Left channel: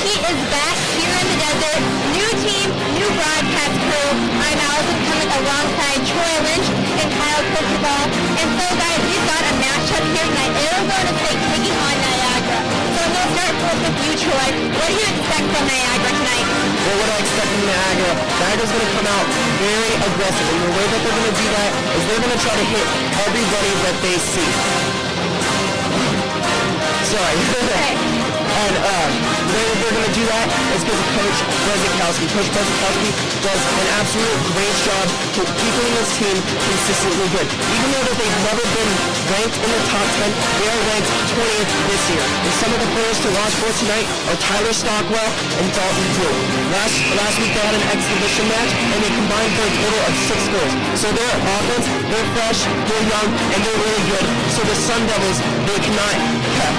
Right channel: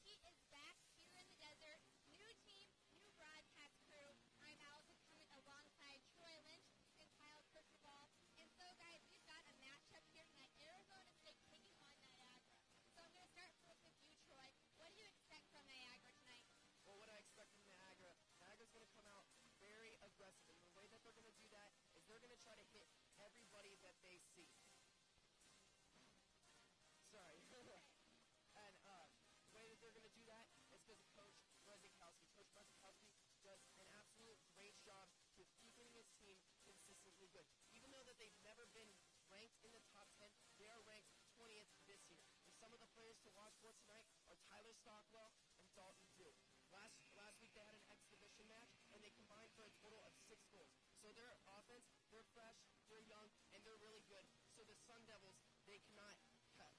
Hockey is back here in the desert. New team, new broadcast crew. I'm Allison coming alongside Troy Lynch and Kyle Cristobal. And so guys, we've got a matchup here tonight. Arizona State taking on Niagara. So I'm going to start first with you, Troy. What do you expect from Niagara tonight? Well, what I expect from Niagara, Niagara's going to come out very aggressive. And the way that they're going to do that is they're going to try to hit everybody that they see. Sorry. And the way they're going to do that is because of Coach Brezikowski. Coach Brezikowski does an absolute great job keeping this team consistently good. Even though that they've never been ranked in the top 10, they are ranked 20th this year. And some of the players to watch for tonight are Tyler Stockwell and Dalton Drew. Last week they had an exhibition match and they combined for a total of 6 goals. So their offense, they're fresh, they're young, and they're really good. So the Sun Devils, they cannot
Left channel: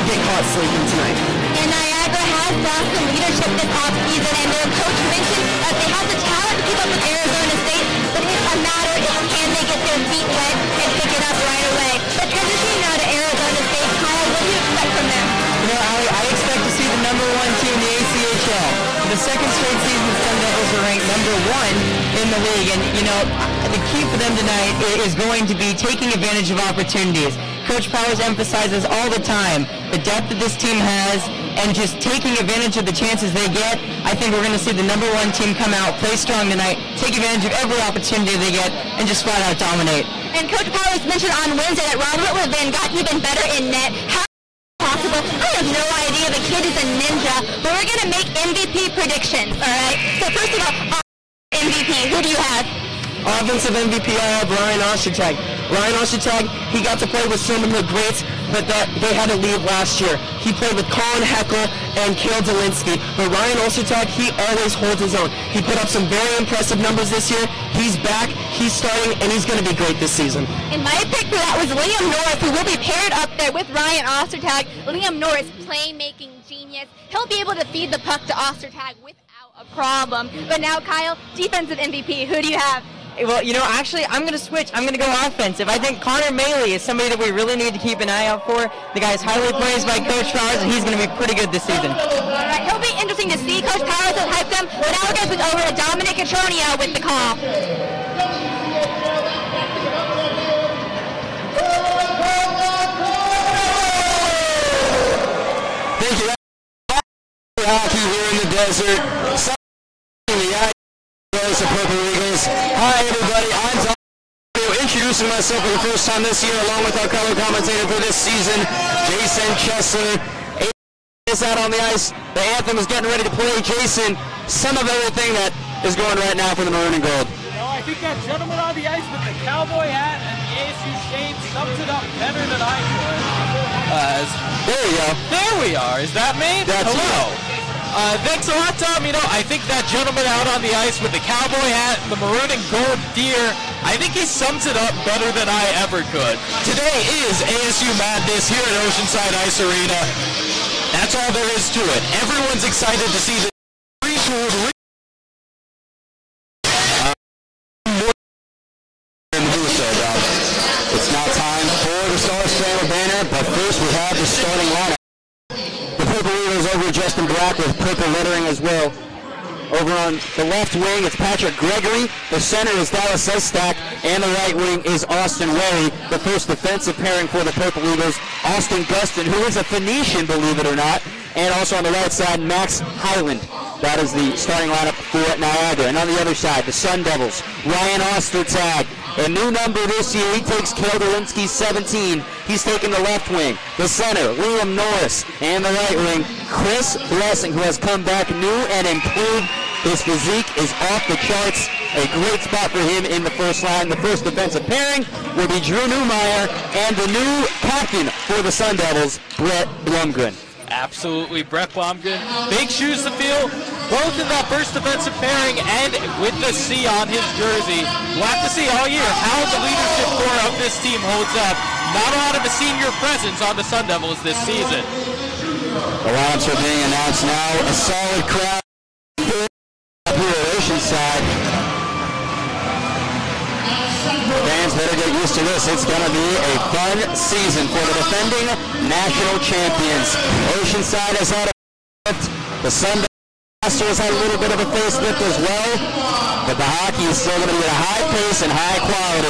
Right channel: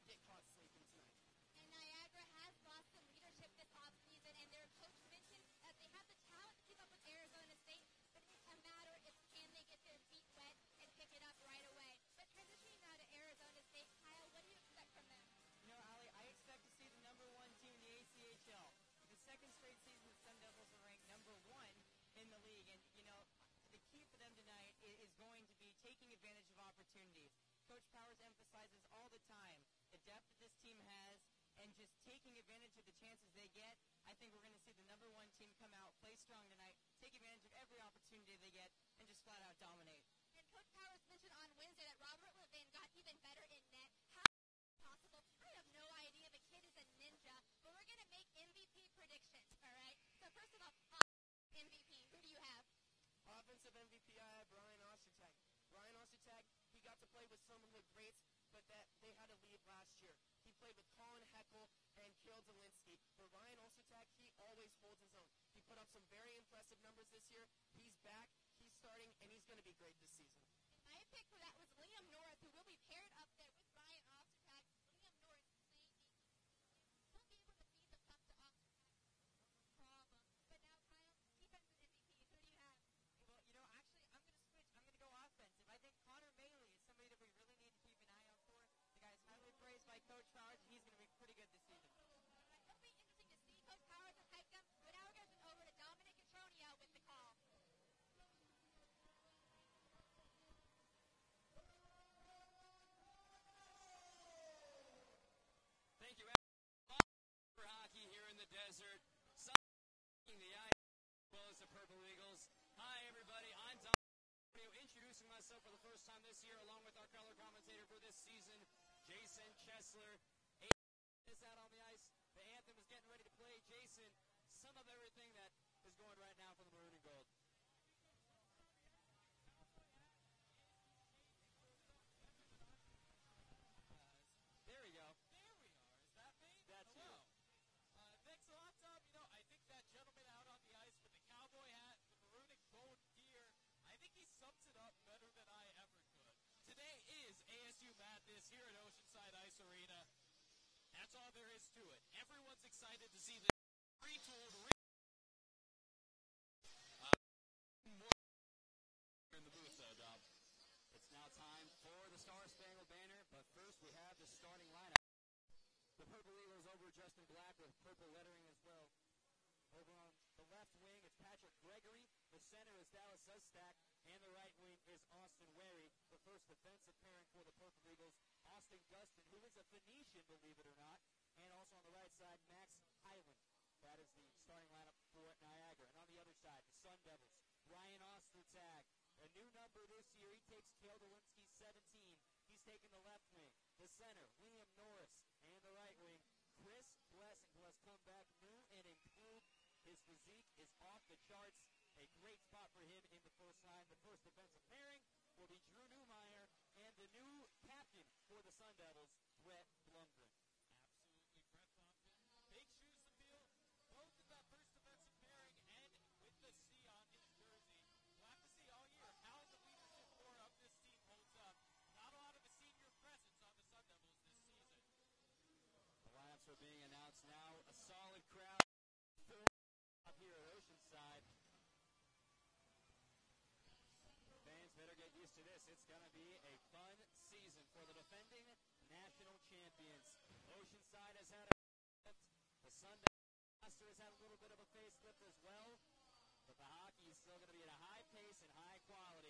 get caught sleeping tonight. And Niagara has lost some leadership this offseason, and their coach mentioned that they have the talent to keep up with Arizona State, but it's a matter of can they get their feet wet and pick it up right away. But transitioning now to Arizona State, Kyle, what do you expect from them? You know, I expect to see the #1 team in the ACHL. The second straight season, the Sun Devils are ranked #1 in the league, and you know, the key for them tonight is going to be taking advantage of opportunities. Coach Powers emphasizes all the time the depth that this team has and just taking advantage of the chances they get. I think we're going to see the #1 team come out, play strong tonight, take advantage of every opportunity they get, and just flat out dominate. And Coach Powers mentioned on Wednesday that Robert Levin got even better in net. How possible? I have no idea. The kid is a ninja. But we're going to make MVP predictions, all right? So first of all, MVP, who do you have? Offensive MVP, I have Ryan Ostertag. Ryan Ostertag, he got to play with some of the greats, but they had to leave last year. He played with Colin Heckel and Kale Delinsky, but Ryan Ostertag, he always holds his own. He put up some very impressive numbers this year. He's back, he's starting, and he's going to be great this season. And my pick for that was Liam Norris, who will be paired up there with Ryan Ostertag. Liam Norris, playmaking genius. He'll be able to feed the puck to Ostertag without a problem. But now, Kyle, defensive MVP, who do you have? Well, you know, actually, I'm going to switch. I'm going to go offensive. I think Connor Maley is somebody that we really need to keep an eye out for. The guy's highly praised by Coach Powers, and he's going to be pretty good this season. All right, he'll be interesting to see. Coach Powers has hyped him, but now we're going to switch over to Dominic Catronio with the call. Thank you. Hockey here in the desert. Hi everybody, I'm Tom, introducing myself for the first time this year along with our color commentator for this season, Jason Chesler. Is out on the ice, the anthem is getting ready to play. Jason, some of everything that is going right now for the Maroon and Gold. You know, I think that gentleman on the ice with the cowboy hat and the ASU shade sums it up better than I could. There you go. There we are. Is that me? That's hello. Thanks a lot, Tom. You know, I think that gentleman out on the ice with the cowboy hat, the maroon and gold deer, I think he sums it up better than I ever could. Today is ASU Madness here at Oceanside Ice Arena. That's all there is to it. Everyone's excited to see the retooled It's now time for the Star Spangled Banner, but first we have the starting lineup. The Purple Eagles over just in black with purple lettering as well. Over on the left wing, it's Patrick Gregory. The center is Dallas Estak, and the right wing is Austin Wary. The first defensive pairing for the Purple Eagles, Austin Gustin, who is a Phoenician, believe it or not. And also on the right side, Max Highland. That is the starting lineup for Niagara. And on the other side, the Sun Devils, Ryan Ostertag. A new number this year, he takes Kale Delinsky 17. He's taking the left wing. The center, Liam Norris. And the right wing, Chris Blessing, who has come back new and improved. His physique is off the charts. A great spot for him in the first line. The first defensive pairing will be Drew Newmeyer and the new captain for the Sun Devils, Brett Blumgren. Absolutely, Brett Blumgren. Big shoes to fill, both in that first defensive pairing and with the C on his jersey. We'll have to see all year how the leadership core of this team holds up. Not a lot of a senior presence on the Sun Devils this season. The lineups are being announced now. A solid crowd here at Oceanside. Fans better get used to this. It's going to be a fun season for the defending national champions. Oceanside has had a the Sun roster has had a little bit of a facelift as well, but the hockey is still going to be at a high pace and high quality.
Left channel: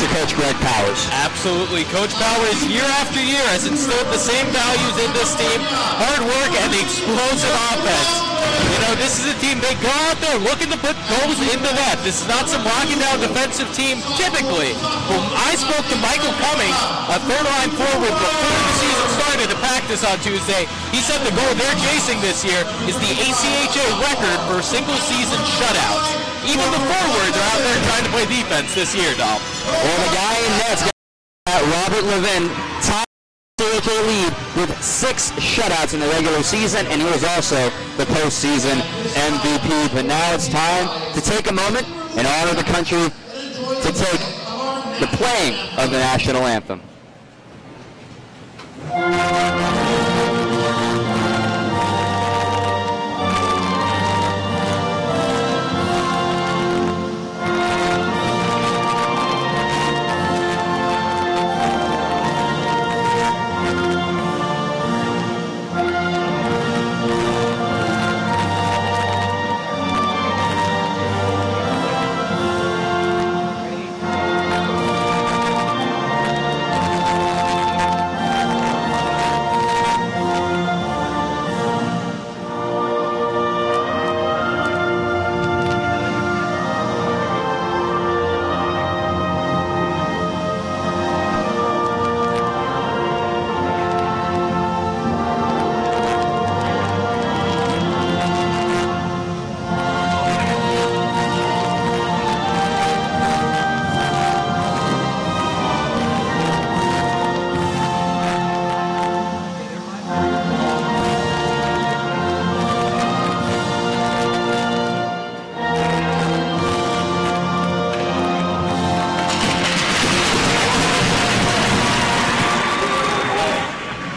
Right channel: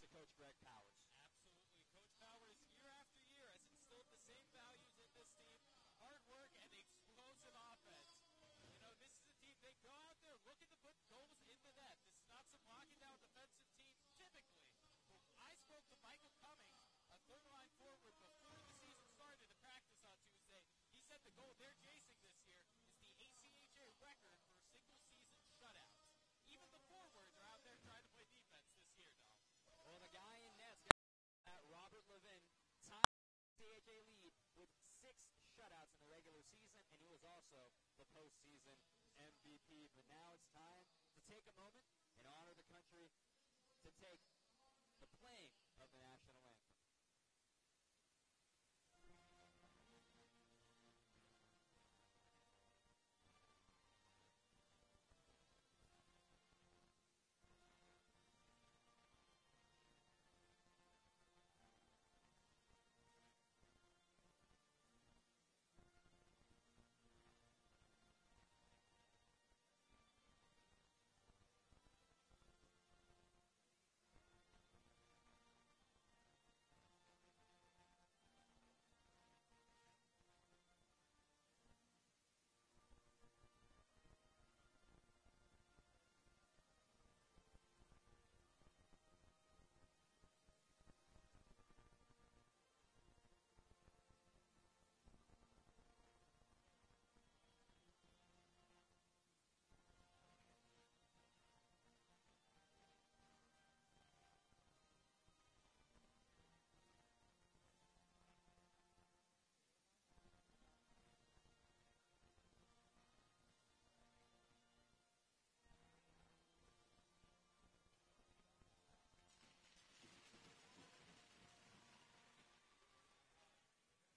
To Coach Greg Powers. Absolutely. Coach Powers, year after year, has instilled the same values in this team. Hard work and the explosive offense. You know, this is a team, they go out there looking to put goals into net. This is not some locking down defensive team typically. When I spoke to Michael Cummings, a third-line forward, before the season started to practice on Tuesday, he said the goal they're chasing this year is the ACHA record for single-season shutouts. Even the forwards are out there trying to play defense this year, Dom. Well, the guy in net's got Robert Levin, top ACHA lead with 6 shutouts in the regular season, and he was also the postseason MVP. But now it's time to take a moment and honor the country to take the playing of the national anthem.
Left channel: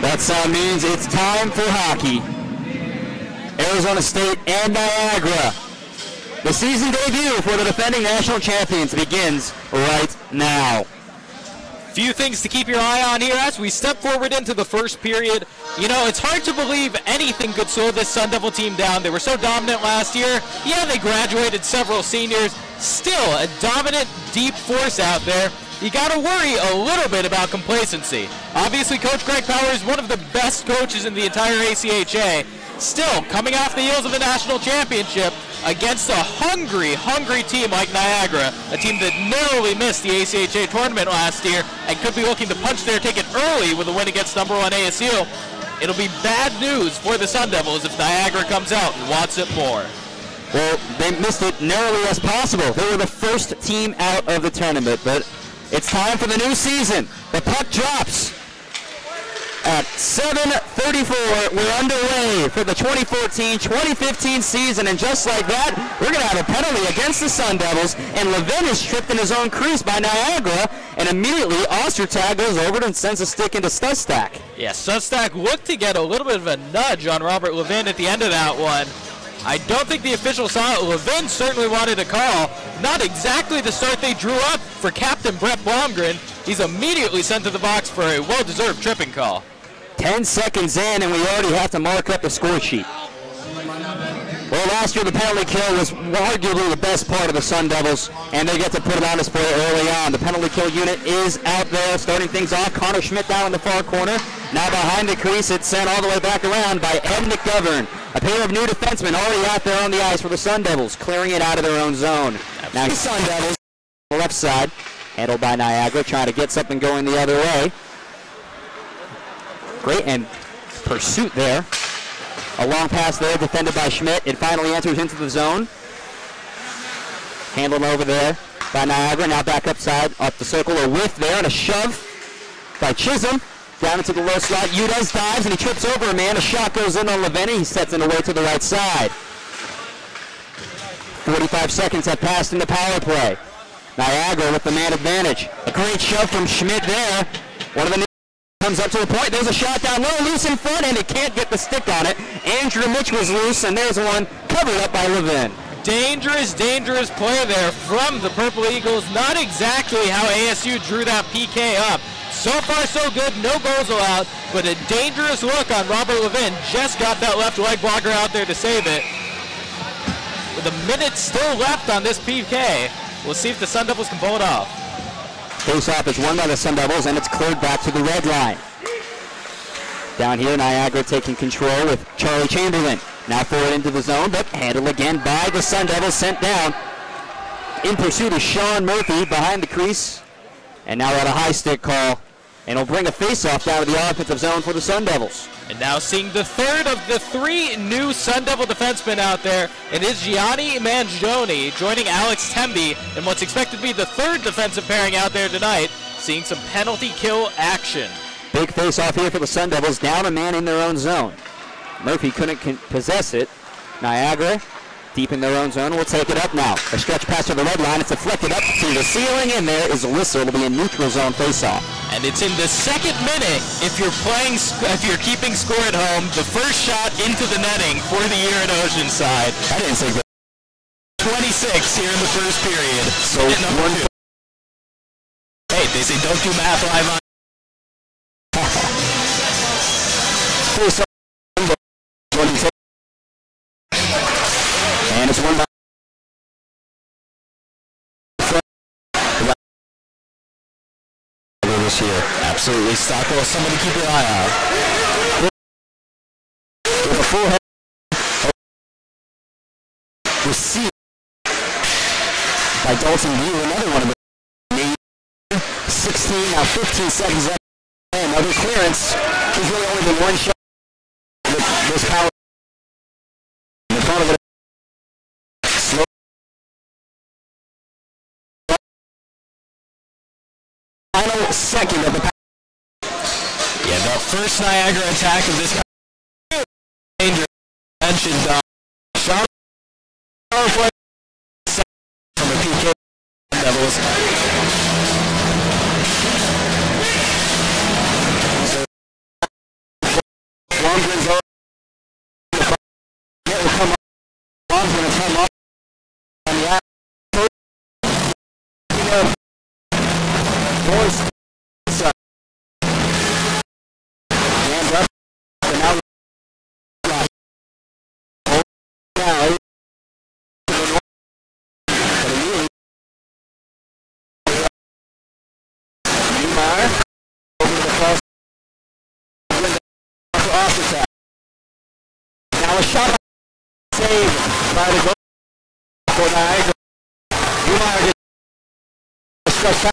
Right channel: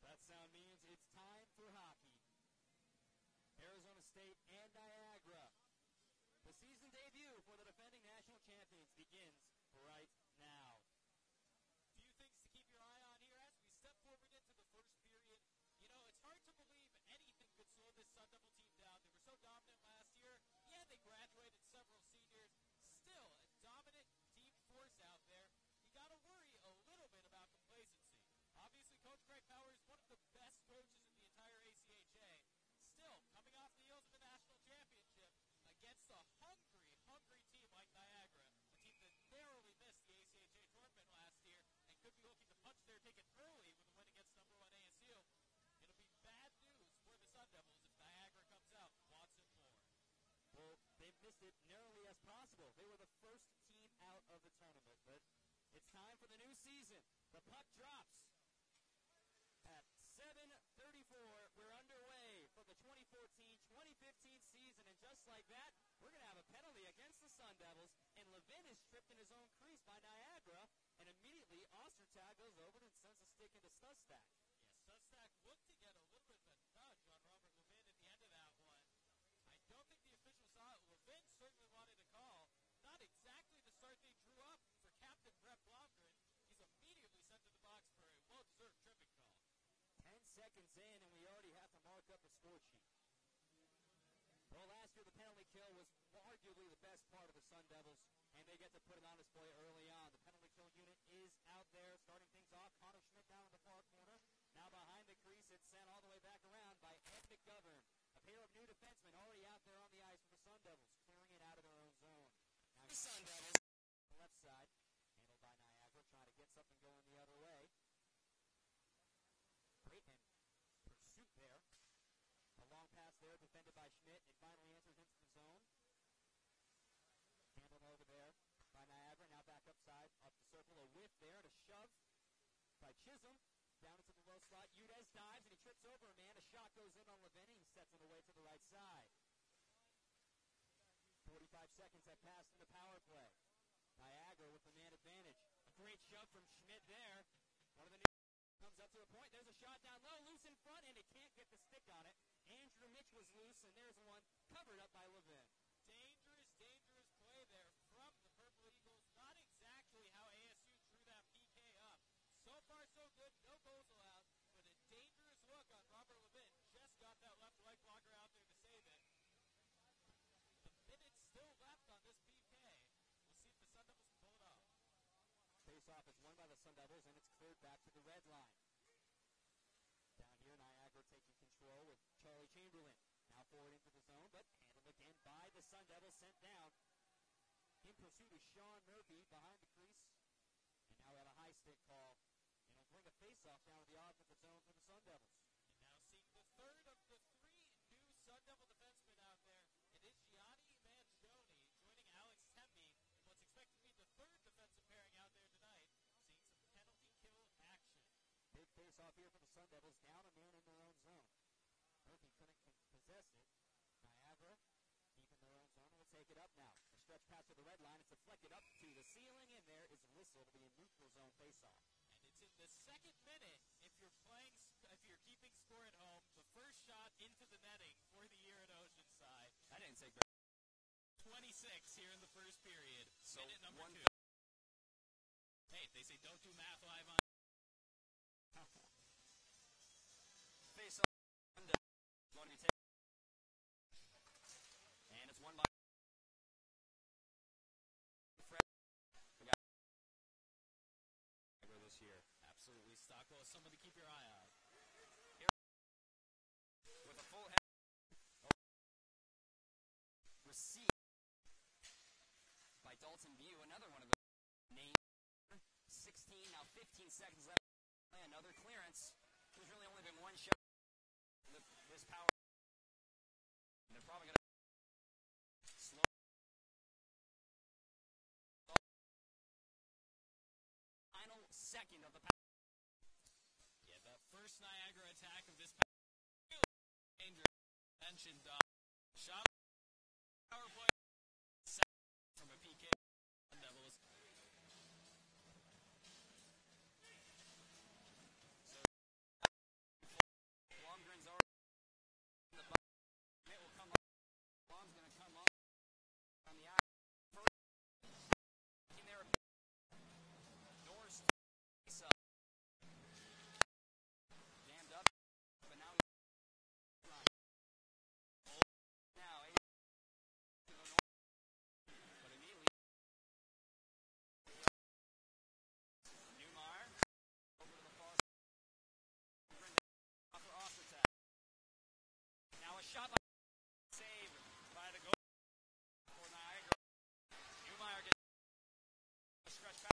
That sound means it's time for hockey. Arizona State and Niagara. The season debut for the defending national champions begins right now. Few things to keep your eye on here as we step forward into the first period. You know, it's hard to believe anything could slow this Sun Devil team down. They were so dominant last year. Yeah, they graduated several seniors. Still a dominant, deep force out there. You got to worry a little bit about complacency. Obviously, Coach Greg Powers, one of the best coaches in the entire ACHA. Still, coming off the heels of a national championship against a hungry, hungry team like Niagara, a team that narrowly missed the ACHA tournament last year and could be looking to punch their ticket early with a win against #1 ASU. It'll be bad news for the Sun Devils if Niagara comes out and wants it more. Well, they missed it narrowly as possible. They were the first team out of the tournament, but it's time for the new season. The puck drops at 7:34. We're underway for the 2014-2015 season, and just like that, we're going to have a penalty against the Sun Devils, and Levin is tripped in his own crease by Niagara, and immediately Ostertag goes over and sends a stick into Sustak. Yeah, Sustak looked to get a little bit of a nudge on Robert Levin at the end of that one. I don't think the official saw it. Levin certainly wanted a call. Not exactly the start they drew up for Captain Brett Blomgren. He's immediately sent to the box for a well-deserved tripping call. 10 seconds in, and we already have to mark up the score sheet. Well, last year the penalty kill was arguably the best part of the Sun Devils, and they get to put it on display early on. The penalty kill unit is out there, starting things off. Connor Schmidt down in the far corner. Now behind the crease, it's sent all the way back around by Ed McGovern. A pair of new defensemen already out there on the ice for the Sun Devils, clearing it out of their own zone. Now the Sun Devils, on the left side, handled by Niagara, trying to get something going the other way. Great and pursuit there. A long pass there, defended by Schmidt. It finally enters into the zone. Handled over there by Niagara. Now back upside, up the circle. A whiff there and a shove by Chisholm. Down into the low slot. Udez dives and he trips over a man. A shot goes in on Leveni. He sets it away to the right side. 45 seconds have passed in the power play. Niagara with the man advantage. A great shove from Schmidt there. One of the comes up to the point. There's a shot down low, loose in front, and it can't get the stick on it. Andrew Mitch was loose, and there's one covered up by Levin. Dangerous, dangerous play there from the Purple Eagles. Not exactly how ASU drew that PK up. So far, so good. No goals allowed, but a dangerous look on Robert Levin. Just got that left leg blocker out there to save it. with a minute still left on this PK. We'll see if the Sun Devils can pull it off. Face-off is won by the Sun Devils, and it's cleared back to the red line. Down here, Niagara taking control with Charlie Chamberlain. Now forward into the zone, but handled again by the Sun Devils, sent down. In pursuit is Sean Murphy behind the crease. And now at a high stick call. And he'll bring a face-off down to the offensive zone for the Sun Devils. And now seeing the third of the 3 new Sun Devil defensemen out there. It is Gianni Mangione joining Alex Temby in what's expected to be the third defensive pairing out there tonight. Seeing some penalty kill action. Big face-off here for the Sun Devils, down a man in their own zone. Murphy couldn't possess it. Niagara, deep in their own zone, will take it up now. A stretch pass to the red line, it's deflected up to the ceiling, and there is a whistle. It'll be a neutral zone face-off. And it's in the second minute. If you're keeping score at home, the first shot into the netting for the year at Oceanside. I didn't say that. 26 here in the first period. So one. Hey, they say don't do math live on. And it's won by this year. Absolutely, Stockwell. Somebody keep your eye out. With a full head received by Dalton View, another one of the 16, now 15 seconds left. Another clearance. He's really only been one shot with this power in the front of it. Slow. Final second of the power. Yeah, the first Niagara attack of this danger mentioned shot power play from the PK Devils. Longren's over. It will come up. Long's going to come up on the outside. Boys side. Hands up. And now Neymar over to the cross. Off the tap. Now a shot saved by the goal for Niagara. Neymar gets a stretch pass.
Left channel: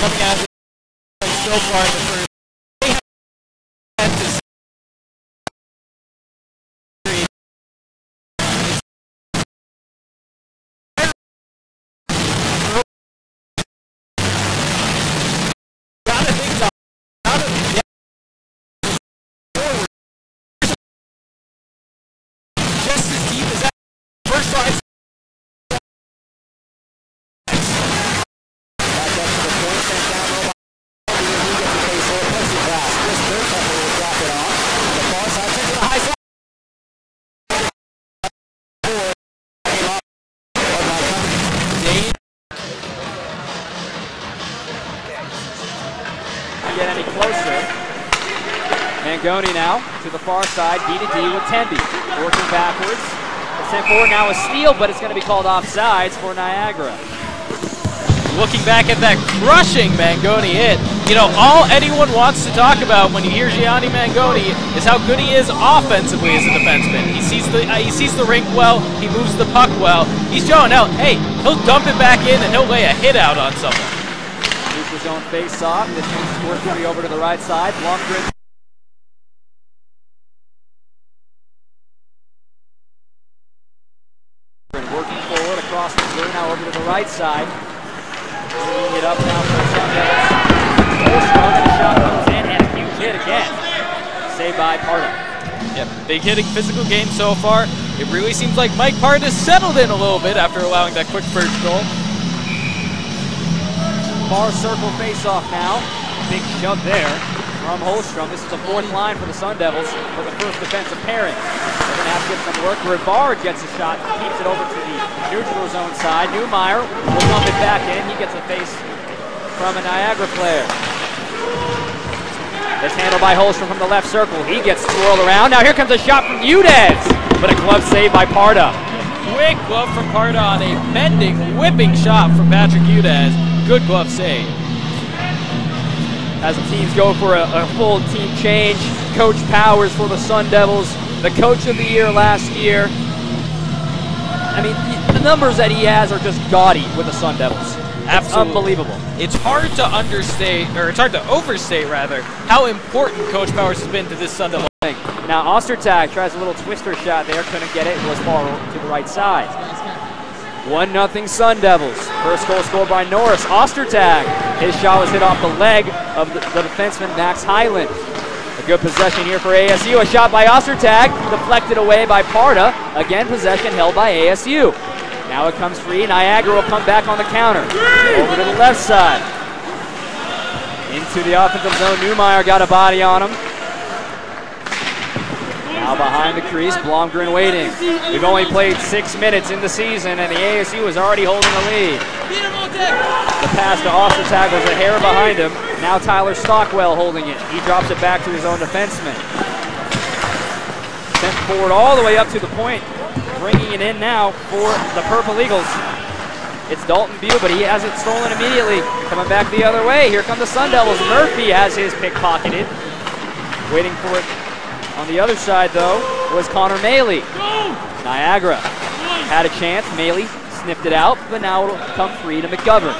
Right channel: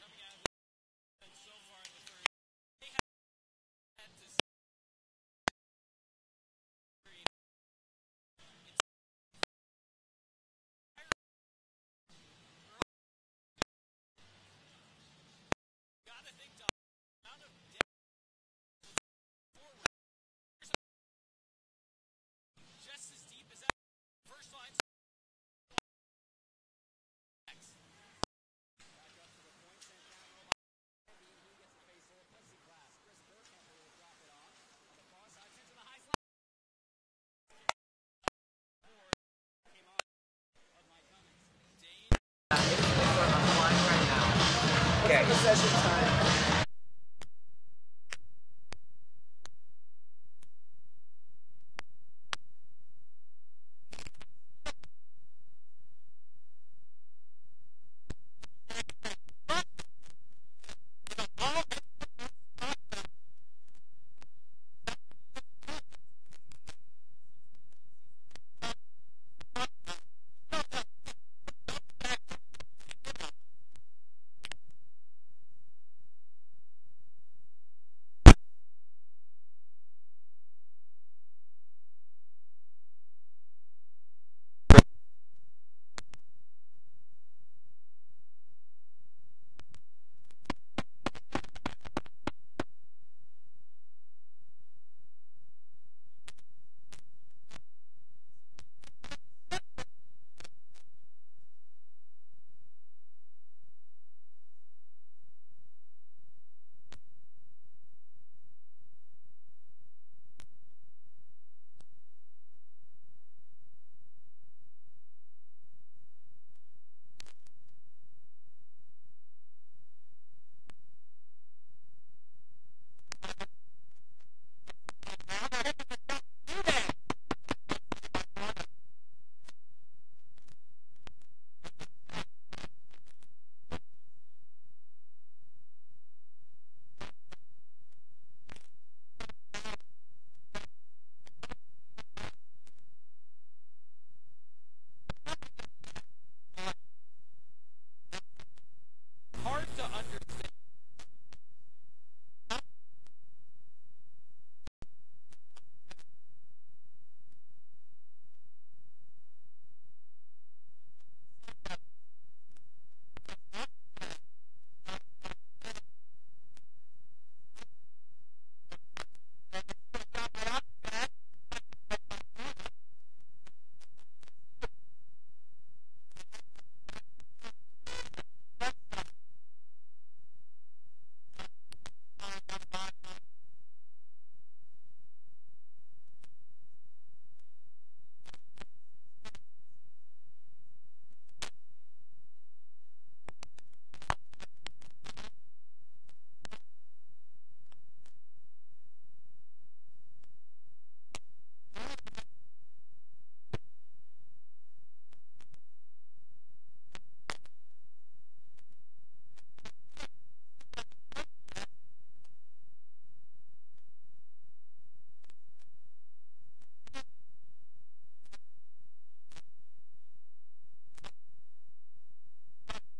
Coming out so far in the first. Just as deep as that first line. Mangoni now to the far side, D to D with Temby. Working backwards. The sent forward now a steal, but it's going to be called offsides for Niagara. Looking back at that crushing Mangoni hit, you know, all anyone wants to talk about when you hear Gianni Mangoni is how good he is offensively as a defenseman. He sees the rink well, he moves the puck well. He's showing out, hey, he'll dump it back in and he'll lay a hit out on someone. Neutral zone face-off. This one's working over to the right side. Blomgren. Working forward across the blue, now over to the right side. Bringing it up now for the Sun Devils. Holstrom, and the shot comes in, and a huge hit again. Saved by Parda. Yep, big hitting physical game so far. It really seems like Mike Parda settled in a little bit after allowing that quick first goal. Far circle face-off now. Big shove there from Holstrom. This is the fourth line for the Sun Devils for the first defensive pairing. They're going to have to get some work. Rivard gets a shot, keeps it over to the neutral zone side. Newmeyer will dump it back in. He gets a face from a Niagara player. It's handled by Holstrom from the left circle. He gets swirled around. Now here comes a shot from Udez, but a glove save by Parda. Quick glove from Parda on a bending, whipping shot from Patrick Udez. Good glove save. As the teams go for a full team change, Coach Powers for the Sun Devils, the coach of the year last year. I mean, the numbers that he has are just gaudy with the Sun Devils. It's unbelievable. It's hard to understate, or it's hard to overstate rather, how important Coach Powers has been to this Sun Devil. Now Ostertag tries a little twister shot there, couldn't get it, was far to the right side. 1-0 Sun Devils. First goal scored by Norris. Ostertag. His shot was hit off the leg of the defenseman Max Highland. A good possession here for ASU. A shot by Ostertag, deflected away by Parda. Again, possession held by ASU. Now it comes free. Niagara will come back on the counter. Over to the left side. Into the offensive zone. Newmeyer got a body on him. Now behind the crease, Blomgren waiting. We've only played 6 minutes in the season, and the ASU is already holding the lead. The pass to Ostertag was a hair behind him. Now Tyler Stockwell holding it. He drops it back to his own defenseman. Sent forward all the way up to the point, bringing it in now for the Purple Eagles. It's Dalton Bew, but he has it stolen immediately. Coming back the other way, here come the Sun Devils. Murphy has his pickpocketed. Waiting for it. On the other side, though, was Connor Maley. Niagara had a chance. Maley sniffed it out, but now it'll come free to McGovern.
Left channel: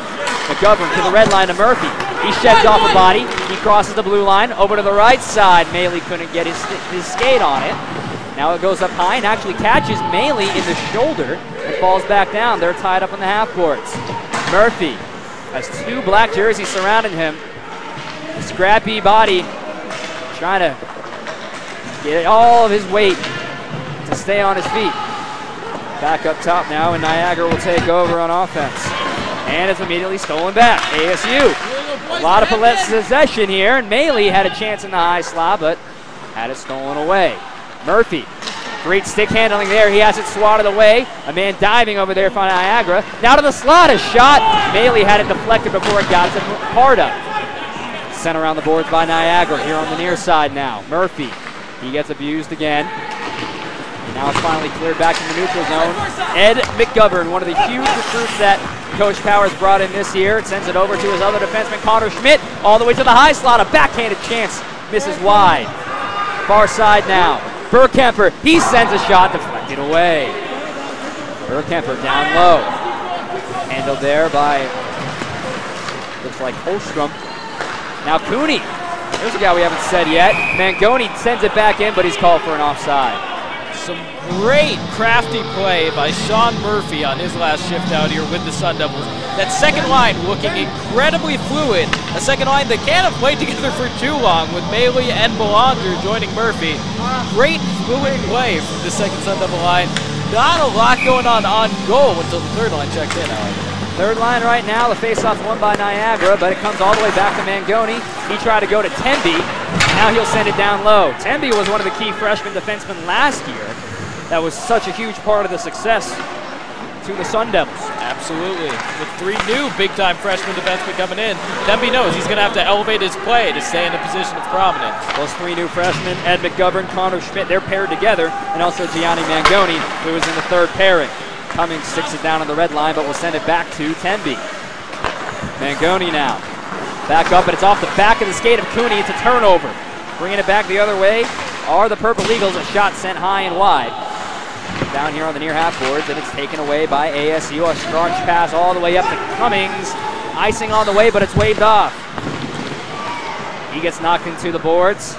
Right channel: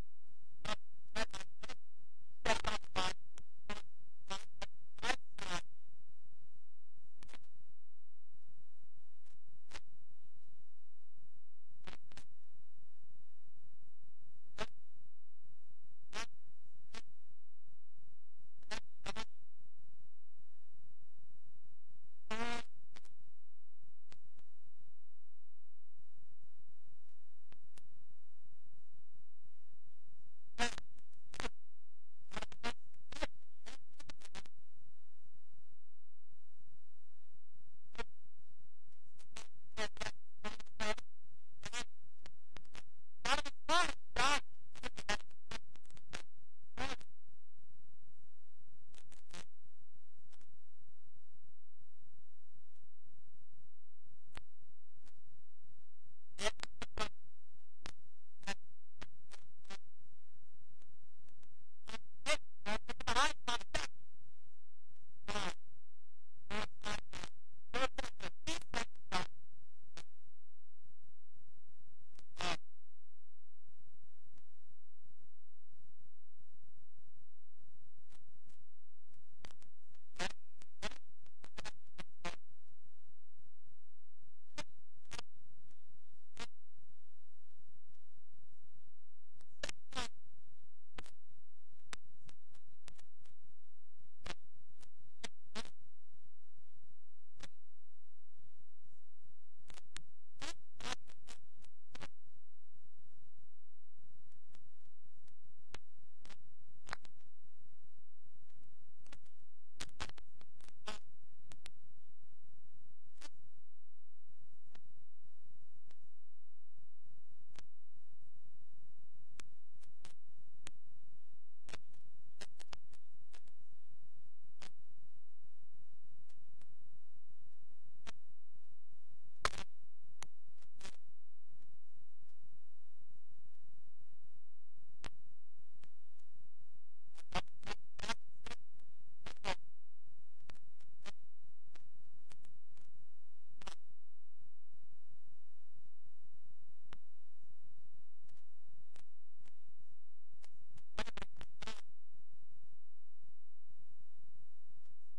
McGovern to the red line to Murphy. He sheds off a body. He crosses the blue line over to the right side. Maley couldn't get his skate on it. Now it goes up high and actually catches Maley in the shoulder and falls back down. They're tied up in the half courts. Murphy has 2 black jerseys surrounding him. A scrappy body trying to get all of his weight to stay on his feet. Back up top now, and Niagara will take over on offense. And it's immediately stolen back. ASU. A lot of possession here, and Maley had a chance in the high slot, but had it stolen away. Murphy. Great stick handling there. He has it swatted away. A man diving over there for Niagara. Now to the slot, a shot. Maley had it deflected before it got to Parda. Sent around the boards by Niagara here on the near side now. Murphy. He gets abused again. And now it's finally cleared back in the neutral zone. Ed McGovern, one of the huge recruits that Coach Powers brought in this year. Sends it over to his other defenseman, Connor Schmidt, all the way to the high slot. A backhanded chance, misses wide. Far side now. Burkemper, he sends a shot, deflected away. Burkemper down low. Handled there by, looks like Holstrom. Now Cooney. There's a guy we haven't said yet. Mangoni sends it back in, but he's called for an offside. Some great crafty play by Sean Murphy on his last shift out here with the Sun Devils. That second line looking incredibly fluid. A second line that can't have played together for too long with Maley and Belanger joining Murphy. Great fluid play from the second Sun Devil line. Not a lot going on goal until the third line checks in, however. Third line right now, the faceoff's won by Niagara, but it comes all the way back to Mangoni. He tried to go to Temby. Now he'll send it down low. Temby was one of the key freshman defensemen last year. That was such a huge part of the success to the Sun Devils. Absolutely. With 3 new big-time freshman defensemen coming in, Tempe knows he's going to have to elevate his play to stay in a position of prominence. Those 3 new freshmen, Ed McGovern, Connor Schmidt, they're paired together, and also Gianni Mangoni, who is in the 3rd pairing. Cummings sticks it down on the red line, but will send it back to Tempe. Mangoni now. Back up, and it's off the back of the skate of Cooney. It's a turnover. Bringing it back the other way are the Purple Eagles. A shot sent high and wide. Down here on the near half boards, and it's taken away by ASU. A starch pass all the way up to Cummings. Icing on the way, but it's waved off. He gets knocked into the boards.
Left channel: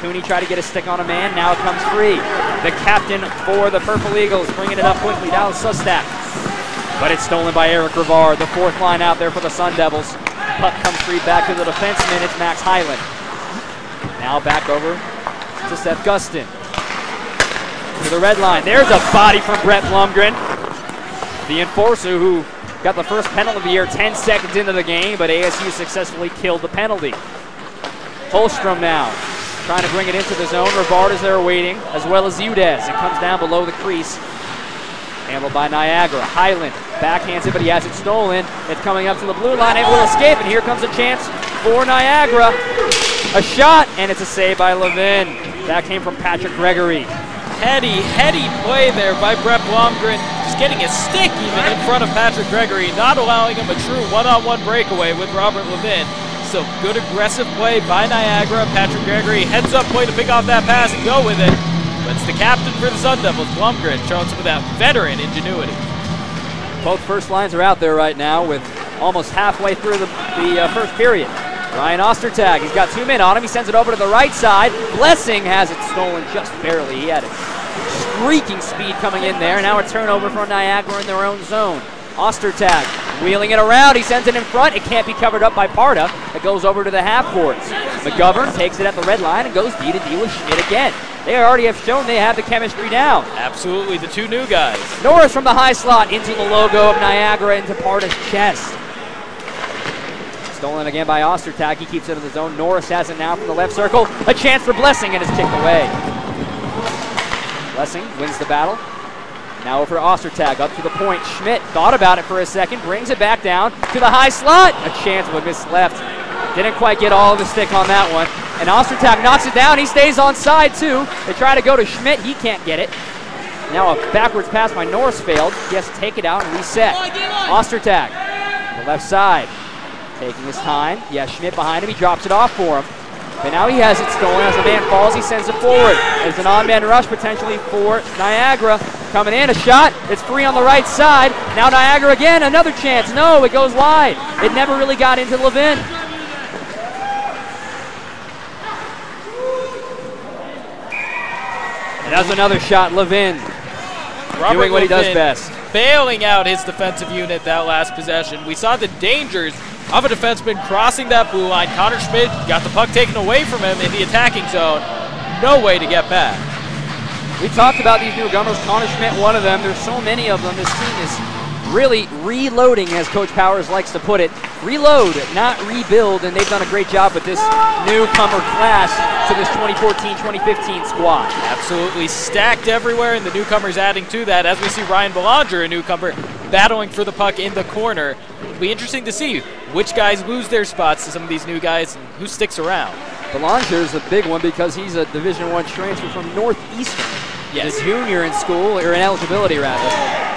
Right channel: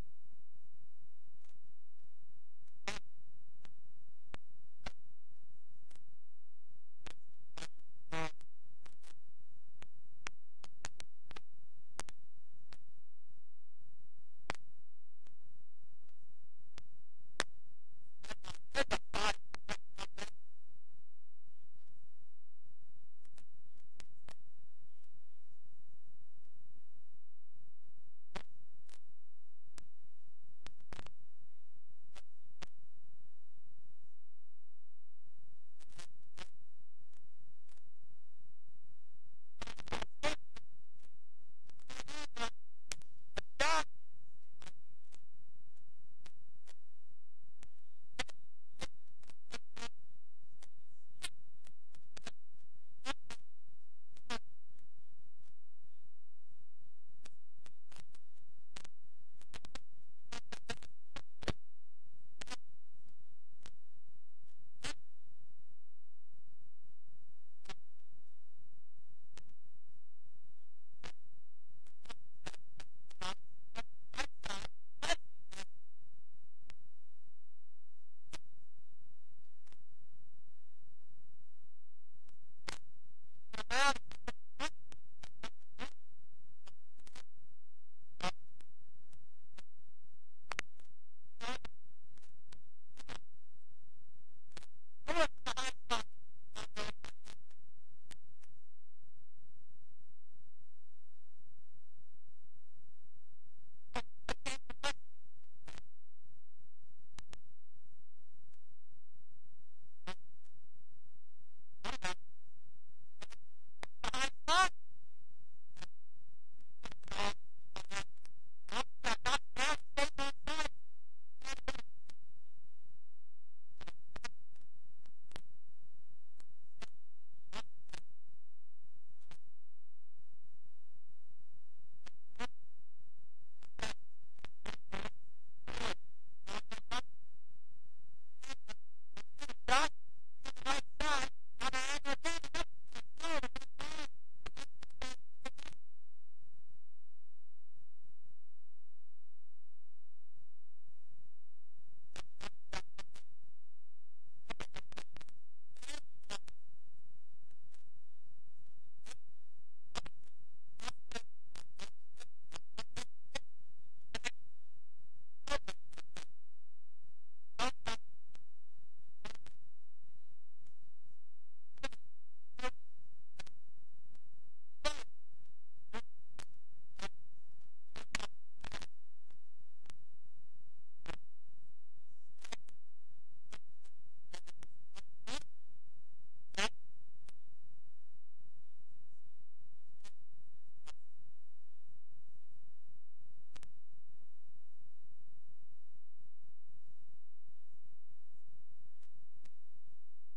Cooney tried to get a stick on a man. Now it comes free. The captain for the Purple Eagles bringing it up quickly. Dallas Sustak. But it's stolen by Eric Rivard. The 4th line out there for the Sun Devils. Puck comes free back to the defenseman. It's Max Hyland. Now back over to Seth Gustin. To the red line. There's a body from Brett Blumgren. The enforcer who got the first penalty of the year 10 seconds into the game, but ASU successfully killed the penalty. Holstrom now trying to bring it into the zone. Rivard is there waiting, as well as Udez. It comes down below the crease. Handled by Niagara. Highland backhands it, but he has it stolen. It's coming up to the blue line. It will escape, and here comes a chance for Niagara. A shot, and it's a save by Levin. That came from Patrick Gregory. Heady play there by Brett Blomgren. Just getting a stick even in front of Patrick Gregory, not allowing him a true one-on-one breakaway with Robert Levin. So good aggressive play by Niagara. Patrick Gregory heads up play to pick off that pass and go with it. But it's the captain for the Sun Devils, Blumgren, showing some of that veteran ingenuity. Both first lines are out there right now with almost halfway through the first period. Ryan Ostertag, he's got 2 men on him. He sends it over to the right side. Blessing has it stolen just barely. He had a streaking speed coming in there. Now a turnover for Niagara in their own zone. Ostertag wheeling it around. He sends it in front. It can't be covered up by Parda. It goes over to the half boards. McGovern takes it at the red line and goes D to D with Schmidt again. They already have shown they have the chemistry down. Absolutely, the 2 new guys. Norris from the high slot into the logo of Niagara into Parda's chest. Stolen again by Ostertag. He keeps it in the zone. Norris has it now from the left circle. A chance for Blessing, and it's kicked away. Blessing wins the battle. Now over Ostertag, up to the point. Schmidt thought about it for a second, brings it back down to the high slot. A chance, but missed left. Didn't quite get all of the stick on that one. And Ostertag knocks it down. He stays on side too. They try to go to Schmidt. He can't get it. Now a backwards pass by Norris failed. He has to take it out and reset. Ostertag, the left side, taking his time. Yeah, Schmidt behind him. He drops it off for him. But now he has it stolen. As the man falls, he sends it forward. There's an on-man rush potentially for Niagara. Coming in, a shot. It's free on the right side. Now Niagara again, another chance. No, it goes wide. It never really got into Levin. And that's another shot, Levin. Doing what he does best. Bailing out his defensive unit that last possession. We saw the dangers of a defenseman crossing that blue line. Connor Schmidt got the puck taken away from him in the attacking zone. No way to get back. We talked about these newcomers. Connor Schmidt, one of them. There's so many of them. This team is really reloading, as Coach Powers likes to put it. Reload, not rebuild, and they've done a great job with this newcomer class to this 2014-2015 squad. Absolutely stacked everywhere, and the newcomers adding to that. As we see Ryan Belanger, a newcomer, battling for the puck in the corner. It'll be interesting to see which guys lose their spots to some of these new guys and who sticks around. Belanger is a big one because he's a Division I transfer from Northeastern. Yes. A junior in school, or in eligibility rather.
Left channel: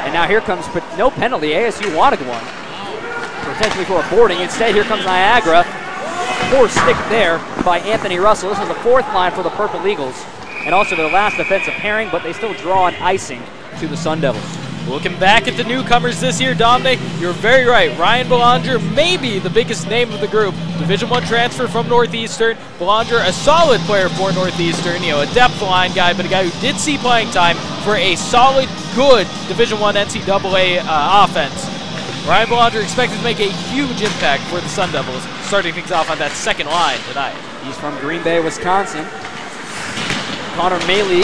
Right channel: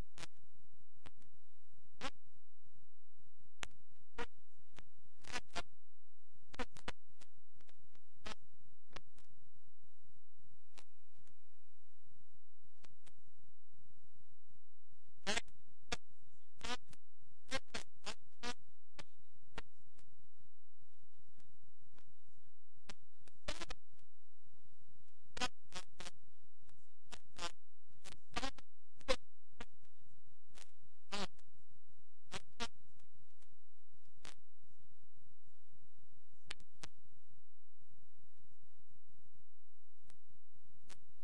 And now here comes no penalty. ASU wanted one, potentially for a boarding. Instead, here comes Niagara. A poor stick there by Anthony Russell. This is the 4th line for the Purple Eagles, and also their last defensive pairing, but they still draw an icing to the Sun Devils. Looking back at the newcomers this year, Dominic, you're very right. Ryan Belanger, maybe the biggest name of the group. Division I transfer from Northeastern. Belanger, a solid player for Northeastern, a depth line guy, but a guy who did see playing time for a solid, good Division I NCAA offense. Ryan Belanger expected to make a huge impact for the Sun Devils, starting things off on that second line tonight. He's from Green Bay, Wisconsin. Connor Maley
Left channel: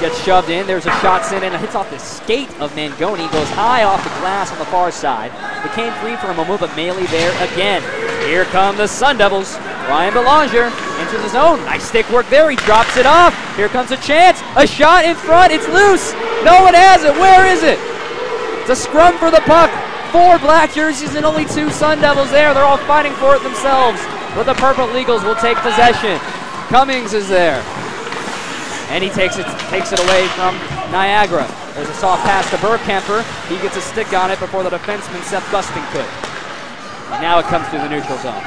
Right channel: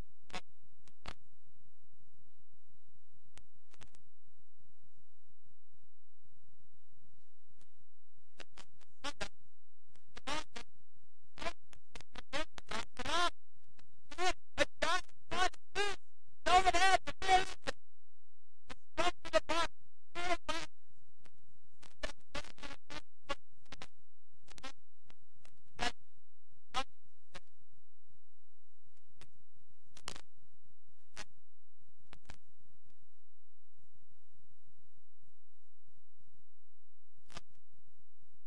gets shoved in. There's a shot sent in. It hits off the skate of Mangoni. Goes high off the glass on the far side. Became free from a move of Maley there again. Here come the Sun Devils. Ryan Belanger into the zone. Nice stick work there. He drops it off. Here comes a chance. A shot in front. It's loose. No one has it. Where is it? It's a scrum for the puck. 4 black jerseys and only 2 Sun Devils there. They're all fighting for it themselves. But the Purple Eagles will take possession. Cummings is there. And he takes it away from Niagara. There's a soft pass to Burkemper. He gets a stick on it before the defenseman Seth Gusting could. And now it comes through the neutral zone.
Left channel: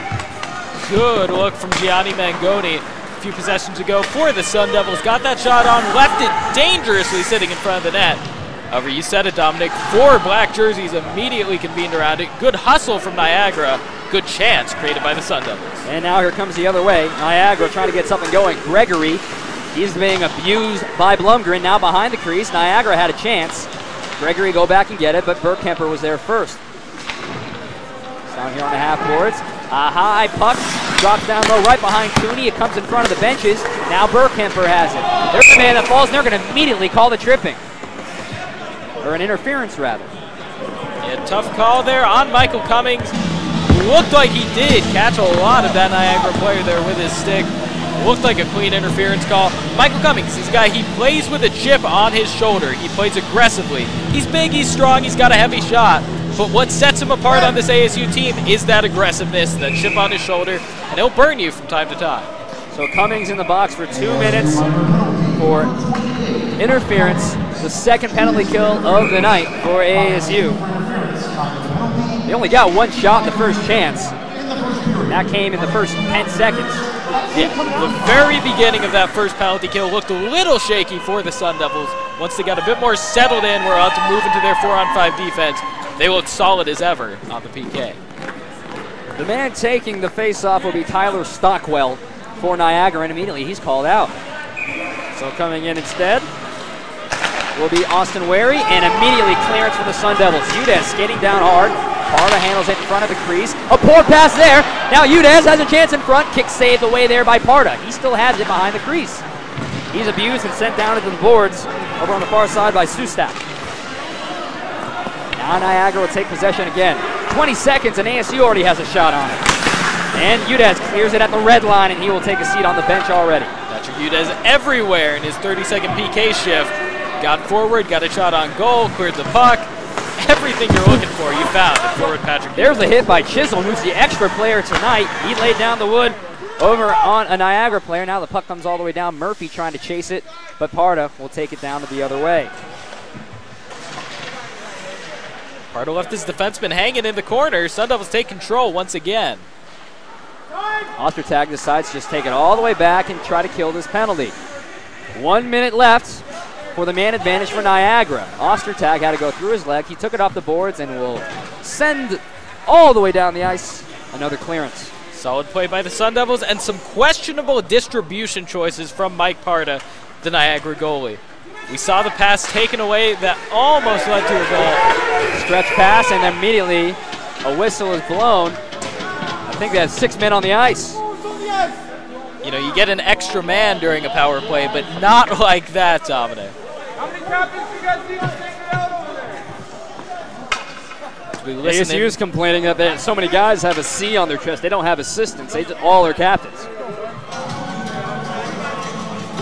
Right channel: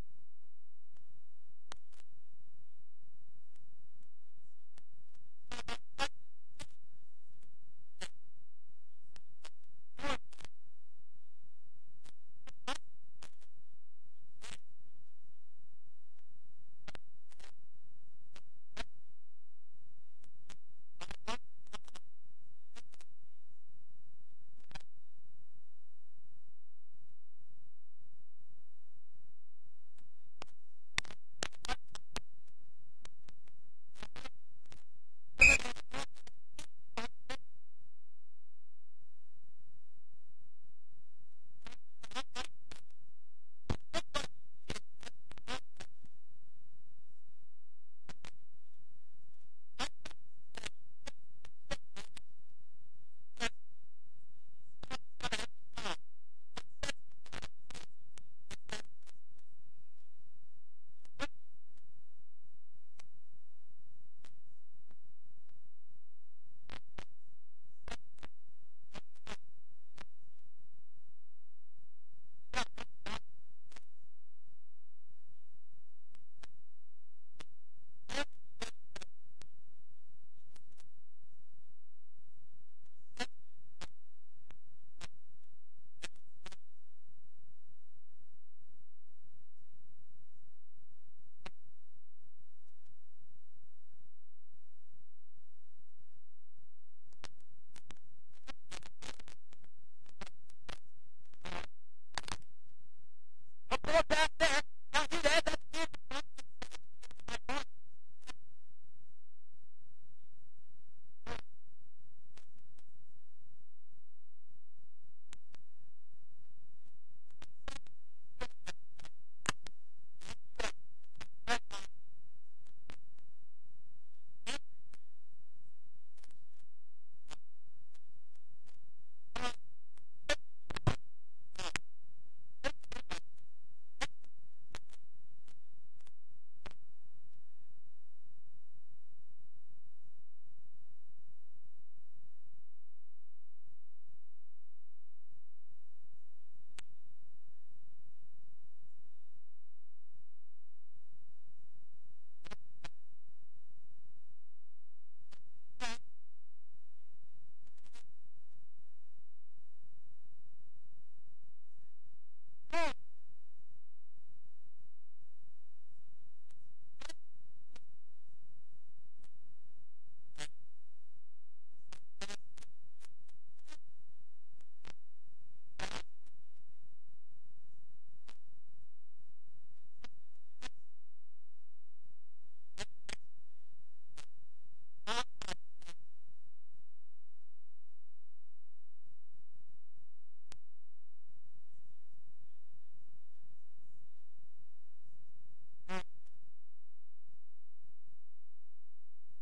Good look from Gianni Mangoni a few possessions ago for the Sun Devils. Got that shot on, left it dangerously sitting in front of the net. However, you said it, Dominic, 4 black jerseys immediately convened around it. Good hustle from Niagara. Good chance created by the Sun Devils. And now here comes the other way. Niagara trying to get something going. Gregory, he's being abused by Blumgren. Now behind the crease. Niagara had a chance. Gregory go back and get it, but Burkemper was there first. Down here on the half boards. A high puck drops down low right behind Cooney. It comes in front of the benches. Now Burkemper has it. There's the man that falls, and they're going to immediately call the tripping. Or an interference, rather. Yeah, tough call there on Michael Cummings. Looked like he did catch a lot of that Niagara player there with his stick. Looked like a clean interference call. Michael Cummings, he's a guy, he plays with a chip on his shoulder. He plays aggressively. He's big, he's strong, he's got a heavy shot. But what sets him apart on this ASU team is that aggressiveness, that chip on his shoulder, and he'll burn you from time to time. So Cummings in the box for 2 minutes for interference. The second penalty kill of the night for ASU. They only got 1 shot in the first chance. That came in the first 10 seconds. Yeah, the very beginning of that first penalty kill looked a little shaky for the Sun Devils. Once they got a bit more settled in, were about to move into their 4-on-5 defense. They looked solid as ever on the PK. The man taking the face-off will be Tyler Stockwell for Niagara, and immediately he's called out. So coming in instead will be Austin Wary, and immediately clearance for the Sun Devils. Udez skating down hard. Parda handles it in front of the crease. A poor pass there. Now Udez has a chance in front. Kick saved away there by Parda. He still has it behind the crease. He's abused and sent down into the boards over on the far side by Sustak. Now Niagara will take possession again. 20 seconds and ASU already has a shot on it. And Udez clears it at the red line, and he will take a seat on the bench already. Patrick Udez everywhere in his 30-second PK shift. Got forward, got a shot on goal, cleared the puck. Everything you're looking for, you found in forward Patrick Udez. There's a hit by Chisholm, who's the extra player tonight. He laid down the wood over on a Niagara player. Now the puck comes all the way down. Murphy trying to chase it, but Parda will take it down to the other way. Parda left his defenseman hanging in the corner. Sun Devils take control once again. Ostertag decides to just take it all the way back and try to kill this penalty. 1 minute left for the man advantage for Niagara. Ostertag had to go through his leg. He took it off the boards and will send all the way down the ice. Another clearance. Solid play by the Sun Devils and some questionable distribution choices from Mike Parda, the Niagara goalie. We saw the pass taken away that almost led to a goal. Stretch pass, and immediately a whistle is blown. I think they have 6 men on the ice. You know, you get an extra man during a power play, but not like that, Dominic. How many captains you guys see us taking out over there? ASU is complaining that so many guys have a C on their chest. They don't have assistants. They all are captains.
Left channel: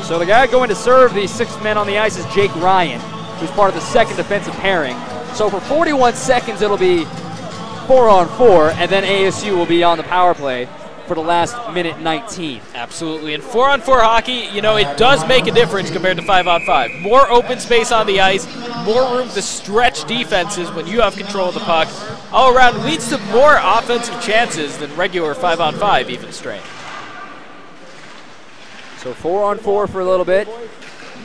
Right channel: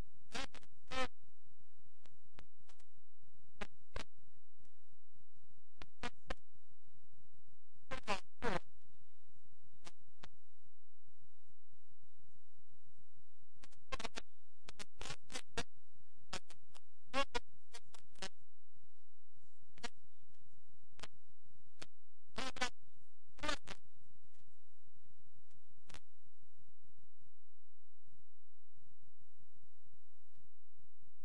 So the guy going to serve the 6th man on the ice is Jake Ryan, who's part of the second defensive pairing. So for 41 seconds, it'll be 4-on-4, and then ASU will be on the power play for the last minute 19. Absolutely, and 4-on-4 hockey, you know, it does make a difference compared to 5-on-5. More open space on the ice, more room to stretch defenses when you have control of the puck. All around leads to more offensive chances than regular 5-on-5 even strength. So 4-on-4 for a little bit.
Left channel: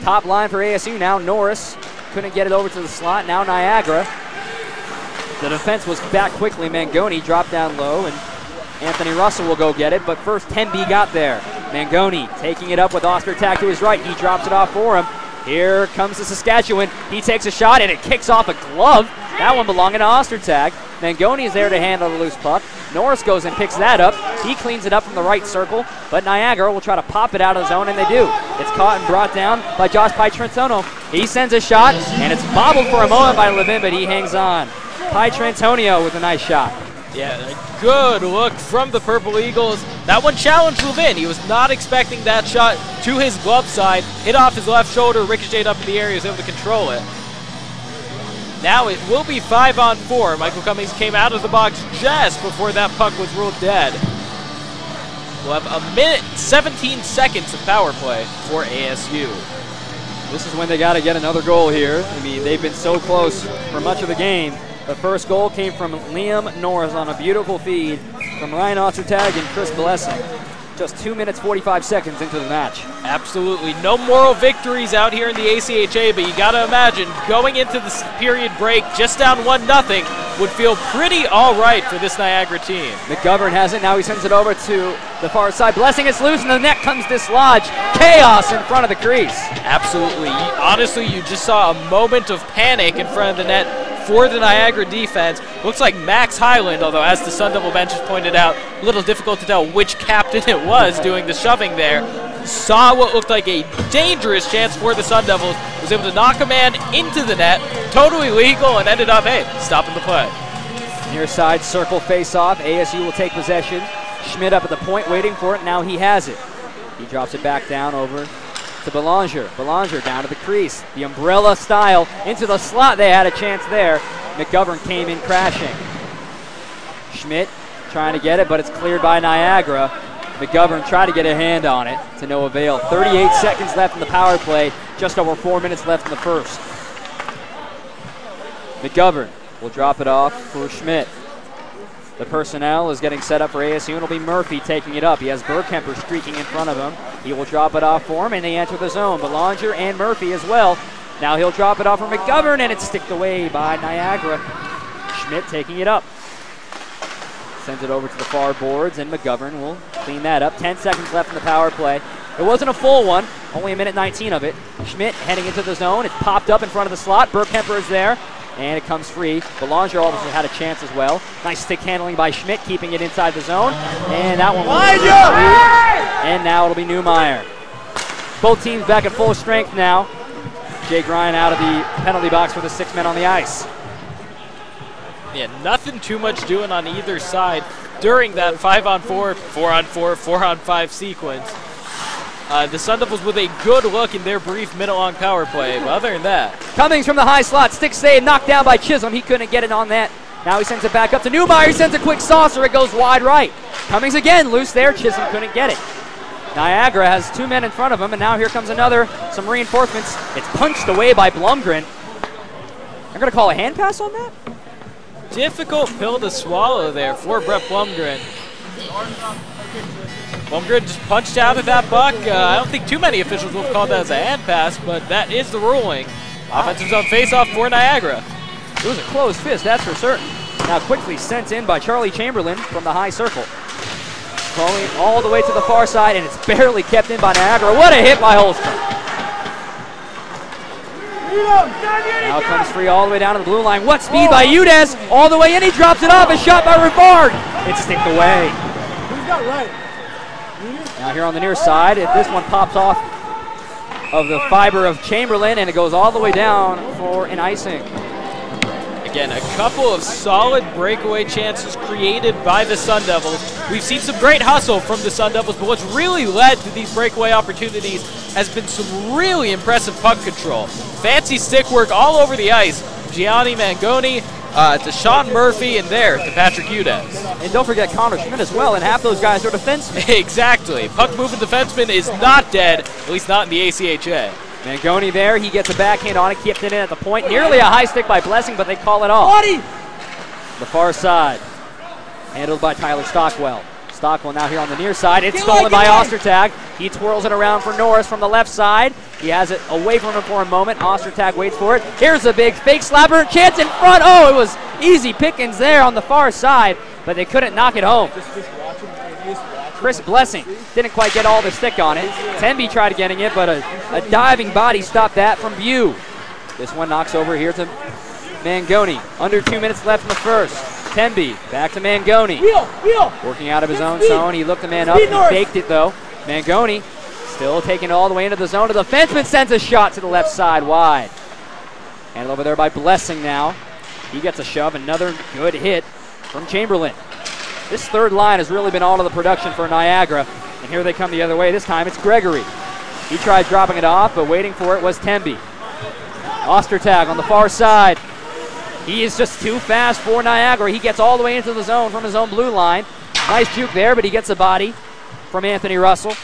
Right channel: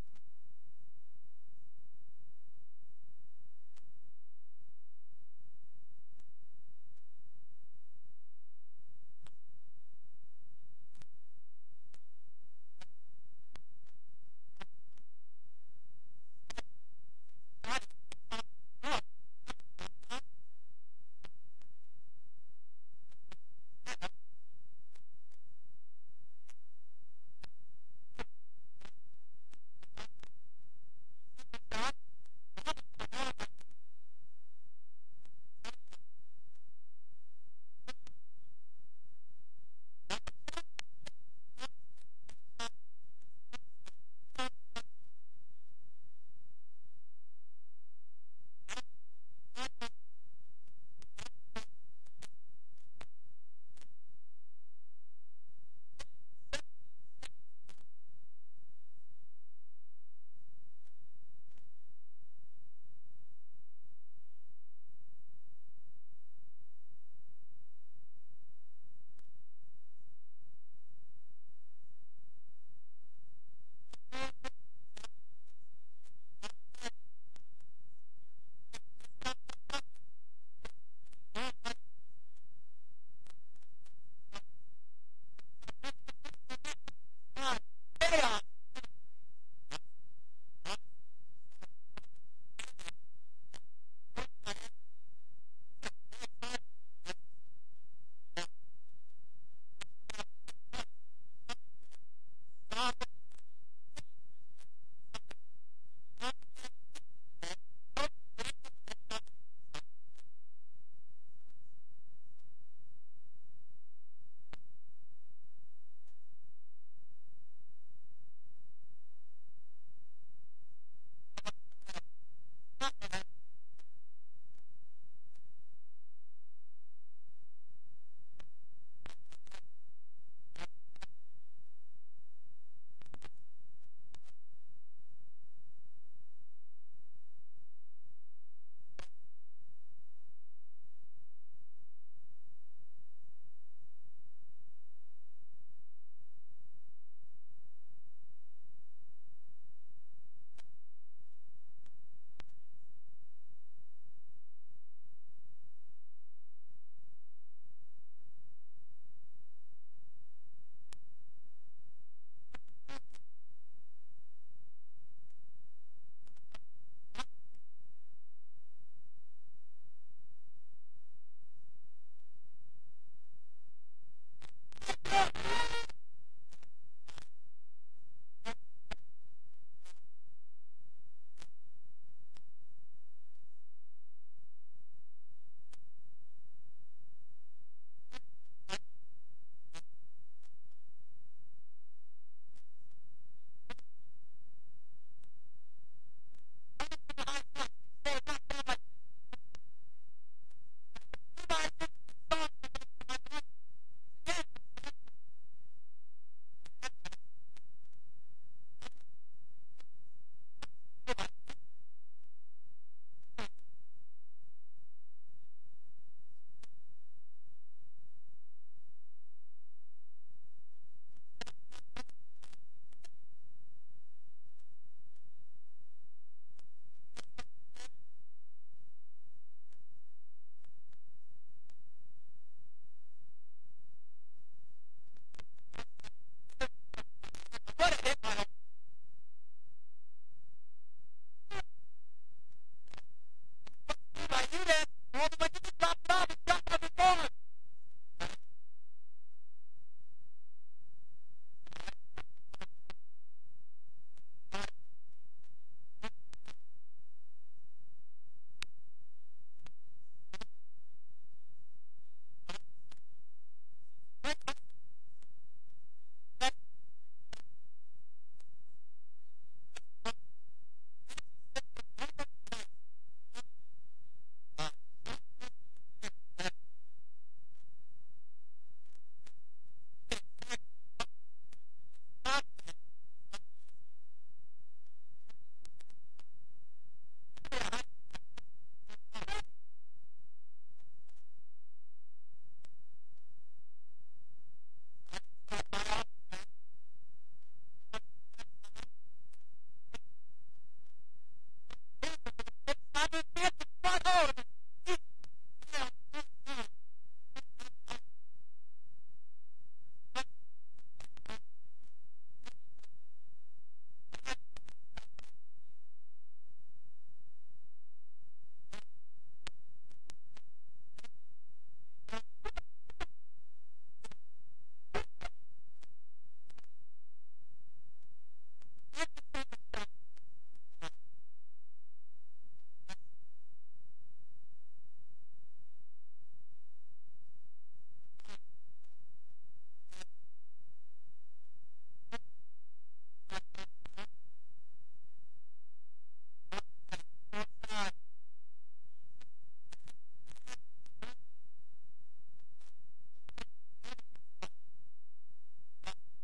Top line for ASU now. Norris couldn't get it over to the slot. Now Niagara. The defense was back quickly. Mangoni dropped down low, and Anthony Russell will go get it. But first, Temby got there. Mangoni taking it up with Ostertag to his right. He drops it off for him. Here comes the Saskatchewan. He takes a shot, and it kicks off a glove. That one belonging to Ostertag. Mangoni is there to handle the loose puck. Norris goes and picks that up. He cleans it up from the right circle, but Niagara will try to pop it out of the zone, and they do. It's caught and brought down by Josh Pietrantonio. He sends a shot, and it's bobbled for a moment by Levin, but he hangs on. Pietrantonio with a nice shot. Yeah, a good look from the Purple Eagles. That one challenged Levin. He was not expecting that shot to his glove side. Hit off his left shoulder, ricocheted up in the air. He was able to control it. Now it will be 5-on-4. Michael Cummings came out of the box just before that puck was ruled dead. We'll have a minute, 17 seconds of power play for ASU. This is when they got to get another goal here. I mean, they've been so close for much of the game. The first goal came from Liam Norris on a beautiful feed from Ryan Ostertag and Chris Blessing. Just 2 minutes, 45 seconds into the match. Absolutely no moral victories out here in the ACHA, but you got to imagine going into this period break just down 1-0 would feel pretty all right for this Niagara team. McGovern has it. Now he sends it over to the far side. Blessing is loose, and the net comes dislodged. Chaos in front of the crease. Absolutely. Honestly, you just saw a moment of panic in front of the net for the Niagara defense. Looks like Max Highland, although as the Sun Devil bench has pointed out, a little difficult to tell which captain it was doing the shoving there, saw what looked like a dangerous chance for the Sun Devils, was able to knock a man into the net, totally legal, and ended up, hey, stopping the play. Near side circle face-off. ASU will take possession. Schmidt up at the point waiting for it. Now he has it. He drops it back down over to Belanger. Belanger down to the crease. The umbrella style into the slot. They had a chance there. McGovern came in crashing. Schmidt trying to get it, but it's cleared by Niagara. McGovern tried to get a hand on it to no avail. 38 seconds left in the power play. Just over 4 minutes left in the first. McGovern will drop it off for Schmidt. The personnel is getting set up for ASU, and it'll be Murphy taking it up. He has Burkemper streaking in front of him. He will drop it off for him, and they enter the zone. Belanger and Murphy as well. Now he'll drop it off for McGovern, and it's sticked away by Niagara. Schmidt taking it up. Sends it over to the far boards, and McGovern will clean that up. 10 seconds left in the power play. It wasn't a full one, only a minute 19 of it. Schmidt heading into the zone. It's popped up in front of the slot. Burkemper is there. And it comes free. Belanger obviously had a chance as well. Nice stick handling by Schmidt, keeping it inside the zone. And that one was free. And now it'll be Newmeyer. Both teams back at full strength now. Jake Ryan out of the penalty box for the 6 men on the ice. Yeah, nothing too much doing on either side during that 5-on-4, 4-on-4, 4-on-5 sequence. The Sun Devils with a good look in their brief minute-long power play, but other than that. Cummings from the high slot, stick save, knocked down by Chisholm. He couldn't get it on that. Now he sends it back up to Newmeyer. He sends a quick saucer. It goes wide right. Cummings again, loose there. Chisholm couldn't get it. Niagara has 2 men in front of him, and now here comes some reinforcements. It's punched away by Blumgren. They're going to call a hand pass on that? Difficult pill to swallow there for Brett Blumgren. Blumgren just punched out of that puck. I don't think too many officials will have called that as a hand pass, but that is the ruling. Offensive zone face-off for Niagara. It was a closed fist, that's for certain. Now quickly sent in by Charlie Chamberlain from the high circle. Going all the way to the far side, and it's barely kept in by Niagara. What a hit by Holstrom. Now it comes free all the way down to the blue line. What speed by Udez. All the way in, he drops it off. A shot by Rivard. It's sticked away. Who's got right? Now here on the near side, this one pops off of the fiber of Chamberlain, and it goes all the way down for an icing. Again, a couple of solid breakaway chances created by the Sun Devils. We've seen some great hustle from the Sun Devils, but what's really led to these breakaway opportunities has been some really impressive puck control. Fancy stick work all over the ice. Gianni Mangoni to Sean Murphy, and there to Patrick Udez. And don't forget Connor Schmidt as well, and half those guys are defensemen. Exactly. Puck-moving defenseman is not dead, at least not in the ACHA. Mangoni there, he gets a backhand on it, kept it in at the point. Nearly a high stick by Blessing, but they call it off. The far side, handled by Tyler Stockwell. Stockwell now here on the near side. It's stolen by Ostertag. He twirls it around for Norris from the left side. He has it away from him for a moment. Ostertag waits for it. Here's a big fake slapper. Chance in front. Oh, it was easy pickings there on the far side, but they couldn't knock it home. Chris Blessing didn't quite get all the stick on it. Temby tried getting it, but a diving body stopped that from view. This one knocks over here to Mangoni. Under 2 minutes left in the first. Temby back to Mangoni. Working out of his own zone. He looked the man up. He faked it though. Mangoni still taking it all the way into the zone. The defenseman sends a shot to the left side wide. Handled over there by Blessing now. He gets a shove. Another good hit from Chamberlain. This third line has really been all of the production for Niagara. And here they come the other way. This time it's Gregory. He tried dropping it off, but waiting for it was Temby. Ostertag on the far side. He is just too fast for Niagara. He gets all the way into the zone from his own blue line. Nice juke there, but he gets a body from Anthony Russell.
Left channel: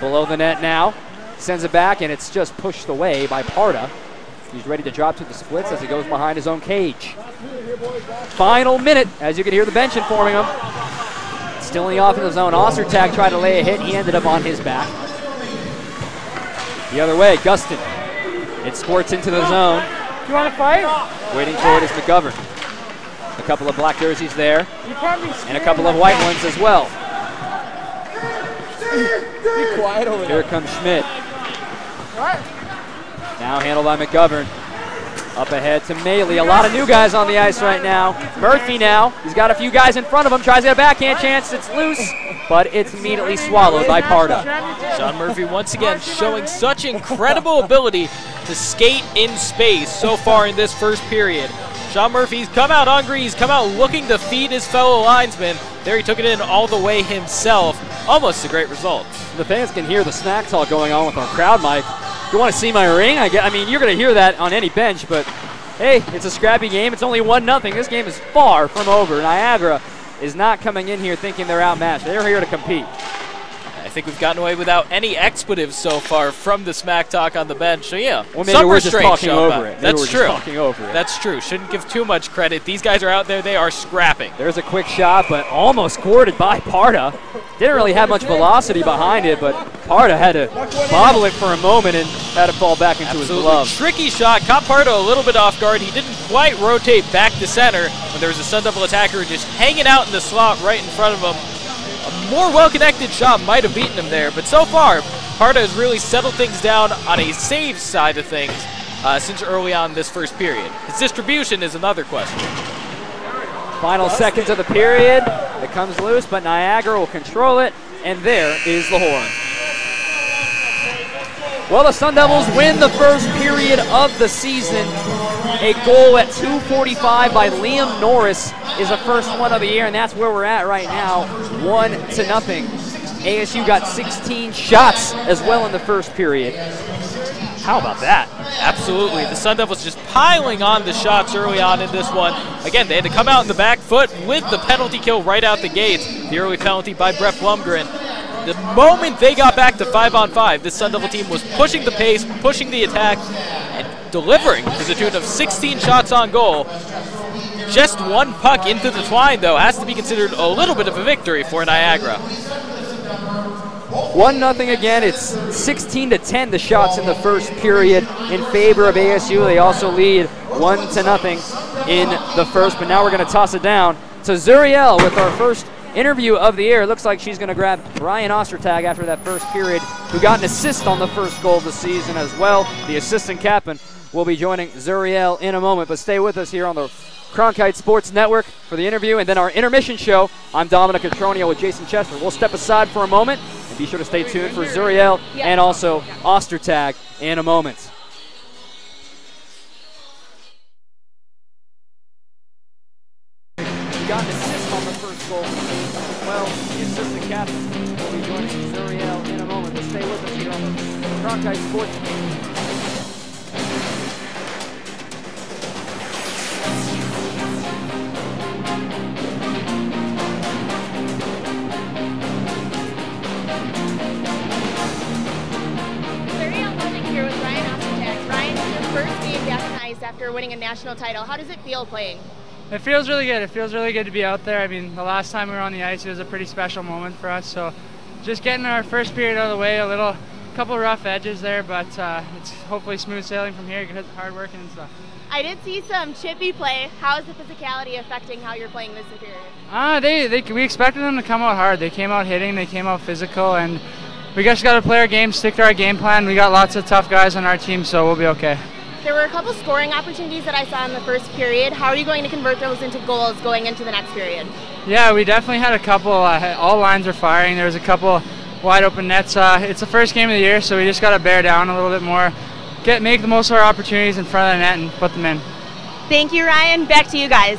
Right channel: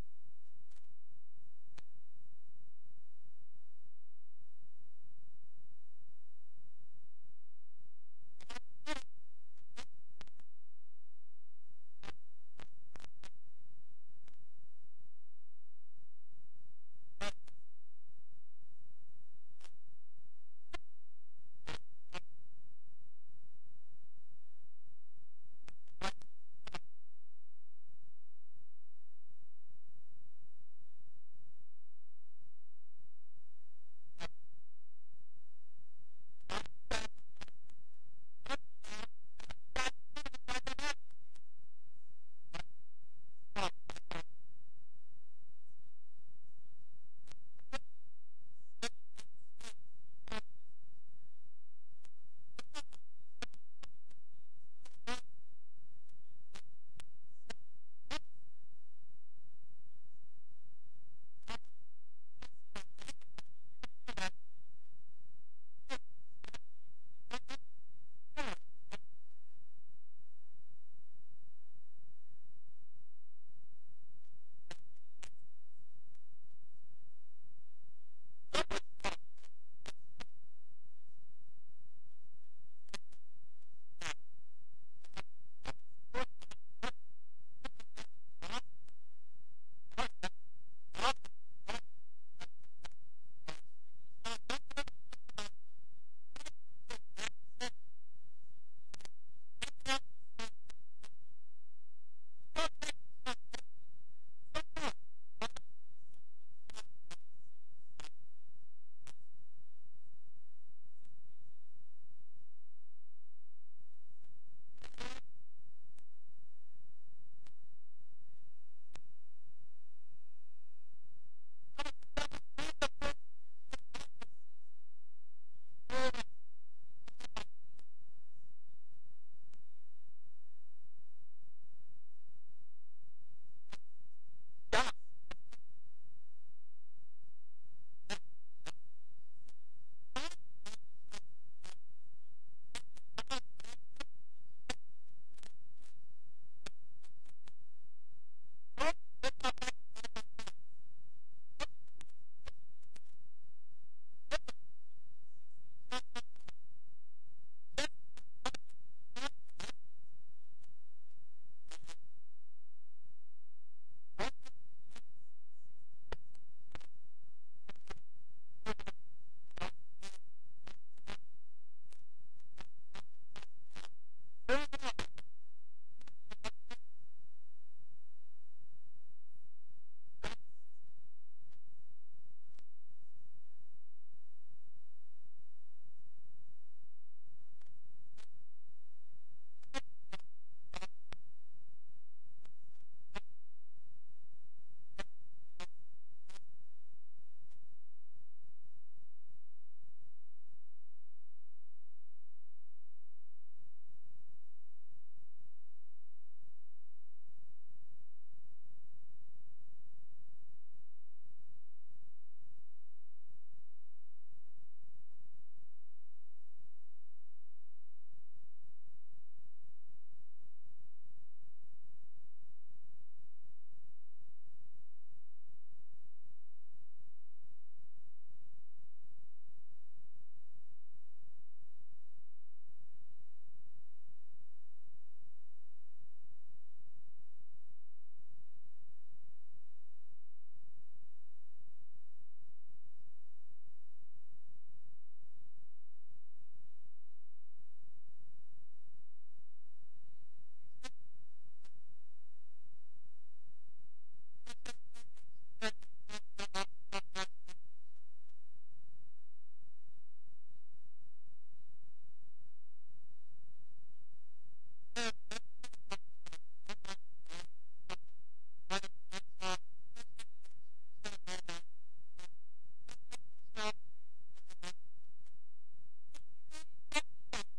Below the net now. Sends it back, and it's just pushed away by Parda. He's ready to drop to the splits as he goes behind his own cage. Final minute, as you can hear the bench informing him. Still in the offensive zone. Ostertag tried to lay a hit. He ended up on his back. The other way, Gustin. It squirts into the zone. You want to fight? Waiting for it is McGovern. A couple of black jerseys there, and a couple of white ones as well. Be quiet over Here comes Schmidt. Now handled by McGovern. Up ahead to Maley. A lot of new guys on the ice right now. Murphy now. He's got a few guys in front of him. Tries to get a backhand chance. It's loose, but it's immediately swallowed by Parda. Sean Murphy once again showing such incredible ability to skate in space so far in this first period. Sean Murphy's come out hungry. He's come out looking to feed his fellow linesmen. There he took it in all the way himself. Almost a great result. The fans can hear the snack talk going on with our crowd mic. You want to see my ring? I mean, you're going to hear that on any bench, but hey, it's a scrappy game. It's only 1-0. This game is far from over. Niagara is not coming in here thinking they're outmatched. They're here to compete. I think we've gotten away without any expletives so far from the smack talk on the bench. So yeah, well, maybe we're just talking over it. That's true. That's true. Shouldn't give too much credit. These guys are out there. They are scrapping. There's a quick shot, but almost squirted by Parda. Didn't really have much velocity behind it, but Parda had to bobble it for a moment and had it fall back into his glove. Tricky shot. Caught Parda a little bit off guard. He didn't quite rotate back to center when there was a Sun Devil attacker just hanging out in the slot right in front of him. A more well-connected shot might have beaten him there, but so far, Parda has really settled things down on a save side of things since early on this first period. His distribution is another question. Final seconds of the period. It comes loose, but Niagara will control it, and there is the horn. Well, the Sun Devils win the first period of the season. A goal at 2:45 by Liam Norris is the first one of the year, and that's where we're at right now, 1-0. ASU got 16 shots as well in the first period. How about that? Absolutely. The Sun Devils just piling on the shots early on in this one. Again, they had to come out in the back foot with the penalty kill right out the gates. The early penalty by Brett Blumgren. The moment they got back to 5-on-5, this Sun Devil team was pushing the pace, pushing the attack, and delivering to the tune of 16 shots on goal. Just one puck into the twine, though, has to be considered a little bit of a victory for Niagara. 1-0 again. It's 16-10 the shots in the first period in favor of ASU. They also lead 1-0 in the first, but now we're going to toss it down to Zuriel with our first interview of the year. It looks like she's going to grab Ryan Ostertag after that first period, who got an assist on the first goal of the season as well. The assistant captain will be joining Zuriel in a moment, but stay with us here on the Cronkite Sports Network for the interview and then our intermission show. I'm Dominic Cotronio with Jason Chester. We'll step aside for a moment and be sure to stay tuned for Zuriel and also Ostertag in a moment. Got an assist on the first goal. Well, the assistant captain will be joining Zuriel in a moment, but stay with us here on the Cronkite Sports Network. After winning a national title. How does it feel playing? It feels really good. It feels really good to be out there. I mean, the last time we were on the ice, it was a pretty special moment for us. So just getting our first period out of the way, couple rough edges there, but it's hopefully smooth sailing from here because of hard working and stuff. I did see some chippy play. How is the physicality affecting how you're playing this period? We expected them to come out hard. They came out hitting, they came out physical, and we just got to play our game, stick to our game plan. We got lots of tough guys on our team, so we'll be okay. There were a couple scoring opportunities that I saw in the first period. How are you going to convert those into goals going into the next period? Yeah, we definitely had a couple. All lines were firing. There was a couple wide open nets. It's the first game of the year, so we just got to bear down a little bit more, make the most of our opportunities in front of the net and put them in. Thank you, Ryan. Back to you guys.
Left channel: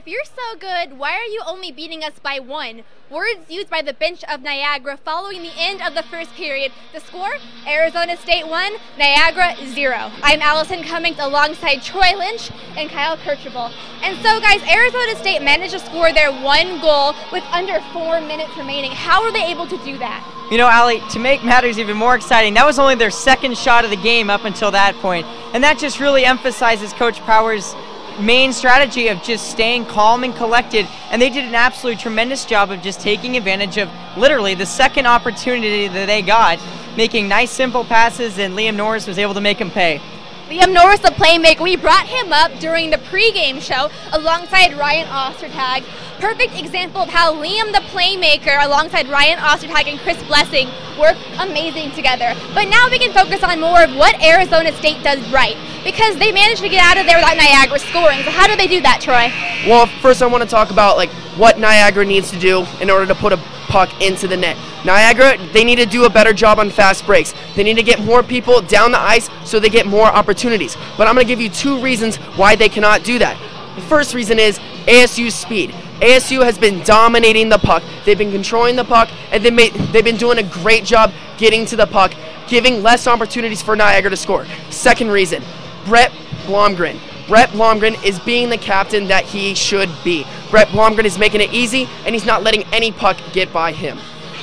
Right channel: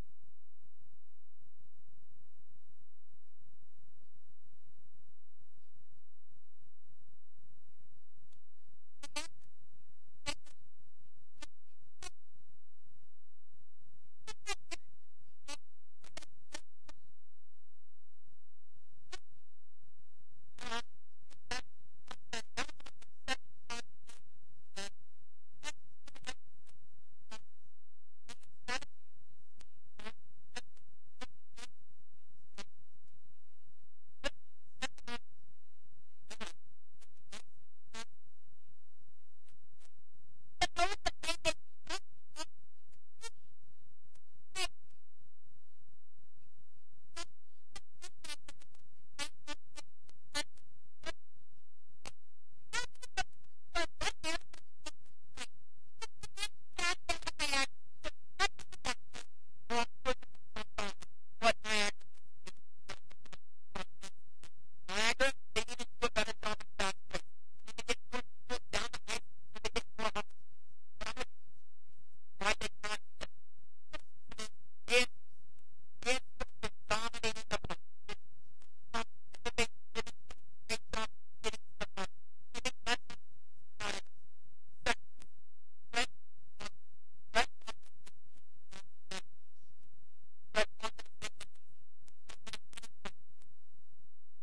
if you're so good, why are you only beating us by 1? Words used by the bench of Niagara following the end of the first period. The score, Arizona State 1, Niagara 0. I'm Allison Cummings alongside Troy Lynch and Kyle Kirchable. And so guys, Arizona State managed to score their 1 goal with under 4 minutes remaining. How were they able to do that? You know, Allie, to make matters even more exciting, that was only their second shot of the game up until that point. And that just really emphasizes Coach Power's main strategy of just staying calm and collected, and they did an absolutely tremendous job of just taking advantage of literally the second opportunity that they got, making nice simple passes, and Liam Norris was able to make them pay. Liam Norris, the playmaker, we brought him up during the pregame show alongside Ryan Ostertag. Perfect example of how Liam, the playmaker, alongside Ryan Ostertag and Chris Blessing, work amazing together. But now we can focus on more of what Arizona State does right, because they managed to get out of there without Niagara scoring. So how do they do that, Troy? Well, first I want to talk about what Niagara needs to do in order to put a puck into the net. Niagara, they need to do a better job on fast breaks. They need to get more people down the ice so they get more opportunities. But I'm going to give you 2 reasons why they cannot do that. The first reason is ASU's speed. ASU has been dominating the puck. They've been controlling the puck, and they've been doing a great job getting to the puck, giving less opportunities for Niagara to score. Second reason, Brett Blomgren. Brett Blomgren is being the captain that he should be. Brett Blomgren is making it easy, and he's not letting any puck get by him.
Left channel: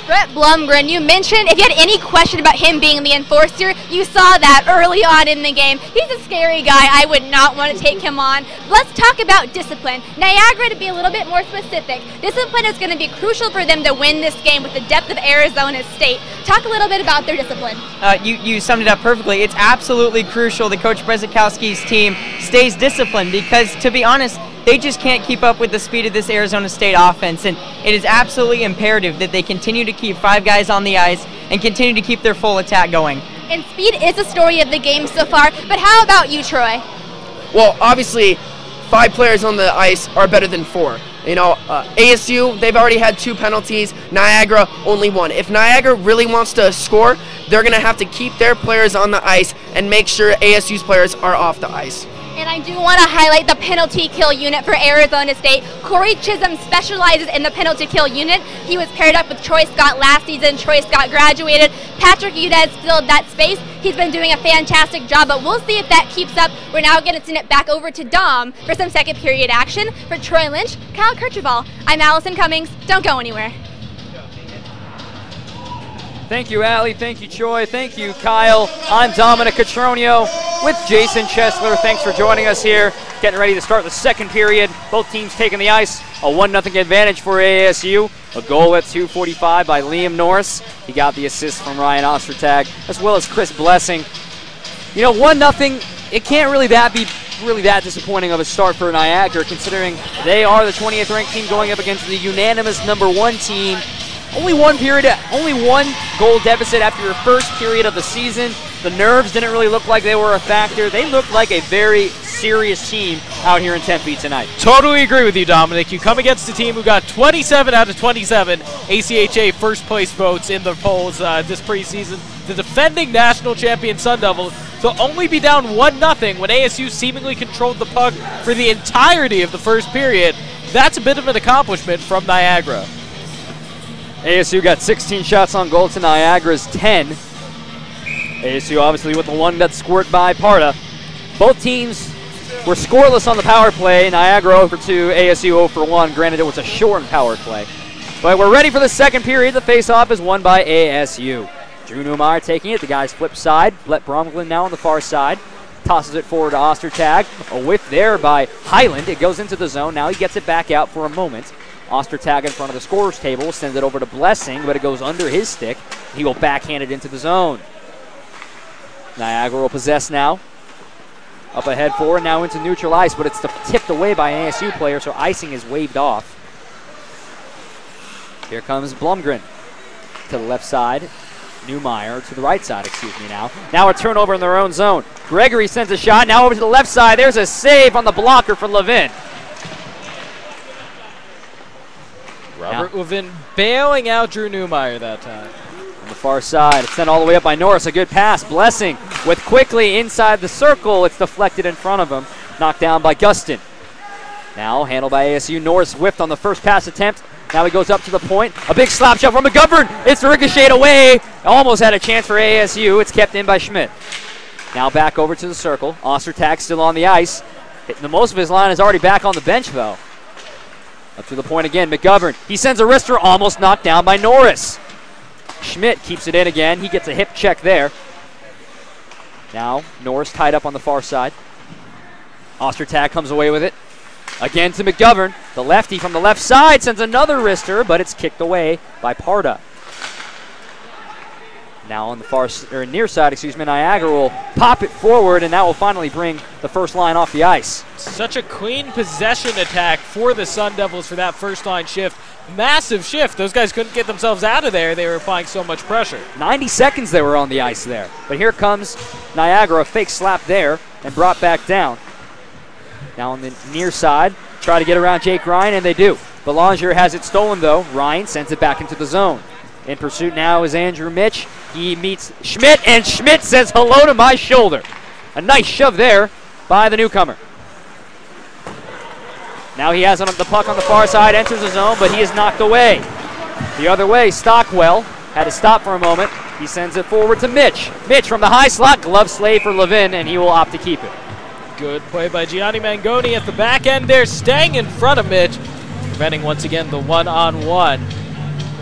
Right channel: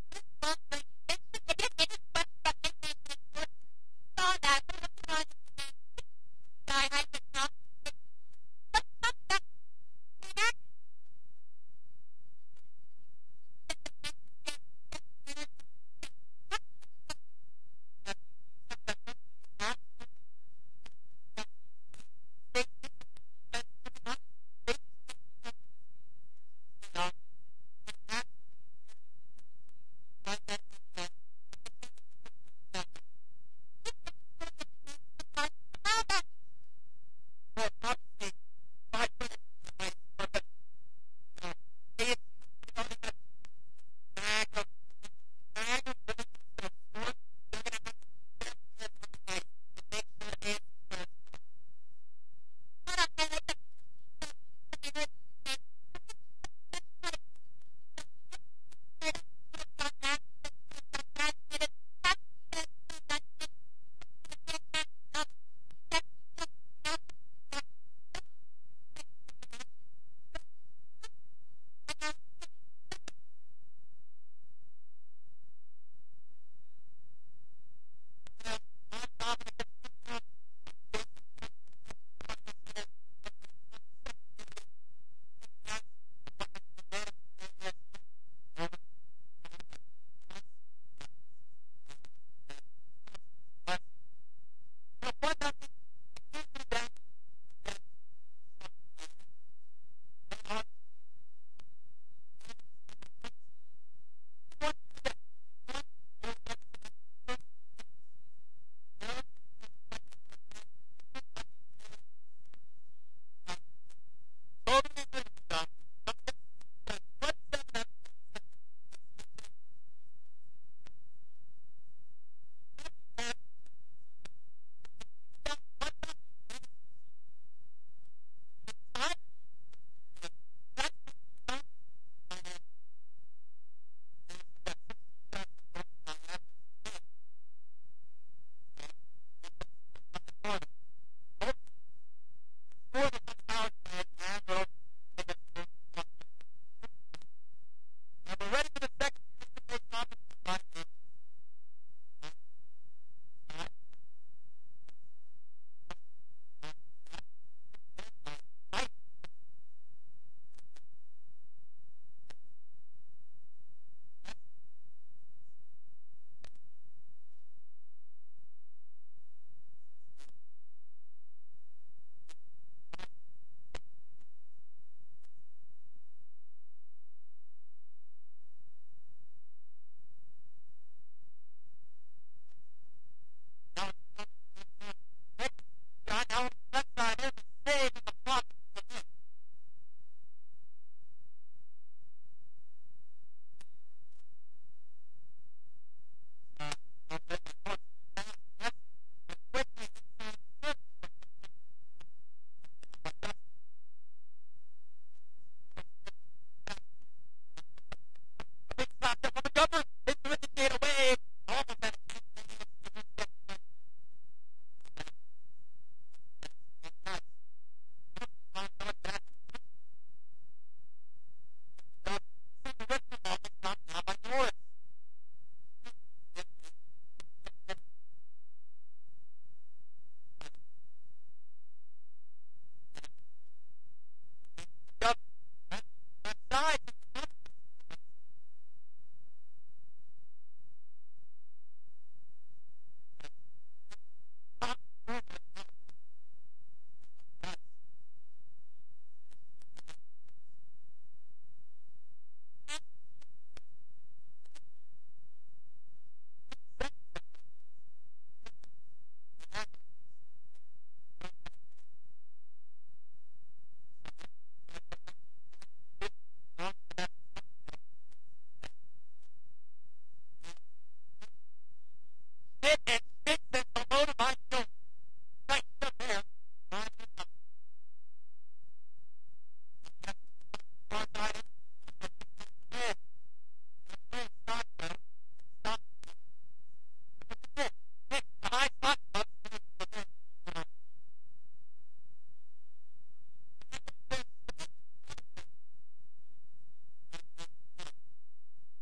Brett Blomgren, you mentioned if you had any question about him being the enforcer, you saw that early on in the game. He's a scary guy. I would not want to take him on. Let's talk about discipline. Niagara, to be a little bit more specific, discipline is going to be crucial for them to win this game with the depth of Arizona State. Talk a little bit about their discipline. You summed it up perfectly. It's absolutely crucial that Coach Brzezikowski's team stays disciplined because, to be honest, they just can't keep up with the speed of this Arizona State offense, and it is absolutely imperative that they continue to keep 5 guys on the ice and continue to keep their full attack going. And speed is the story of the game so far, but how about you, Troy? Well, obviously, 5 players on the ice are better than 4. You know, ASU, they've already had 2 penalties. Niagara, only 1. If Niagara really wants to score, they're going to have to keep their players on the ice and make sure ASU's players are off the ice. And I do want to highlight the penalty kill unit for Arizona State. Corey Chisholm specializes in the penalty kill unit. He was paired up with Troy Scott last season. Troy Scott graduated. Patrick Udez filled that space. He's been doing a fantastic job, but we'll see if that keeps up. We're now going to send it back over to Dom for some second period action. For Troy Lynch, Kyle Kirchable, I'm Allison Cummings. Don't go anywhere. Thank you, Allie. Thank you, Troy. Thank you, Kyle. I'm Dominic Catronio with Jason Chesler. Thanks for joining us here. Getting ready to start the second period. Both teams taking the ice. A 1-0 advantage for ASU. A goal at 2:45 by Liam Norris. He got the assist from Ryan Ostertag, as well as Chris Blessing. You know, 1-0, it can't really be that disappointing of a start for Niagara, considering they are the 20th ranked team going up against the unanimous #1 team. Only 1 goal deficit after your first period of the season. The nerves didn't really look like they were a factor. They looked like a very serious team out here in Tempe tonight. Totally agree with you, Dominic. You come against a team who got 27 out of 27 ACHA first place votes in the polls this preseason. The defending national champion Sun Devils to only be down 1-0 when ASU seemingly controlled the puck for the entirety of the first period. That's a bit of an accomplishment from Niagara. ASU got 16 shots on goal to Niagara's 10. ASU obviously with the one that's scored by Parda. Both teams were scoreless on the power play. Niagara 0 for 2, ASU 0 for 1. Granted, it was a shortened power play. But we're ready for the second period. The face-off is won by ASU. Drew Neumeier taking it. The guys flip side. Brett Blomgren now on the far side. Tosses it forward to Ostertag. A whiff there by Highland. It goes into the zone. Now he gets it back out for a moment. Ostertag in front of the scorer's table, sends it over to Blessing, but it goes under his stick. He will backhand it into the zone. Niagara will possess now. Up ahead forward, now into neutral ice, but it's tipped away by an ASU player, so icing is waved off. Here comes Blomgren to the left side. Neumeier to the right side, now. Now a turnover in their own zone. Gregory sends a shot, now over to the left side. There's a save on the blocker for Levin. Robert Levin bailing out Drew Neumeier that time. On the far side, it's sent all the way up by Norris. A good pass. Blessing with quickly inside the circle. It's deflected in front of him. Knocked down by Gustin. Now handled by ASU. Norris whiffed on the first pass attempt. Now he goes up to the point. A big slap shot from McGovern. It's ricocheted away. Almost had a chance for ASU. It's kept in by Schmidt. Now back over to the circle. Ostertag still on the ice. The most of his line is already back on the bench, though. Up to the point again. McGovern. He sends a wrister, almost knocked down by Norris. Schmidt keeps it in again. He gets a hip check there. Now Norris tied up on the far side. Ostertag comes away with it. Again to McGovern. The lefty from the left side sends another wrister, but it's kicked away by Parda. Now on the near side, Niagara will pop it forward, and that will finally bring the first line off the ice. Such a clean possession attack for the Sun Devils for that first line shift. Massive shift. Those guys couldn't get themselves out of there. They were applying so much pressure. 90 seconds they were on the ice there. But here comes Niagara, a fake slap there, and brought back down. Now on the near side, try to get around Jake Ryan, and they do. Belanger has it stolen, though. Ryan sends it back into the zone. In pursuit now is Andrew Mitch. He meets Schmidt, and Schmidt says hello to my shoulder. A nice shove there by the newcomer. Now he has the puck on the far side, enters the zone, but he is knocked away. The other way, Stockwell had to stop for a moment. He sends it forward to Mitch. Mitch from the high slot, glove slave for Levin, and he will opt to keep it. Good play by Gianni Mangoni at the back end there, staying in front of Mitch, preventing once again the one-on-one.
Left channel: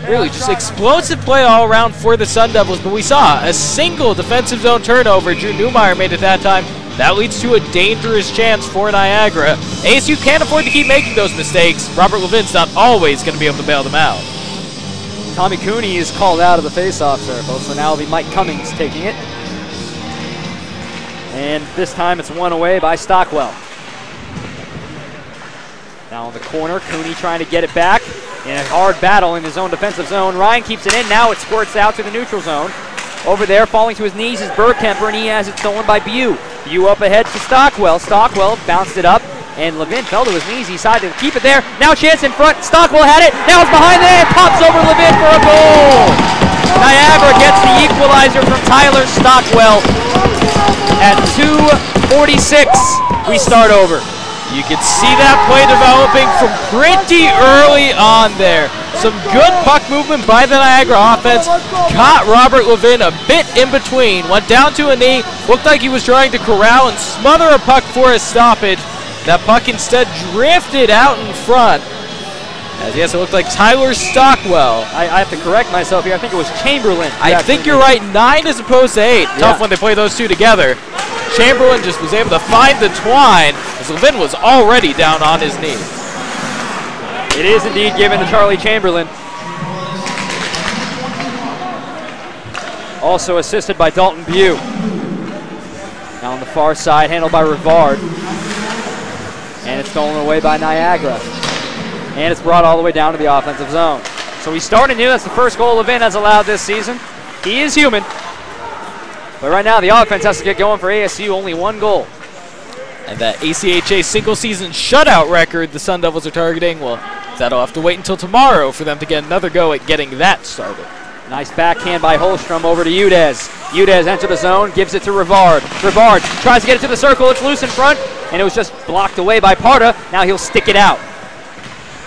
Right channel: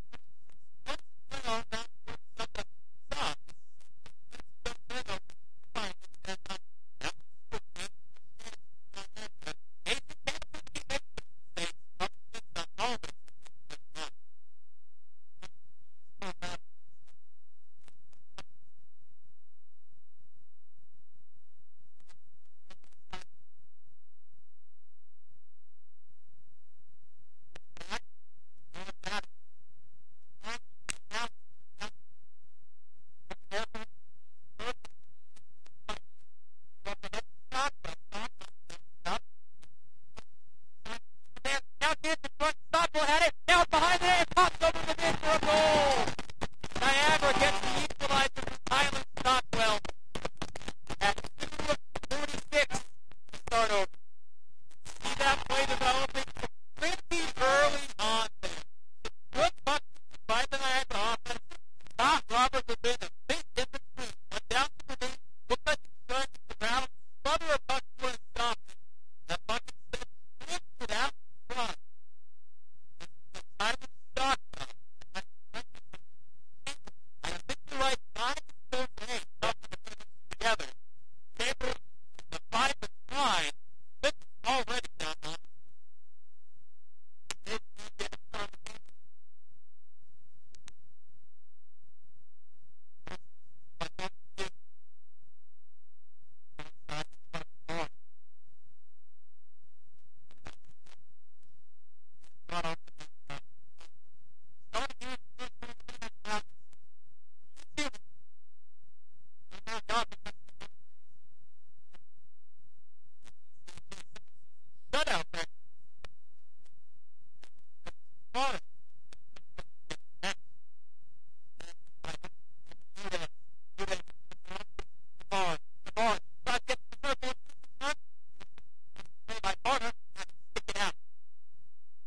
Really just explosive play all around for the Sun Devils, but we saw a single defensive zone turnover. Drew Newmeyer made it that time. That leads to a dangerous chance for Niagara. ASU can't afford to keep making those mistakes. Robert Levin's not always going to be able to bail them out. Tommy Cooney is called out of the faceoff circle, so now it'll be Mike Cummings taking it. And this time it's won away by Stockwell. Now in the corner, Cooney trying to get it back in a hard battle in his own defensive zone. Ryan keeps it in. Now it squirts out to the neutral zone. Over there, falling to his knees is Bergkemper, and he has it stolen by Bew. Bew up ahead to Stockwell. Stockwell bounced it up, and Levin fell to his knees. He decided to keep it there. Now chance in front. Stockwell had it. Now it's behind the net. Pops over Levin for a goal. Niagara gets the equalizer from Tyler Stockwell. At 2:46, we start over. You can see that play developing from pretty early on there. Some good puck movement by the Niagara offense. Caught Robert Levin a bit in between. Went down to a knee. Looked like he was trying to corral and smother a puck for a stoppage. That puck instead drifted out in front. As yes, it looked like Tyler Stockwell. I have to correct myself here. I think it was Chamberlain. I think you're right. 9 as opposed to 8. Yeah. Tough when they play those two together. Chamberlain just was able to find the twine as Levin was already down on his knees. It is indeed given to Charlie Chamberlain. Also assisted by Dalton Bew. Now on the far side, handled by Rivard. And it's stolen away by Niagara. And it's brought all the way down to the offensive zone. So we start anew. That's the first goal Levin has allowed this season. He is human. But right now the offense has to get going for ASU. Only one goal. And that ACHA single season shutout record the Sun Devils are targeting, well, that'll have to wait until tomorrow for them to get another go at getting that started. Nice backhand by Holstrom over to Udez. Udez entered the zone, gives it to Rivard. Rivard tries to get it to the circle. It's loose in front, and it was just blocked away by Parda. Now he'll stick it out.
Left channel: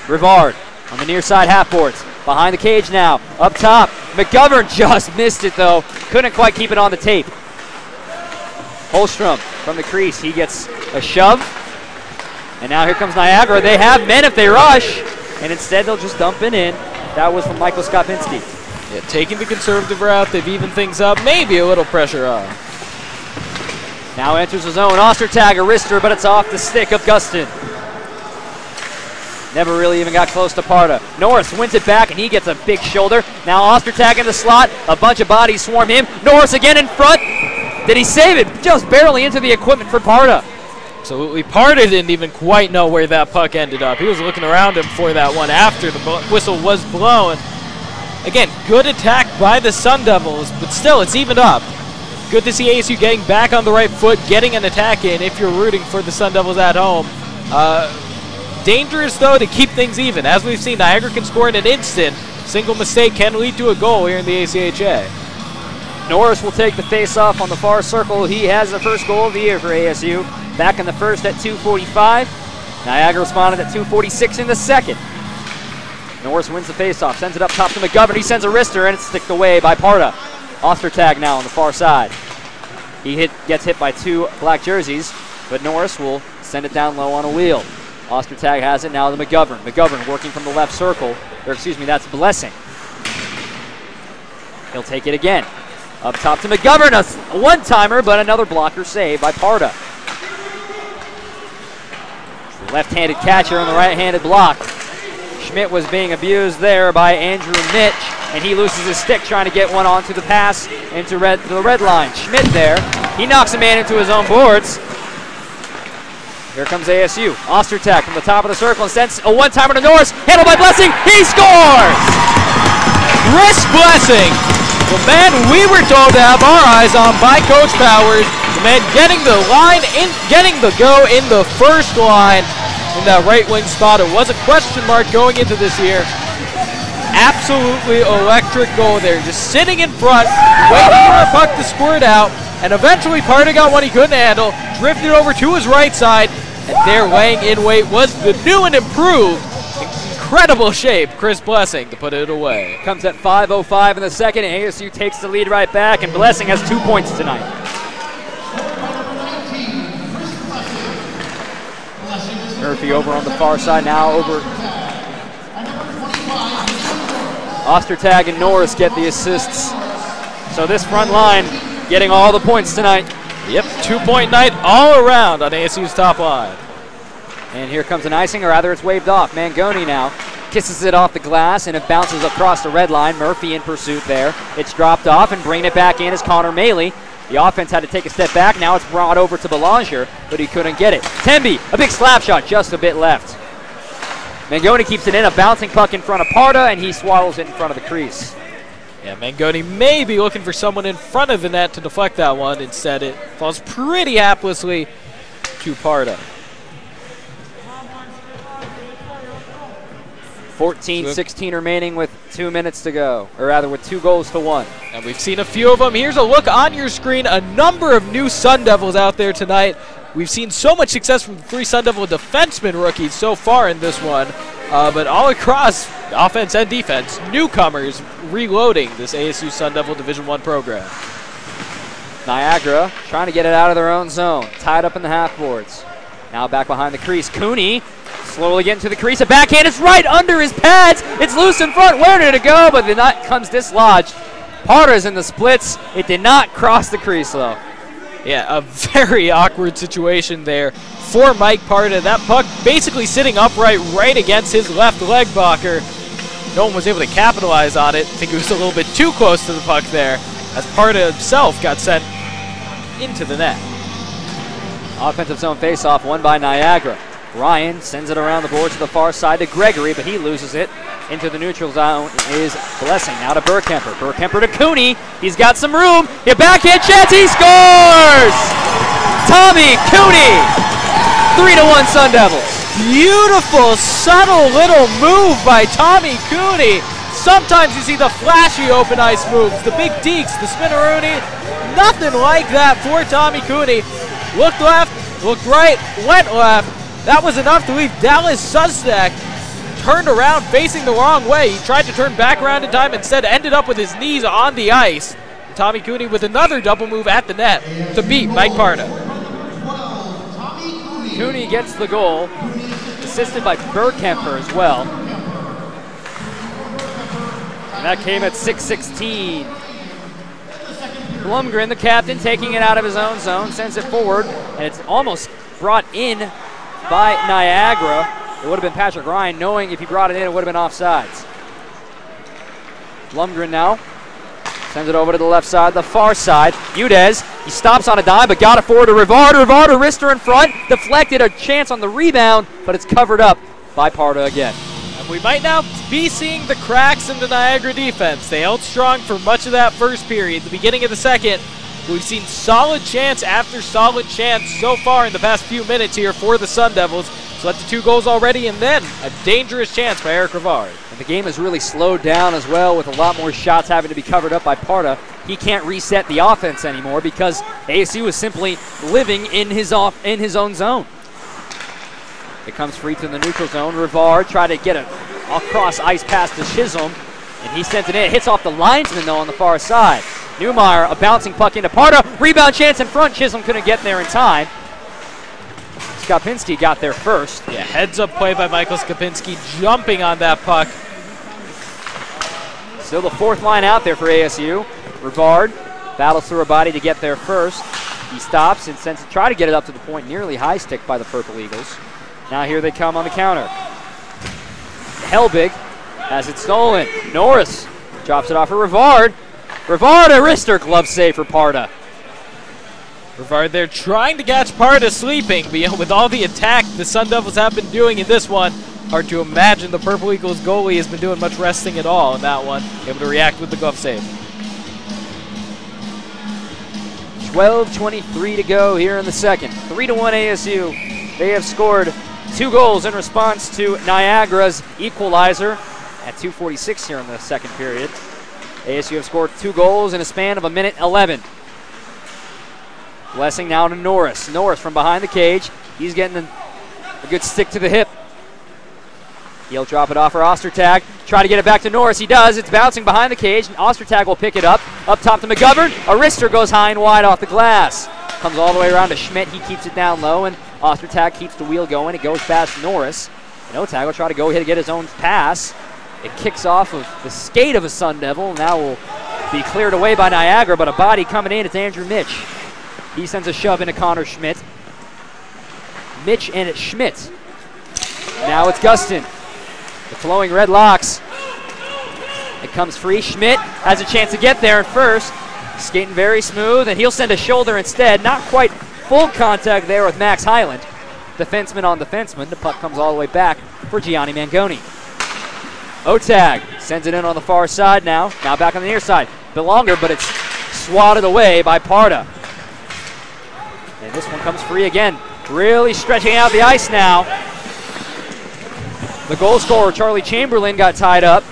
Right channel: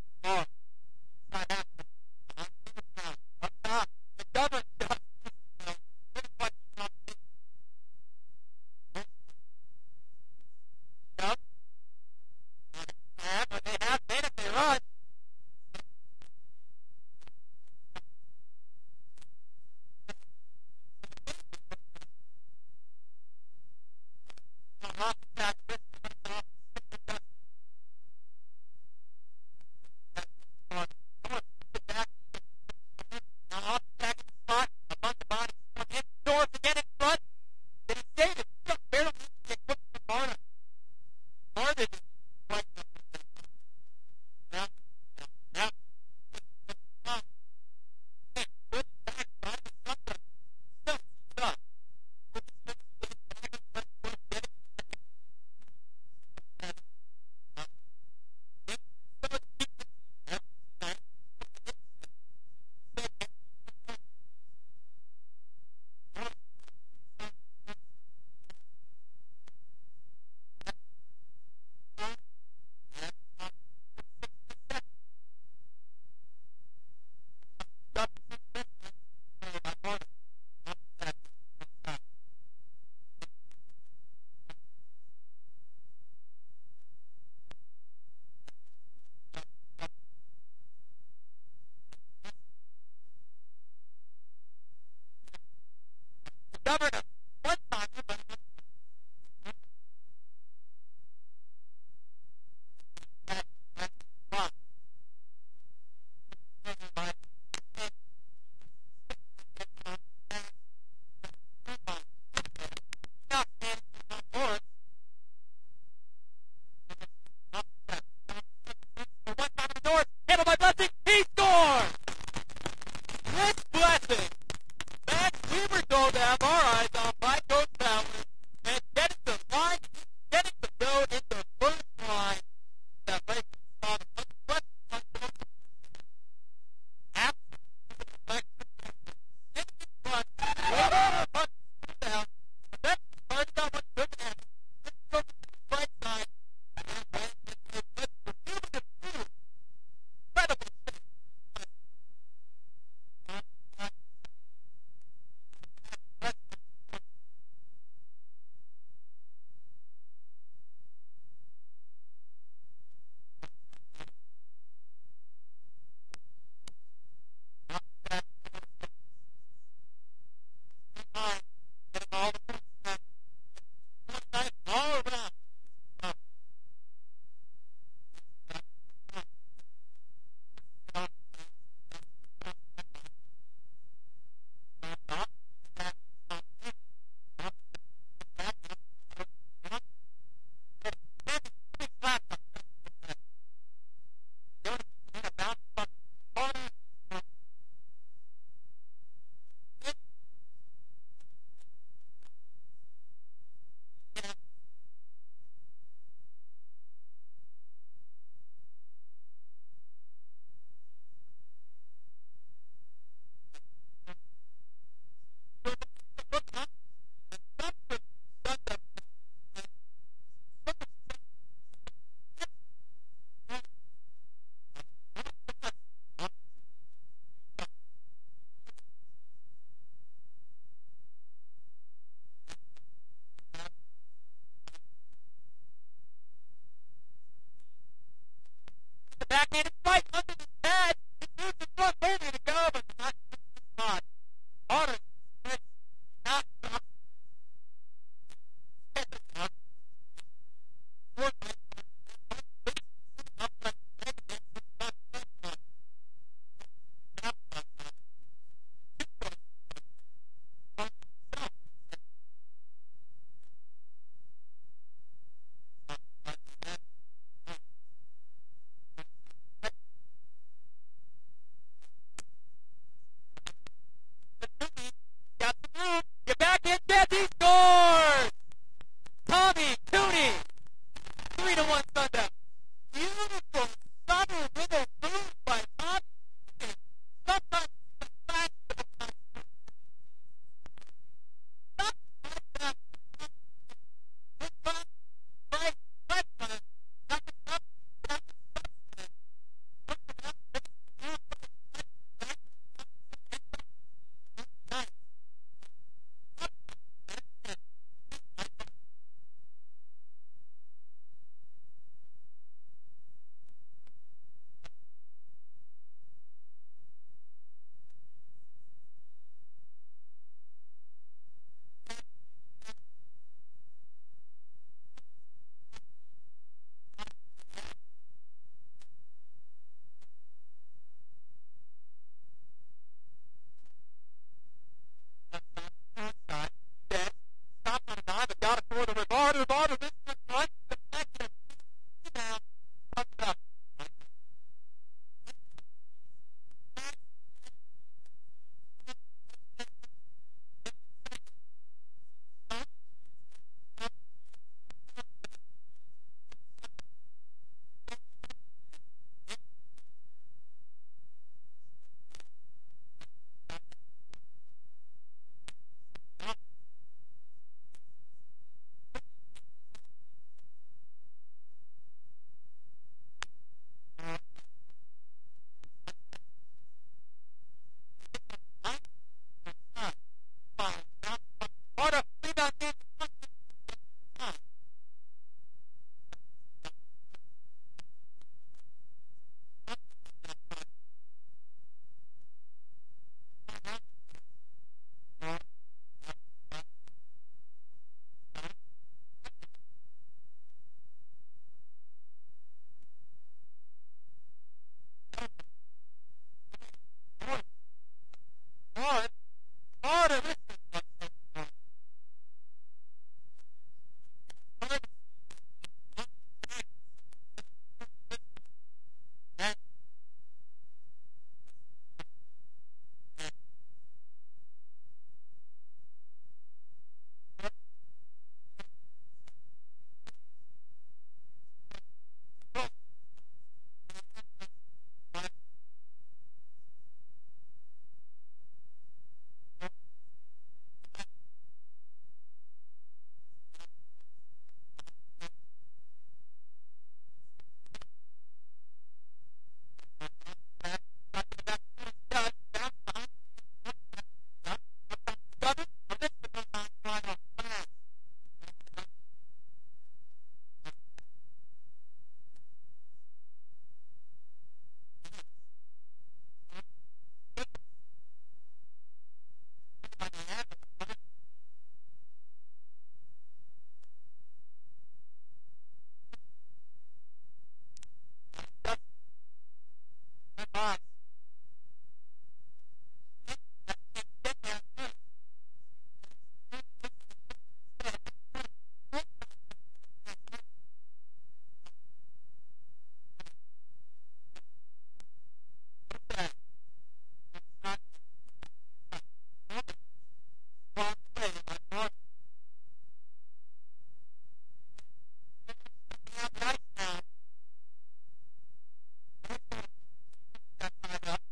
Rivard on the near side half boards. Behind the cage now. Up top. McGovern just missed it, though. Couldn't quite keep it on the tape. Holstrom from the crease. He gets a shove. And now here comes Niagara. They have men if they rush. And instead they'll just dump it in. That was from Michael Skopinski. Yeah, taking the conservative route. They've evened things up. Maybe a little pressure on. Now enters the zone. Ostertag, a wrister, but it's off the stick of Gustin. Never really even got close to Parda. Norris wins it back, and he gets a big shoulder. Now Ostertag in the slot. A bunch of bodies swarm him. Norris again in front. Did he save it? Just barely into the equipment for Parda. Absolutely. Parda didn't even quite know where that puck ended up. He was looking around him for that one after the whistle was blown. Again, good attack by the Sun Devils, but still, it's evened up. Good to see ASU getting back on the right foot, getting an attack in if you're rooting for the Sun Devils at home. Dangerous, though, to keep things even. As we've seen, Niagara can score in an instant. Single mistake can lead to a goal here in the ACHA. Norris will take the face-off on the far circle. He has the first goal of the year for ASU. Back in the first at 2:45. Niagara responded at 2:46 in the second. Norris wins the faceoff, sends it up top to McGovern. He sends a wrister, and it's sticked away by Parda. Ostertag now on the far side. He gets hit by 2 black jerseys, but Norris will send it down low on a wheel. Ostertag has it now to McGovern. McGovern working from the left circle, or excuse me, that's Blessing. He'll take it again. Up top to McGovern, a one-timer, but another blocker save by Parda. Left-handed catcher on the right-handed block. Schmidt was being abused there by Andrew Mitch, and he loses his stick trying to get one onto the pass into the red line. Schmidt there, he knocks a man into his own boards. Here comes ASU. Ostertag from the top of the circle and sends a one-timer to Norris, handled by Blessing. He scores! Chris Blessing, the man we were told to have our eyes on by Coach Powers, the man getting the line in, getting the go in the first line in that right wing spot. It was a question mark going into this year. Absolutely electric goal there, just sitting in front, waiting for a puck to squirt out, and eventually Parda got one he couldn't handle, drifted over to his right side, and there laying in wait was the new and improved, incredible shape, Chris Blessing, to put it away. Comes at 5:05 in the second, and ASU takes the lead right back, and Blessing has 2 points tonight. Murphy over on the far side now, over. Ostertag and Norris get the assists. So this front line getting all the points tonight. Yep, 2-point night all around on ASU's top line. And here comes an icing, or rather it's waved off. Mangoni now kisses it off the glass, and it bounces across the red line. Murphy in pursuit there. It's dropped off, and bringing it back in is Connor Maley. The offense had to take a step back. Now it's brought over to Belanger, but he couldn't get it. Temby, a big slap shot, just a bit left. Mangoni keeps it in, a bouncing puck in front of Parda, and he swallows it in front of the crease. Yeah, Mangoni may be looking for someone in front of the net to deflect that one. Instead, it falls pretty haplessly to Parda. 14-16 remaining with 2 minutes to go, or rather with 2 goals to 1. And we've seen a few of them. Here's a look on your screen. A number of new Sun Devils out there tonight. We've seen so much success from the 3 Sun Devil defenseman rookies so far in this one. But all across offense and defense, newcomers reloading this ASU Sun Devil Division I program. Niagara trying to get it out of their own zone. Tied up in the half boards. Now back behind the crease. Cooney slowly getting to the crease. A backhand is right under his pads. It's loose in front. Where did it go? But the net comes dislodged. Parda's in the splits. It did not cross the crease, though. Yeah, a very awkward situation there for Mike Parda. That puck basically sitting upright right against his left leg blocker. No one was able to capitalize on it. I think it was a little bit too close to the puck there, as Parda himself got sent into the net. Offensive zone faceoff won by Niagara. Ryan sends it around the board to the far side to Gregory, but he loses it. Into the neutral zone is Blessing. Now to Burkemper. Burkemper to Cooney. He's got some room. A backhand chance. He scores! Tommy Cooney. 3-1 Sun Devils. Beautiful, subtle little move by Tommy Cooney. Sometimes you see the flashy open ice moves, the big deeks, the spinneroonie. Nothing like that for Tommy Cooney. Looked left, looked right, went left. That was enough to leave Dallas Sustak turned around facing the wrong way. He tried to turn back around in time, instead ended up with his knees on the ice. Tommy Cooney with another double move at the net to beat Mike Parda. Cooney gets the goal, assisted by Burkemper as well. And that came at 6:16. Blumgren, the captain, taking it out of his own zone, sends it forward, and it's almost brought in by Niagara. It would have been Patrick Ryan, knowing if he brought it in, it would have been offsides. Blumgren now sends it over to the left side, the far side. Udez, he stops on a dime, but got it forward to Rivard. Rivard, a wrister in front, deflected, a chance on the rebound, but it's covered up by Parda again. And we might now be seeing the cracks in the Niagara defense. They held strong for much of that first period. The beginning of the second, we've seen solid chance after solid chance so far in the past few minutes here for the Sun Devils. So that's the 2 goals already, and then a dangerous chance by Eric Rivard. And the game has really slowed down as well, with a lot more shots having to be covered up by Parda. He can't reset the offense anymore because ASU is simply living in his own zone. It comes free to the neutral zone. Rivard tried to get a cross ice pass to Chisholm, and he sent it in. It hits off the linesman, though, on the far side. Newmeyer, a bouncing puck into Parda. Rebound chance in front. Chisholm couldn't get there in time. Skopinski got there first. Yeah, heads-up play by Michael Skopinski, jumping on that puck. Still the fourth line out there for ASU. Rivard battles through a body to get there first. He stops and sends to try to get it up to the point, nearly high stick by the Purple Eagles. Now here they come on the counter. Helbig has it stolen. Norris drops it off for Rivard. Rivard, a wrister glove save for Parda. Rivard there trying to catch Parda sleeping, but with all the attack the Sun Devils have been doing in this one, hard to imagine the Purple Eagles goalie has been doing much resting at all in that one. Able to react with the glove save. 12:23 to go here in the second. 3-1 ASU. They have scored 2 goals in response to Niagara's equalizer at 2:46 here in the second period. ASU have scored 2 goals in a span of 1:11. Blessing now to Norris. Norris from behind the cage. He's getting a good stick to the hip. He'll drop it off for Ostertag. Try to get it back to Norris. He does. It's bouncing behind the cage. And Ostertag will pick it up. Up top to McGovern. A wrister goes high and wide off the glass. Comes all the way around to Schmidt. He keeps it down low, and Ostertag keeps the wheel going. It goes past Norris. And Otag will try to go ahead and get his own pass. It kicks off of the skate of a Sun Devil. Now will be cleared away by Niagara, but a body coming in. It's Andrew Mitch. He sends a shove into Connor Schmidt. Mitch and it's Schmidt. Now it's Gustin. The flowing red locks. It comes free. Schmidt has a chance to get there at first. Skating very smooth, and he'll send a shoulder instead. Not quite full contact there with Max Highland. Defenseman on defenseman. The puck comes all the way back for Gianni Mangoni. Otag sends it in on the far side now. Now back on the near side. Bit longer, but it's swatted away by Parda. And this one comes free again. Really stretching out the ice now. The goal scorer, Charlie Chamberlain, got tied up.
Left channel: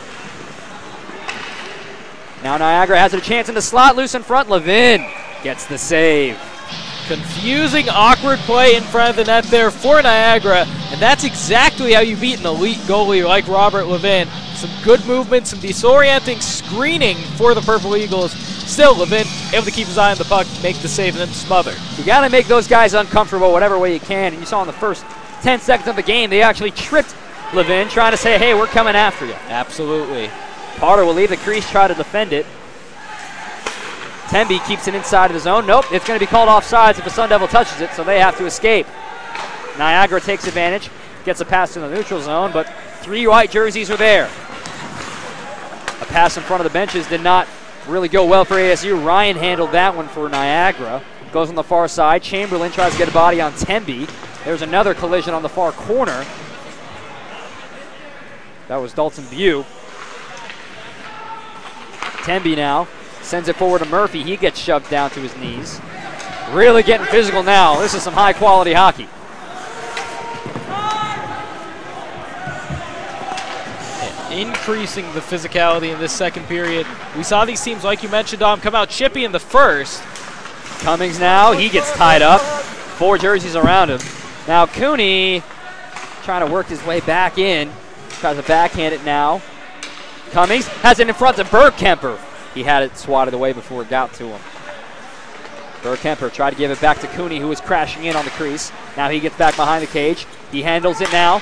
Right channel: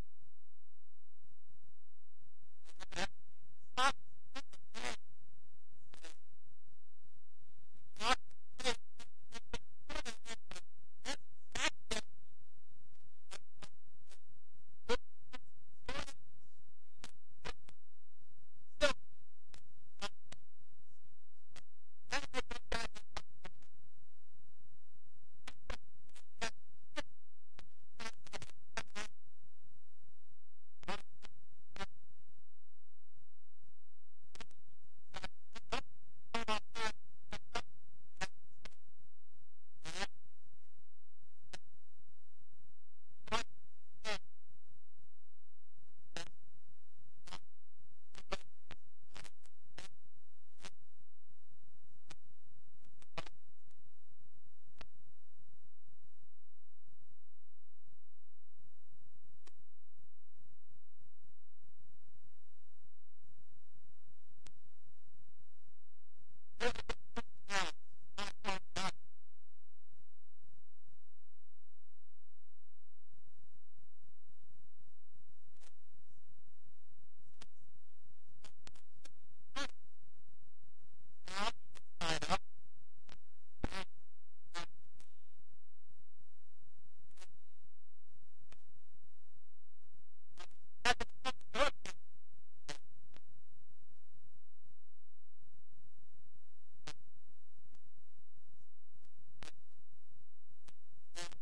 Now Niagara has a chance in the slot, loose in front. Levin gets the save. Confusing, awkward play in front of the net there for Niagara, and that's exactly how you beat an elite goalie like Robert Levin. Some good movement, some disorienting screening for the Purple Eagles. Still, Levin able to keep his eye on the puck, make the save, and then smother. You got to make those guys uncomfortable whatever way you can, and you saw in the first 10 seconds of the game, they actually tripped Levin, trying to say, hey, we're coming after you. Absolutely. Parda will leave the crease, try to defend it. Temby keeps it inside of the zone. Nope, it's going to be called offsides if the Sun Devil touches it, so they have to escape. Niagara takes advantage, gets a pass to the neutral zone, but 3 white jerseys are there. A pass in front of the benches did not really go well for ASU. Ryan handled that one for Niagara. Goes on the far side. Chamberlain tries to get a body on Temby. There's another collision on the far corner. That was Dalton View. Temby now sends it forward to Murphy. He gets shoved down to his knees. Really getting physical now. This is some high quality hockey. Increasing the physicality in this second period. We saw these teams, like you mentioned, Dom, come out chippy in the first. Cummings now, he gets tied up. 4 jerseys around him. Now Cooney trying to work his way back in. Tries to backhand it now. Cummings has it in front of Bergkemper. He had it swatted away before it got to him. Bergkemper tried to give it back to Cooney, who was crashing in on the crease. Now he gets back behind the cage. He handles it now.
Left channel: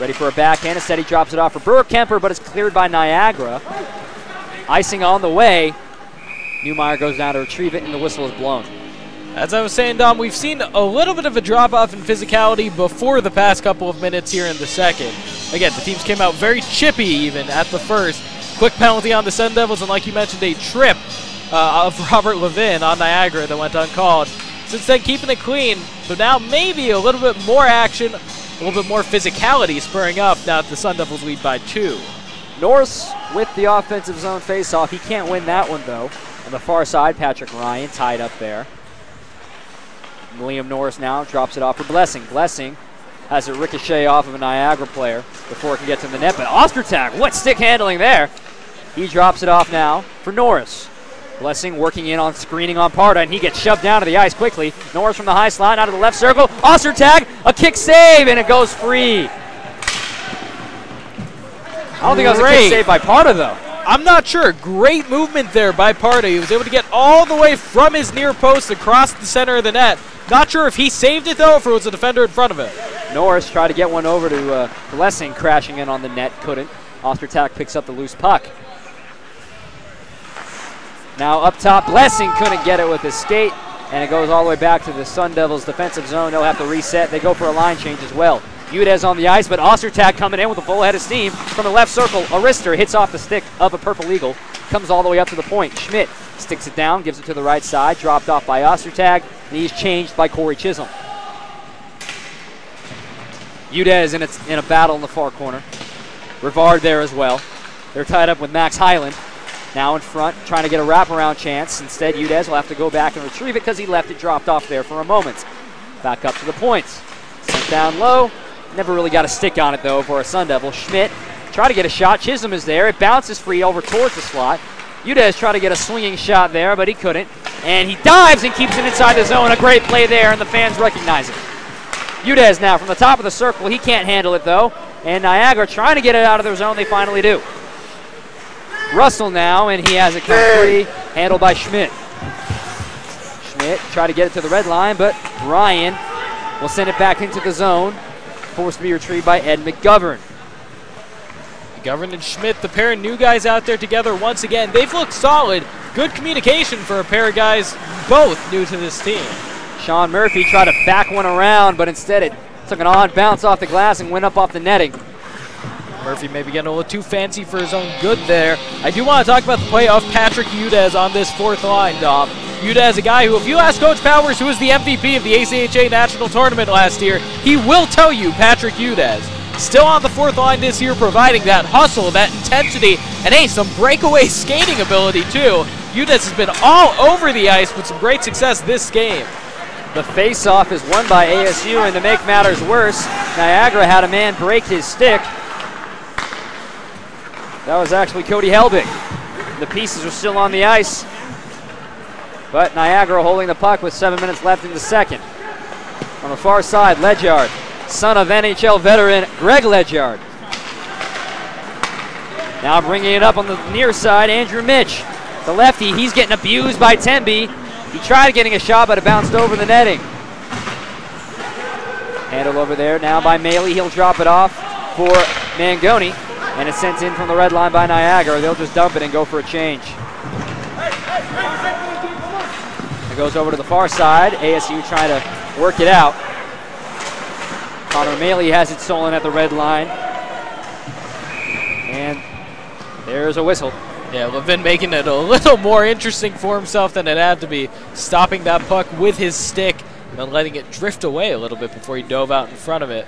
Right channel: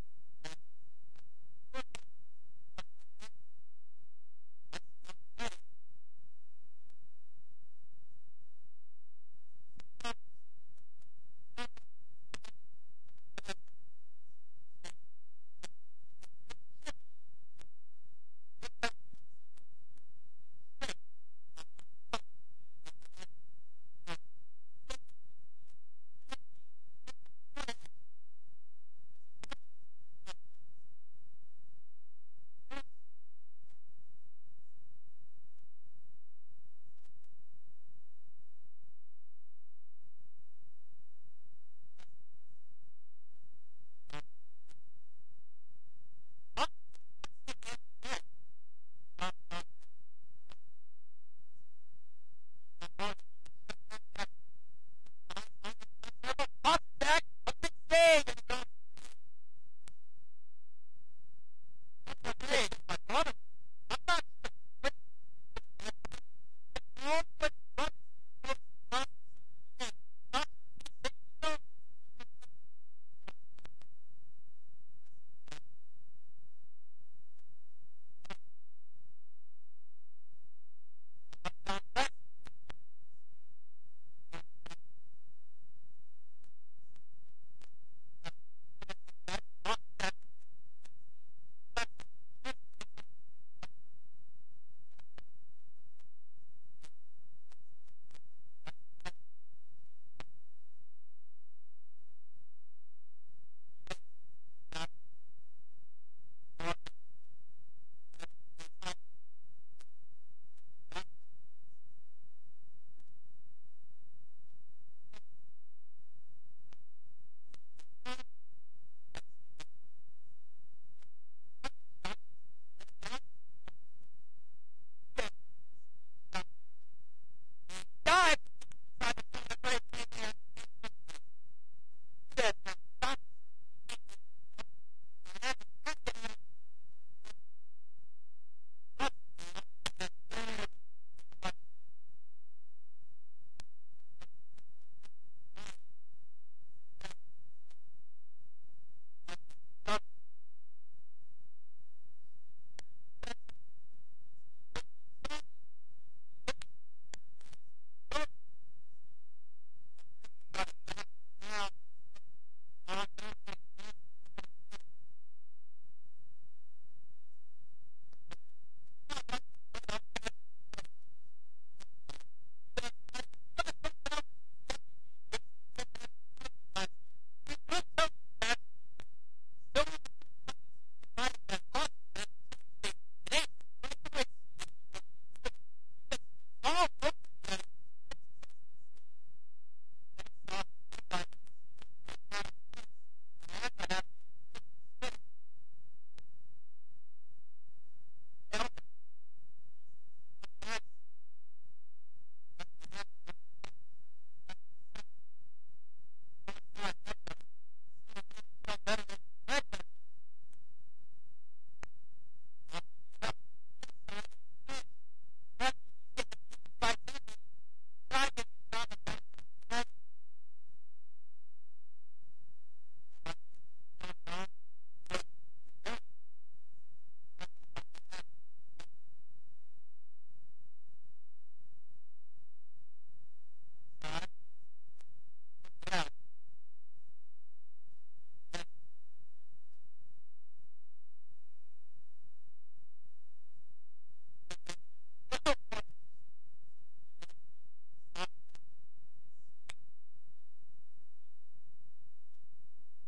Ready for a backhand. Instead, he drops it off for Bergkemper, but it's cleared by Niagara. Icing on the way. Newmeyer goes down to retrieve it, and the whistle is blown. As I was saying, Dom, we've seen a little bit of a drop-off in physicality before the past couple of minutes here in the second. Again, the teams came out very chippy even at the first. Quick penalty on the Sun Devils, and like you mentioned, a trip of Robert Levin on Niagara that went uncalled. Since then, keeping it clean, but now maybe a little bit more action, a little bit more physicality spurring up now that the Sun Devils lead by 2. Norris with the offensive zone faceoff. He can't win that one, though. On the far side, Patrick Ryan tied up there. William Norris now drops it off for Blessing. Blessing has a ricochet off of a Niagara player before it can get to the net. But Ostertag, what stick handling there? He drops it off now for Norris. Blessing working in on screening on Parda, and he gets shoved down to the ice quickly. Norris from the high slot out of the left circle. Ostertag, a kick save, and it goes free. I don't think that was a kick save by Parda, though. I'm not sure. Great movement there by Parda. He was able to get all the way from his near post across the center of the net. Not sure if he saved it, though, or if it was a defender in front of him. Norris tried to get one over to Blessing, crashing in on the net. Couldn't. Ostertag picks up the loose puck. Now up top, Blessing couldn't get it with his skate, and it goes all the way back to the Sun Devils' defensive zone. They'll have to reset. They go for a line change as well. Udez on the ice, but Ostertag coming in with a full head of steam from the left circle. Arister hits off the stick of a Purple Eagle, comes all the way up to the point. Schmidt sticks it down, gives it to the right side, dropped off by Ostertag, and he's changed by Corey Chisholm. Udez in a battle in the far corner. Rivard there as well. They're tied up with Max Highland. Now in front, trying to get a wraparound chance. Instead, Udez will have to go back and retrieve it because he left it dropped off there for a moment. Back up to the points. Sent down low. Never really got a stick on it, though, for a Sun Devil. Schmidt try to get a shot. Chisholm is there. It bounces free over towards the slot. Udez tried to get a swinging shot there, but he couldn't. And he dives and keeps it inside the zone. A great play there, and the fans recognize it. Udez now from the top of the circle. He can't handle it, though. And Niagara trying to get it out of their zone. They finally do. Russell now, and he has it come free, handled by Schmidt. Schmidt tried to get it to the red line, but Ryan will send it back into the zone, forced to be retrieved by Ed McGovern. McGovern and Schmidt, the pair of new guys out there together once again. They've looked solid. Good communication for a pair of guys both new to this team. Sean Murphy tried to back one around, but instead it took an odd bounce off the glass and went up off the netting. Murphy maybe getting a little too fancy for his own good there. I do want to talk about the play of Patrick Udez on this fourth line, Dom. Udez, a guy who, if you ask Coach Powers, who was the MVP of the ACHA National Tournament last year, he will tell you Patrick Udez. Still on the fourth line this year, providing that hustle, that intensity, and hey, some breakaway skating ability too. Udez has been all over the ice with some great success this game. The face-off is won by ASU, and to make matters worse, Niagara had a man break his stick. That was actually Cody Helbig. The pieces are still on the ice, but Niagara holding the puck with 7 minutes left in the second. On the far side, Ledyard, son of NHL veteran Greg Ledyard. Now bringing it up on the near side, Andrew Mitch. The lefty, he's getting abused by Temby. He tried getting a shot, but it bounced over the netting. Handled over there now by Maley. He'll drop it off for Mangoni. And it's sent in from the red line by Niagara. They'll just dump it and go for a change. It goes over to the far side. ASU trying to work it out. Connor Maley has it stolen at the red line. And there's a whistle. Yeah, Levin making it a little more interesting for himself than it had to be. Stopping that puck with his stick and then letting it drift away a little bit before he dove out in front of it.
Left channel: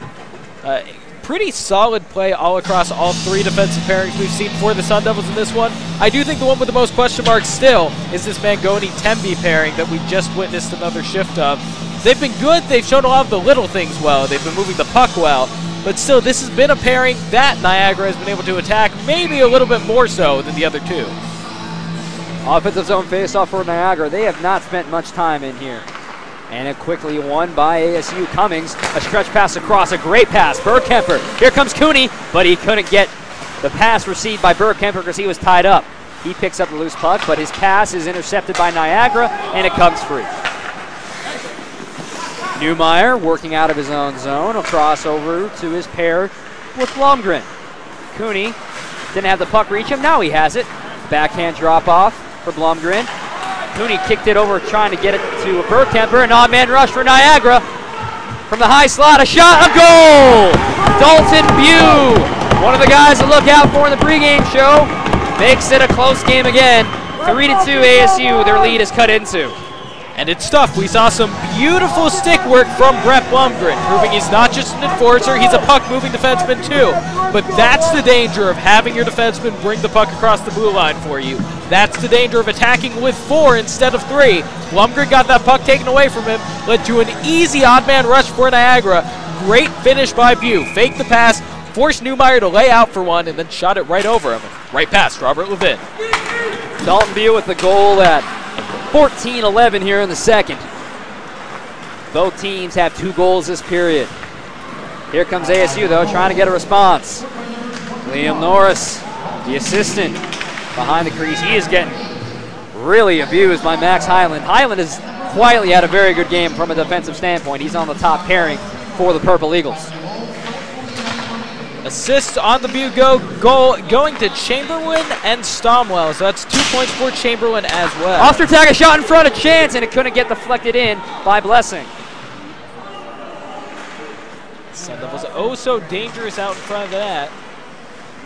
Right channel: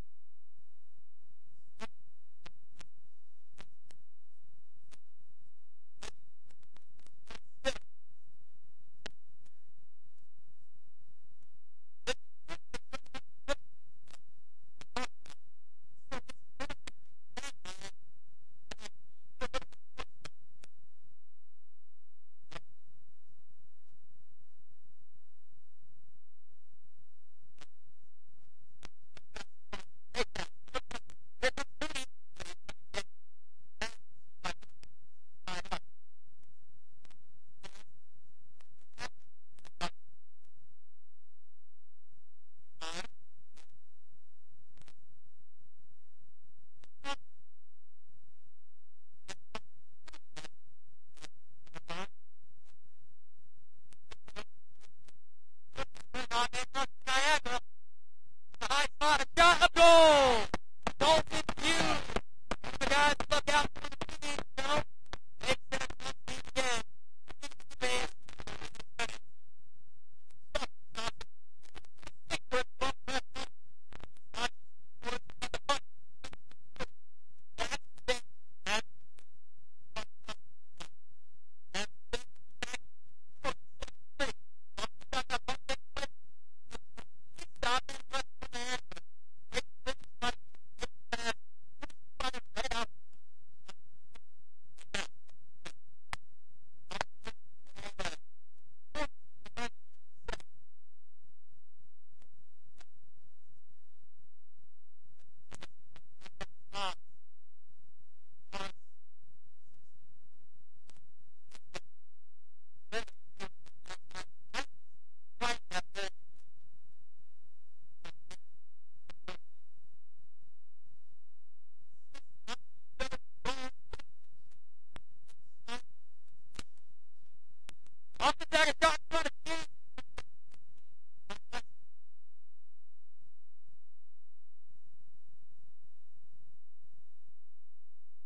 Pretty solid play all across all three defensive pairings we've seen for the Sun Devils in this one. I do think the one with the most question marks still is this Mangoni-Temby pairing that we just witnessed another shift of. They've been good. They've shown a lot of the little things well. They've been moving the puck well. But still, this has been a pairing that Niagara has been able to attack maybe a little bit more so than the other two. Offensive zone faceoff for Niagara. They have not spent much time in here. And it quickly won by ASU. Cummings, a stretch pass across, a great pass. Burkemper, here comes Cooney, but he couldn't get the pass received by Burkemper because he was tied up. He picks up the loose puck, but his pass is intercepted by Niagara, and it comes free. Newmeyer working out of his own zone. A cross over to his pair with Blomgren. Cooney didn't have the puck reach him. Now he has it. Backhand drop off for Blomgren. Cooney kicked it over trying to get it to Burkemper. An odd man rush for Niagara. From the high slot, a shot, a goal! Dalton Bew, one of the guys to look out for in the pregame show, makes it a close game again. 3-2 ASU, their lead is cut into. And it's tough. We saw some beautiful stick work from Brett Blomgren, proving he's not just an enforcer, he's a puck-moving defenseman too. But that's the danger of having your defenseman bring the puck across the blue line for you. That's the danger of attacking with 4 instead of 3. Blomgren got that puck taken away from him, led to an easy odd man rush for Niagara. Great finish by Bew. Faked the pass, forced Newmeyer to lay out for one and then shot it right over him. Right past Robert Levin. Dalton Beal with the goal at 14-11 here in the second. Both teams have 2 goals this period. Here comes ASU, though, trying to get a response. Liam Norris, the assistant, behind the crease. He is getting really abused by Max Highland. Highland has quietly had a very good game from a defensive standpoint. He's on the top pairing for the Purple Eagles. Assists on the Butte goal going to Chamberlain and Stomwell. So that's 2 points for Chamberlain as well. Ostertag a shot in front of Chance, and it couldn't get deflected in by Blessing. Sun Devils oh so dangerous out in front of that.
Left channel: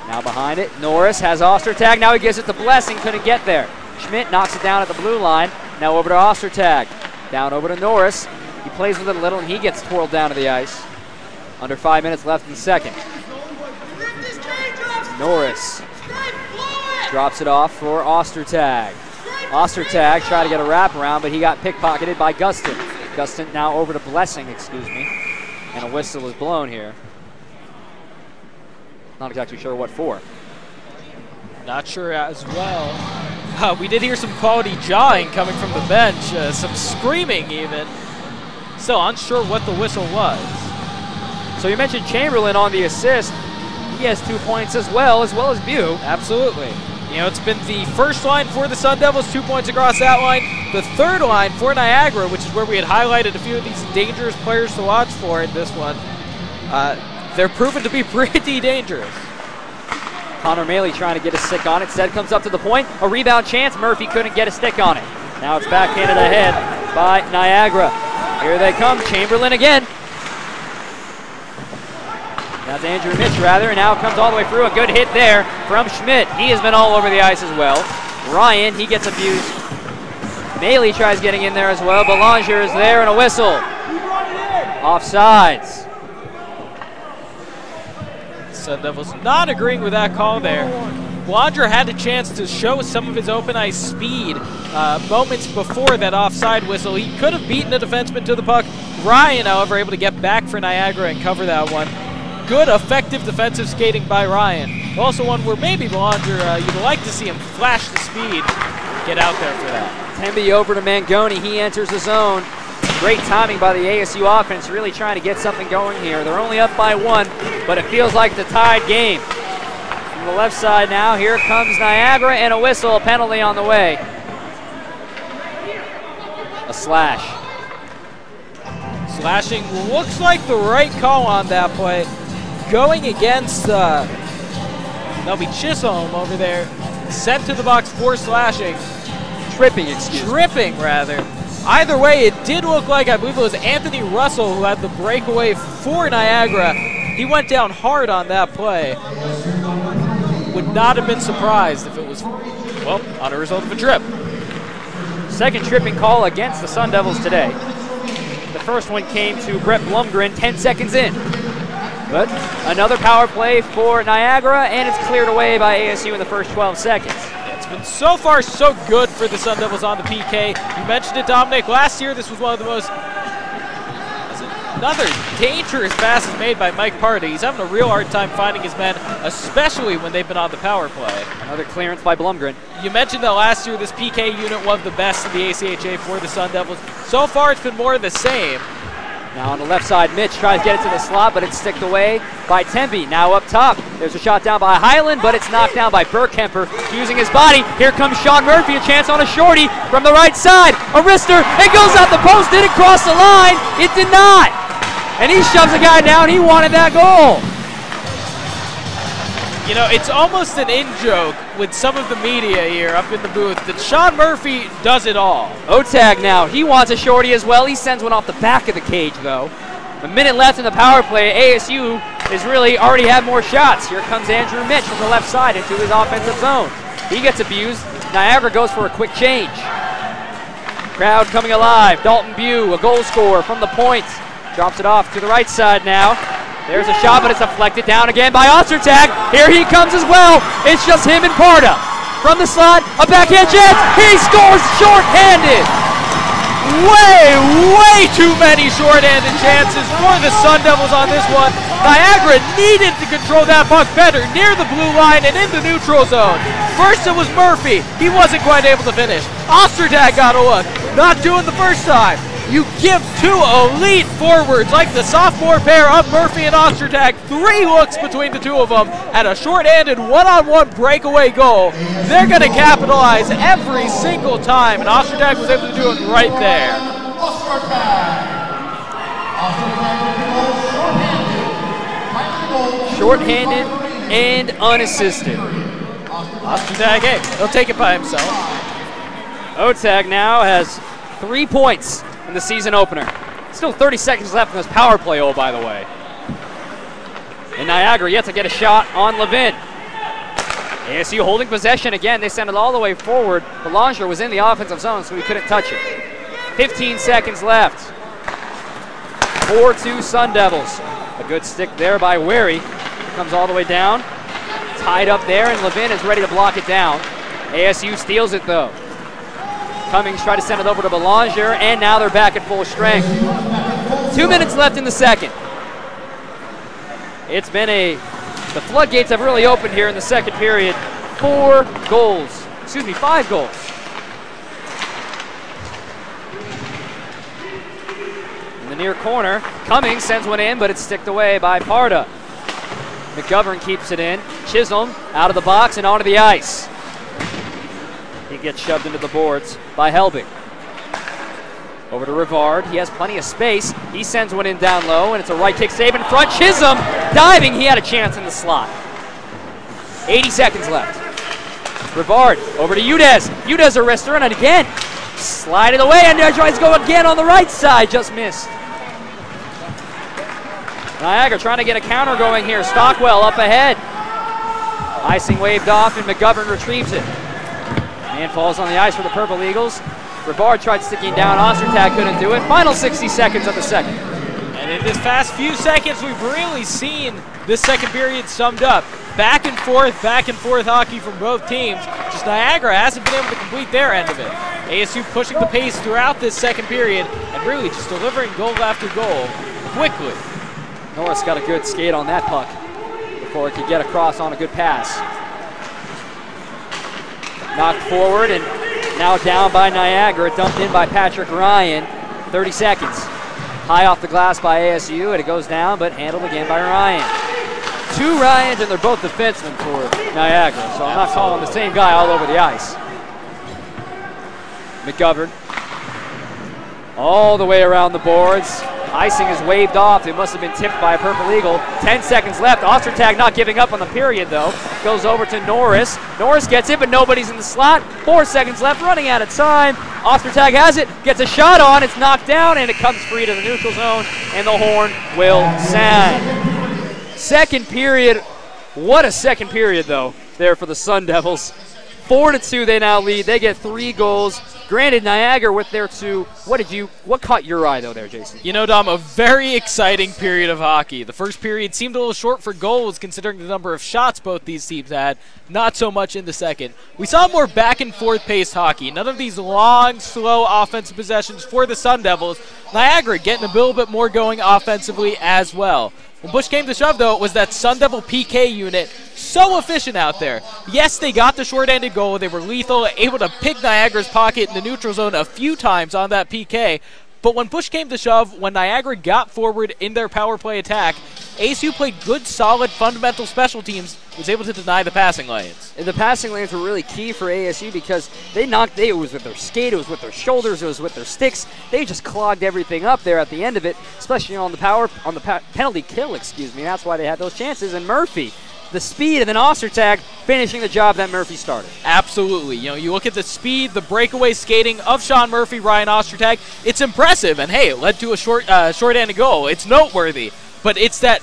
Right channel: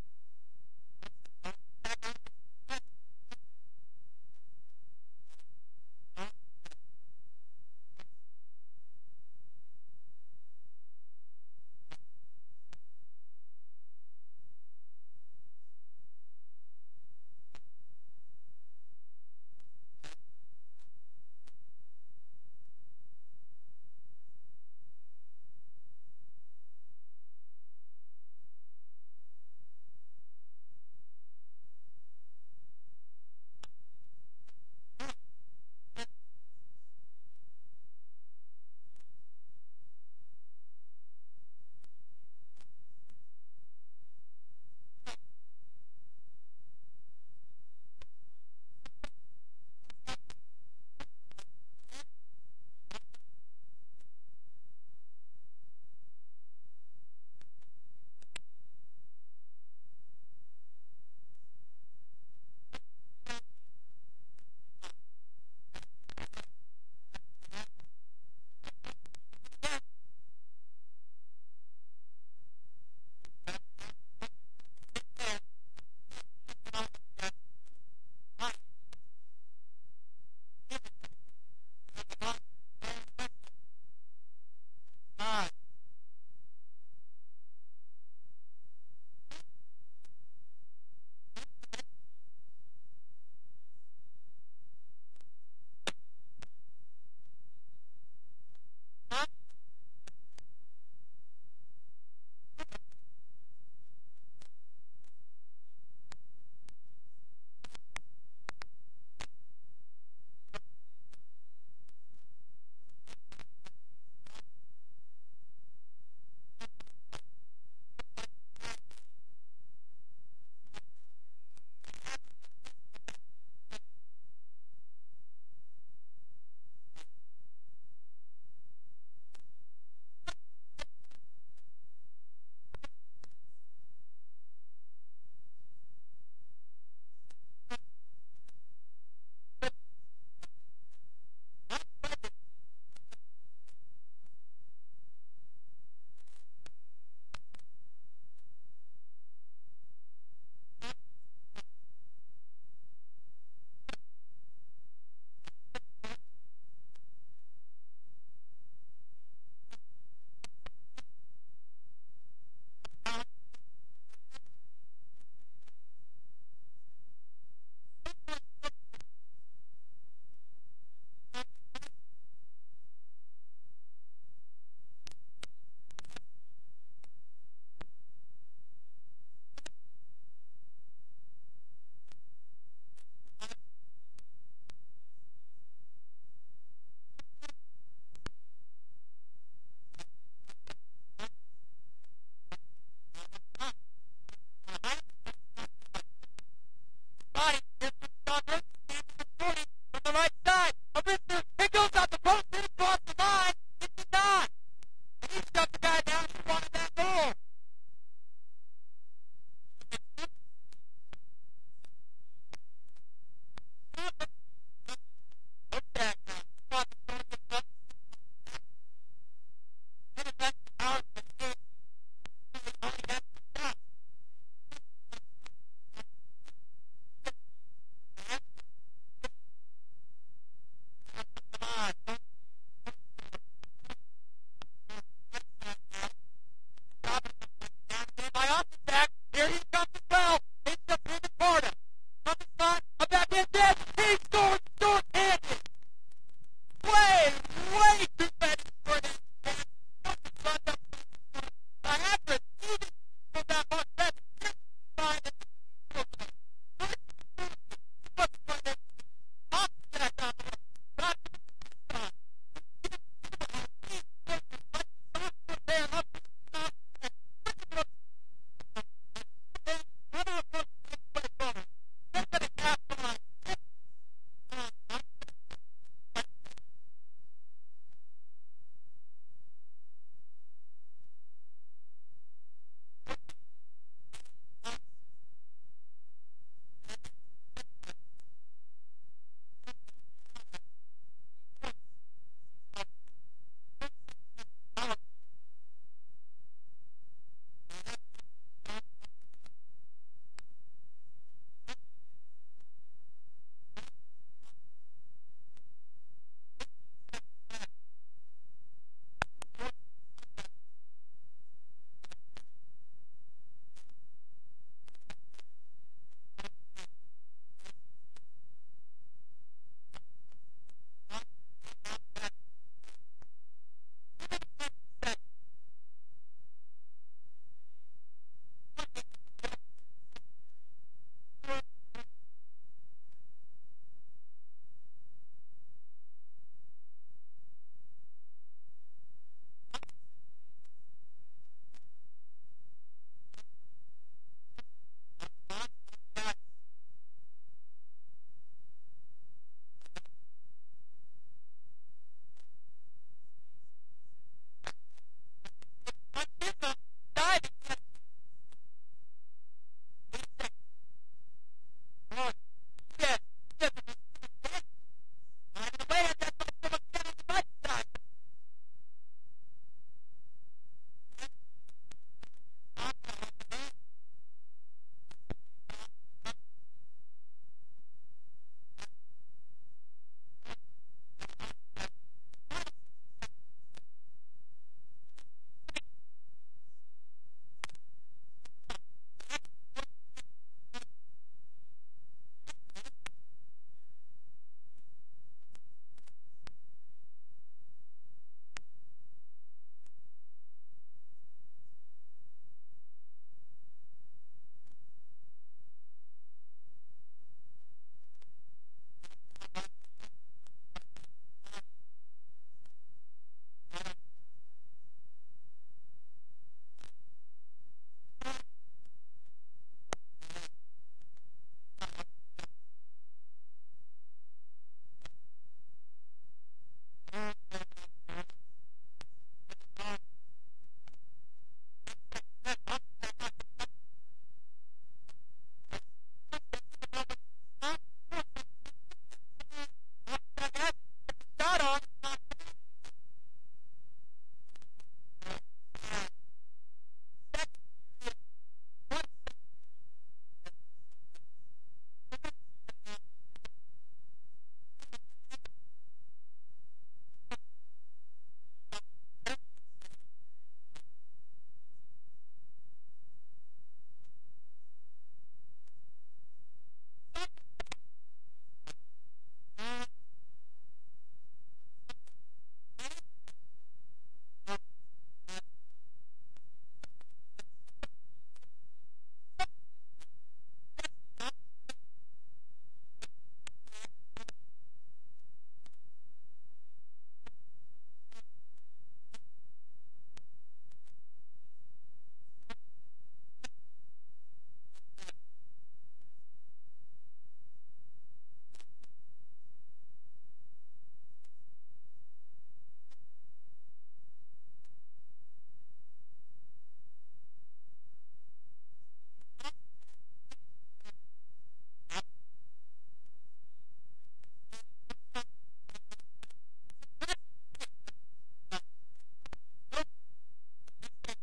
Now behind it, Norris has Ostertag. Now he gives it to Blessing, couldn't get there. Schmidt knocks it down at the blue line. Now over to Ostertag. Down over to Norris. He plays with it a little, and he gets twirled down to the ice. Under 5 minutes left in the second. Norris drops it off for Ostertag. Ostertag tried to get a wraparound, but he got pickpocketed by Gustin. Gustin now over to Blessing, excuse me. And a whistle is blown here. Not exactly sure what for. Not sure as well. We did hear some quality jawing coming from the bench, some screaming even. Still unsure what the whistle was. So you mentioned Chamberlain on the assist. He has 2 points as well as Bew. Absolutely. You know, it's been the first line for the Sun Devils, 2 points across that line. The third line for Niagara, which is where we had highlighted a few of these dangerous players to watch for in this one. They're proven to be pretty dangerous. Connor Maley trying to get a stick on it. Stead comes up to the point. A rebound chance. Murphy couldn't get a stick on it. Now it's backhanded ahead by Niagara. Here they come. Chamberlain again. That's Andrew Mitch, rather, and now it comes all the way through. A good hit there from Schmidt. He has been all over the ice as well. Ryan, he gets abused. Maley tries getting in there as well. Belanger is there, and a whistle. Offsides. Sun Devils not agreeing with that call there. Belanger had a chance to show some of his open ice speed moments before that offside whistle. He could have beaten a defenseman to the puck. Ryan, however, able to get back for Niagara and cover that one. Good, effective defensive skating by Ryan. Also one where maybe Belanger, you'd like to see him flash the speed, get out there for that. Temby over to Mangoni. He enters the zone. Great timing by the ASU offense, really trying to get something going here. They're only up by 1, but it feels like the tied game. From the left side now, here comes Niagara, and a whistle, a penalty on the way. A slash. Slashing looks like the right call on that play. Going against, that'll be Chisholm over there. Sent to the box for slashing. Tripping, excuse me. Tripping, rather. Either way, it did look like, I believe it was Anthony Russell who had the breakaway for Niagara. He went down hard on that play. Would not have been surprised if it was, well, on a result of a trip. Second tripping call against the Sun Devils today. The first one came to Brett Blumgren 10 seconds in. But another power play for Niagara, and it's cleared away by ASU in the first 12 seconds. It's been so far so good for the Sun Devils on the PK. You mentioned it, Dominic. Last year, this was one of the most, another dangerous passes made by Mike Party. He's having a real hard time finding his men, especially when they've been on the power play. Another clearance by Blumgren. You mentioned that last year this PK unit was the best in the ACHA for the Sun Devils. So far, it's been more of the same. Now on the left side, Mitch tries to get it to the slot, but it's sticked away by Tempe. Now up top, there's a shot down by Highland, but it's knocked down by Burkemper using his body. Here comes Sean Murphy, a chance on a shorty from the right side. A wrister, it goes out the post, did it cross the line? It did not. And he shoves the guy down, he wanted that goal. You know, it's almost an in-joke with some of the media here up in the booth that Sean Murphy does it all. Otag now, he wants a shorty as well. He sends one off the back of the cage, though. A minute left in the power play. ASU has really already had more shots. Here comes Andrew Mitch from the left side into his offensive zone. He gets abused. Niagara goes for a quick change. Crowd coming alive. Dalton Bew, a goal scorer from the point. Drops it off to the right side now. There's a shot, but it's deflected down again by Ostertag. Here he comes as well. It's just him and Parda. From the slot, a backhand chance. He scores short-handed. Way too many short-handed chances for the Sun Devils on this one. Niagara needed to control that puck better near the blue line and in the neutral zone. First it was Murphy. He wasn't quite able to finish. Ostertag got a look. Not doing the first time. You give two elite forwards like the sophomore pair of Murphy and Ostertag 3 looks between the two of them at a short-handed one-on-one breakaway goal. They're going to capitalize every single time, and Ostertag was able to do it right there. Short-handed and unassisted. Ostertag, hey, he'll take it by himself. Otag now has 3 points in the season opener. Still 30 seconds left in this power play, oh, by the way. And Niagara yet to get a shot on Levin. ASU holding possession again. They send it all the way forward. Belanger was in the offensive zone, so he couldn't touch it. 15 seconds left. 4-2 Sun Devils. A good stick there by Wary. Comes all the way down. Tied up there, and Levin is ready to block it down. ASU steals it, though. Cummings tried to send it over to Belanger, and now they're back at full strength. 2 minutes left in the second. It's been the floodgates have really opened here in the second period. 5 goals. In the near corner, Cummings sends one in, but it's sticked away by Parda. McGovern keeps it in. Chisholm out of the box and onto the ice. He gets shoved into the boards by Helbig. Over to Rivard. He has plenty of space. He sends one in down low, and it's a right kick save in front. Chisholm diving. He had a chance in the slot. 80 seconds left. Rivard over to Udez. Udez a wrister, and again. Slide it away, and there tries to go again on the right side. Just missed. Niagara trying to get a counter going here. Stockwell up ahead. Icing waved off, and McGovern retrieves it. Man falls on the ice for the Purple Eagles. Rivard tried sticking down. Ostertag couldn't do it. Final 60 seconds of the second. And in this past few seconds, we've really seen this second period summed up. Back and forth hockey from both teams. Just Niagara hasn't been able to complete their end of it. ASU pushing the pace throughout this second period and really just delivering goal after goal quickly. Norris got a good skate on that puck before it could get across on a good pass. Knocked forward and now down by Niagara, dumped in by Patrick Ryan. 30 seconds. High off the glass by ASU, and it goes down, but handled again by Ryan. 2 Ryans, and they're both defensemen for Niagara, so I'm not calling the same guy all over the ice. McGovern all the way around the boards. Icing is waved off. It must have been tipped by a Purple Eagle. 10 seconds left. Ostertag not giving up on the period, though. Goes over to Norris. Norris gets it, but nobody's in the slot. 4 seconds left, running out of time. Ostertag has it, gets a shot on. It's knocked down, and it comes free to the neutral zone, and the horn will sound. Second period. What a second period, though, there for the Sun Devils. 4-2 they now lead. They get 3 goals. Granted, Niagara with their 2. What caught your eye, though, there, Jason? You know, Dom, a very exciting period of hockey. The first period seemed a little short for goals considering the number of shots both these teams had. Not so much in the second. We saw more back-and-forth paced hockey. None of these long, slow offensive possessions for the Sun Devils. Niagara getting a little bit more going offensively as well. When push came to shove, though, it was that Sun Devil PK unit so efficient out there. Yes, they got the short-handed goal. They were lethal, able to pick Niagara's pocket in the neutral zone a few times on that PK. But when push came to shove, when Niagara got forward in their power play attack, ASU played good, solid, fundamental special teams, was able to deny the passing lanes. And the passing lanes were really key for ASU because it was with their skate, it was with their shoulders, it was with their sticks. They just clogged everything up there at the end of it, especially on the penalty kill, That's why they had those chances. And Murphy, the speed, and then Ostertag finishing the job that Murphy started. Absolutely. You know, you look at the speed, the breakaway skating of Sean Murphy, Ryan Ostertag. It's impressive, and hey, it led to a short-handed goal. It's noteworthy, but it's that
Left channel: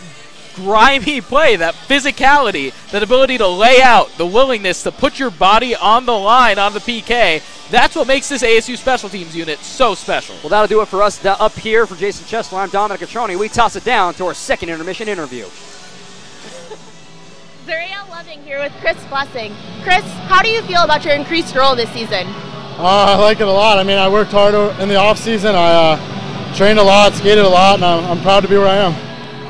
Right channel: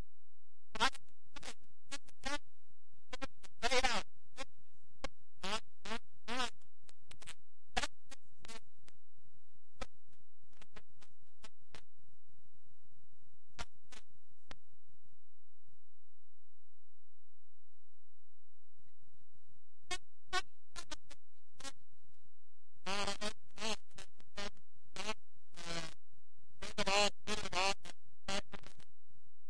grimy play, that physicality, that ability to lay out, the willingness to put your body on the line on the PK. That's what makes this ASU special teams unit so special. Well, that'll do it for us up here. For Jason Chesler, I'm Dominic Catroni. We toss it down to our second intermission interview. Zuriel Loving here with Chris Blessing. Chris, how do you feel about your increased role this season? I like it a lot. I mean, I worked hard in the off season. I trained a lot, skated a lot, and I'm proud to be where I am.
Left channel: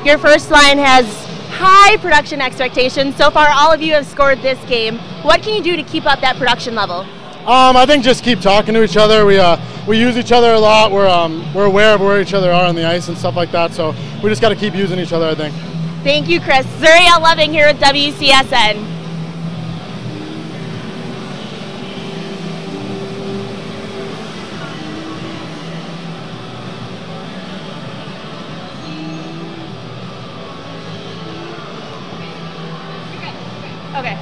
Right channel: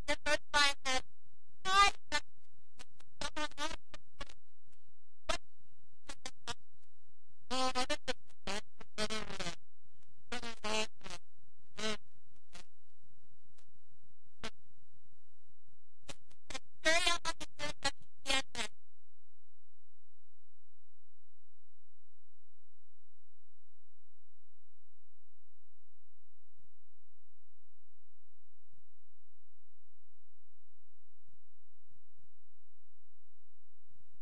Your first line has high production expectations. So far, all of you have scored this game. What can you do to keep up that production level? I think just keep talking to each other. We use each other a lot. We're aware of where each other are on the ice and stuff like that. So we just got to keep using each other, I think. Thank you, Chris. Zuriel Loving here with WCSN. Okay.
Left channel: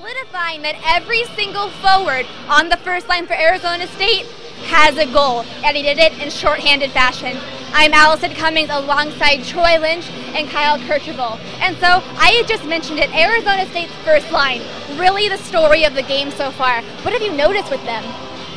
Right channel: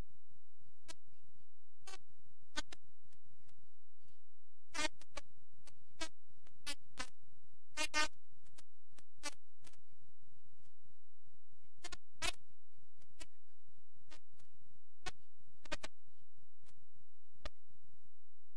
solidifying that every single forward on the first line for Arizona State has a goal, and he did it in shorthanded fashion. I'm Allison Cummings alongside Troy Lynch and Kyle Kirchhoff. And so I had just mentioned it, Arizona State's first line, really the story of the game so far. What have you noticed with them?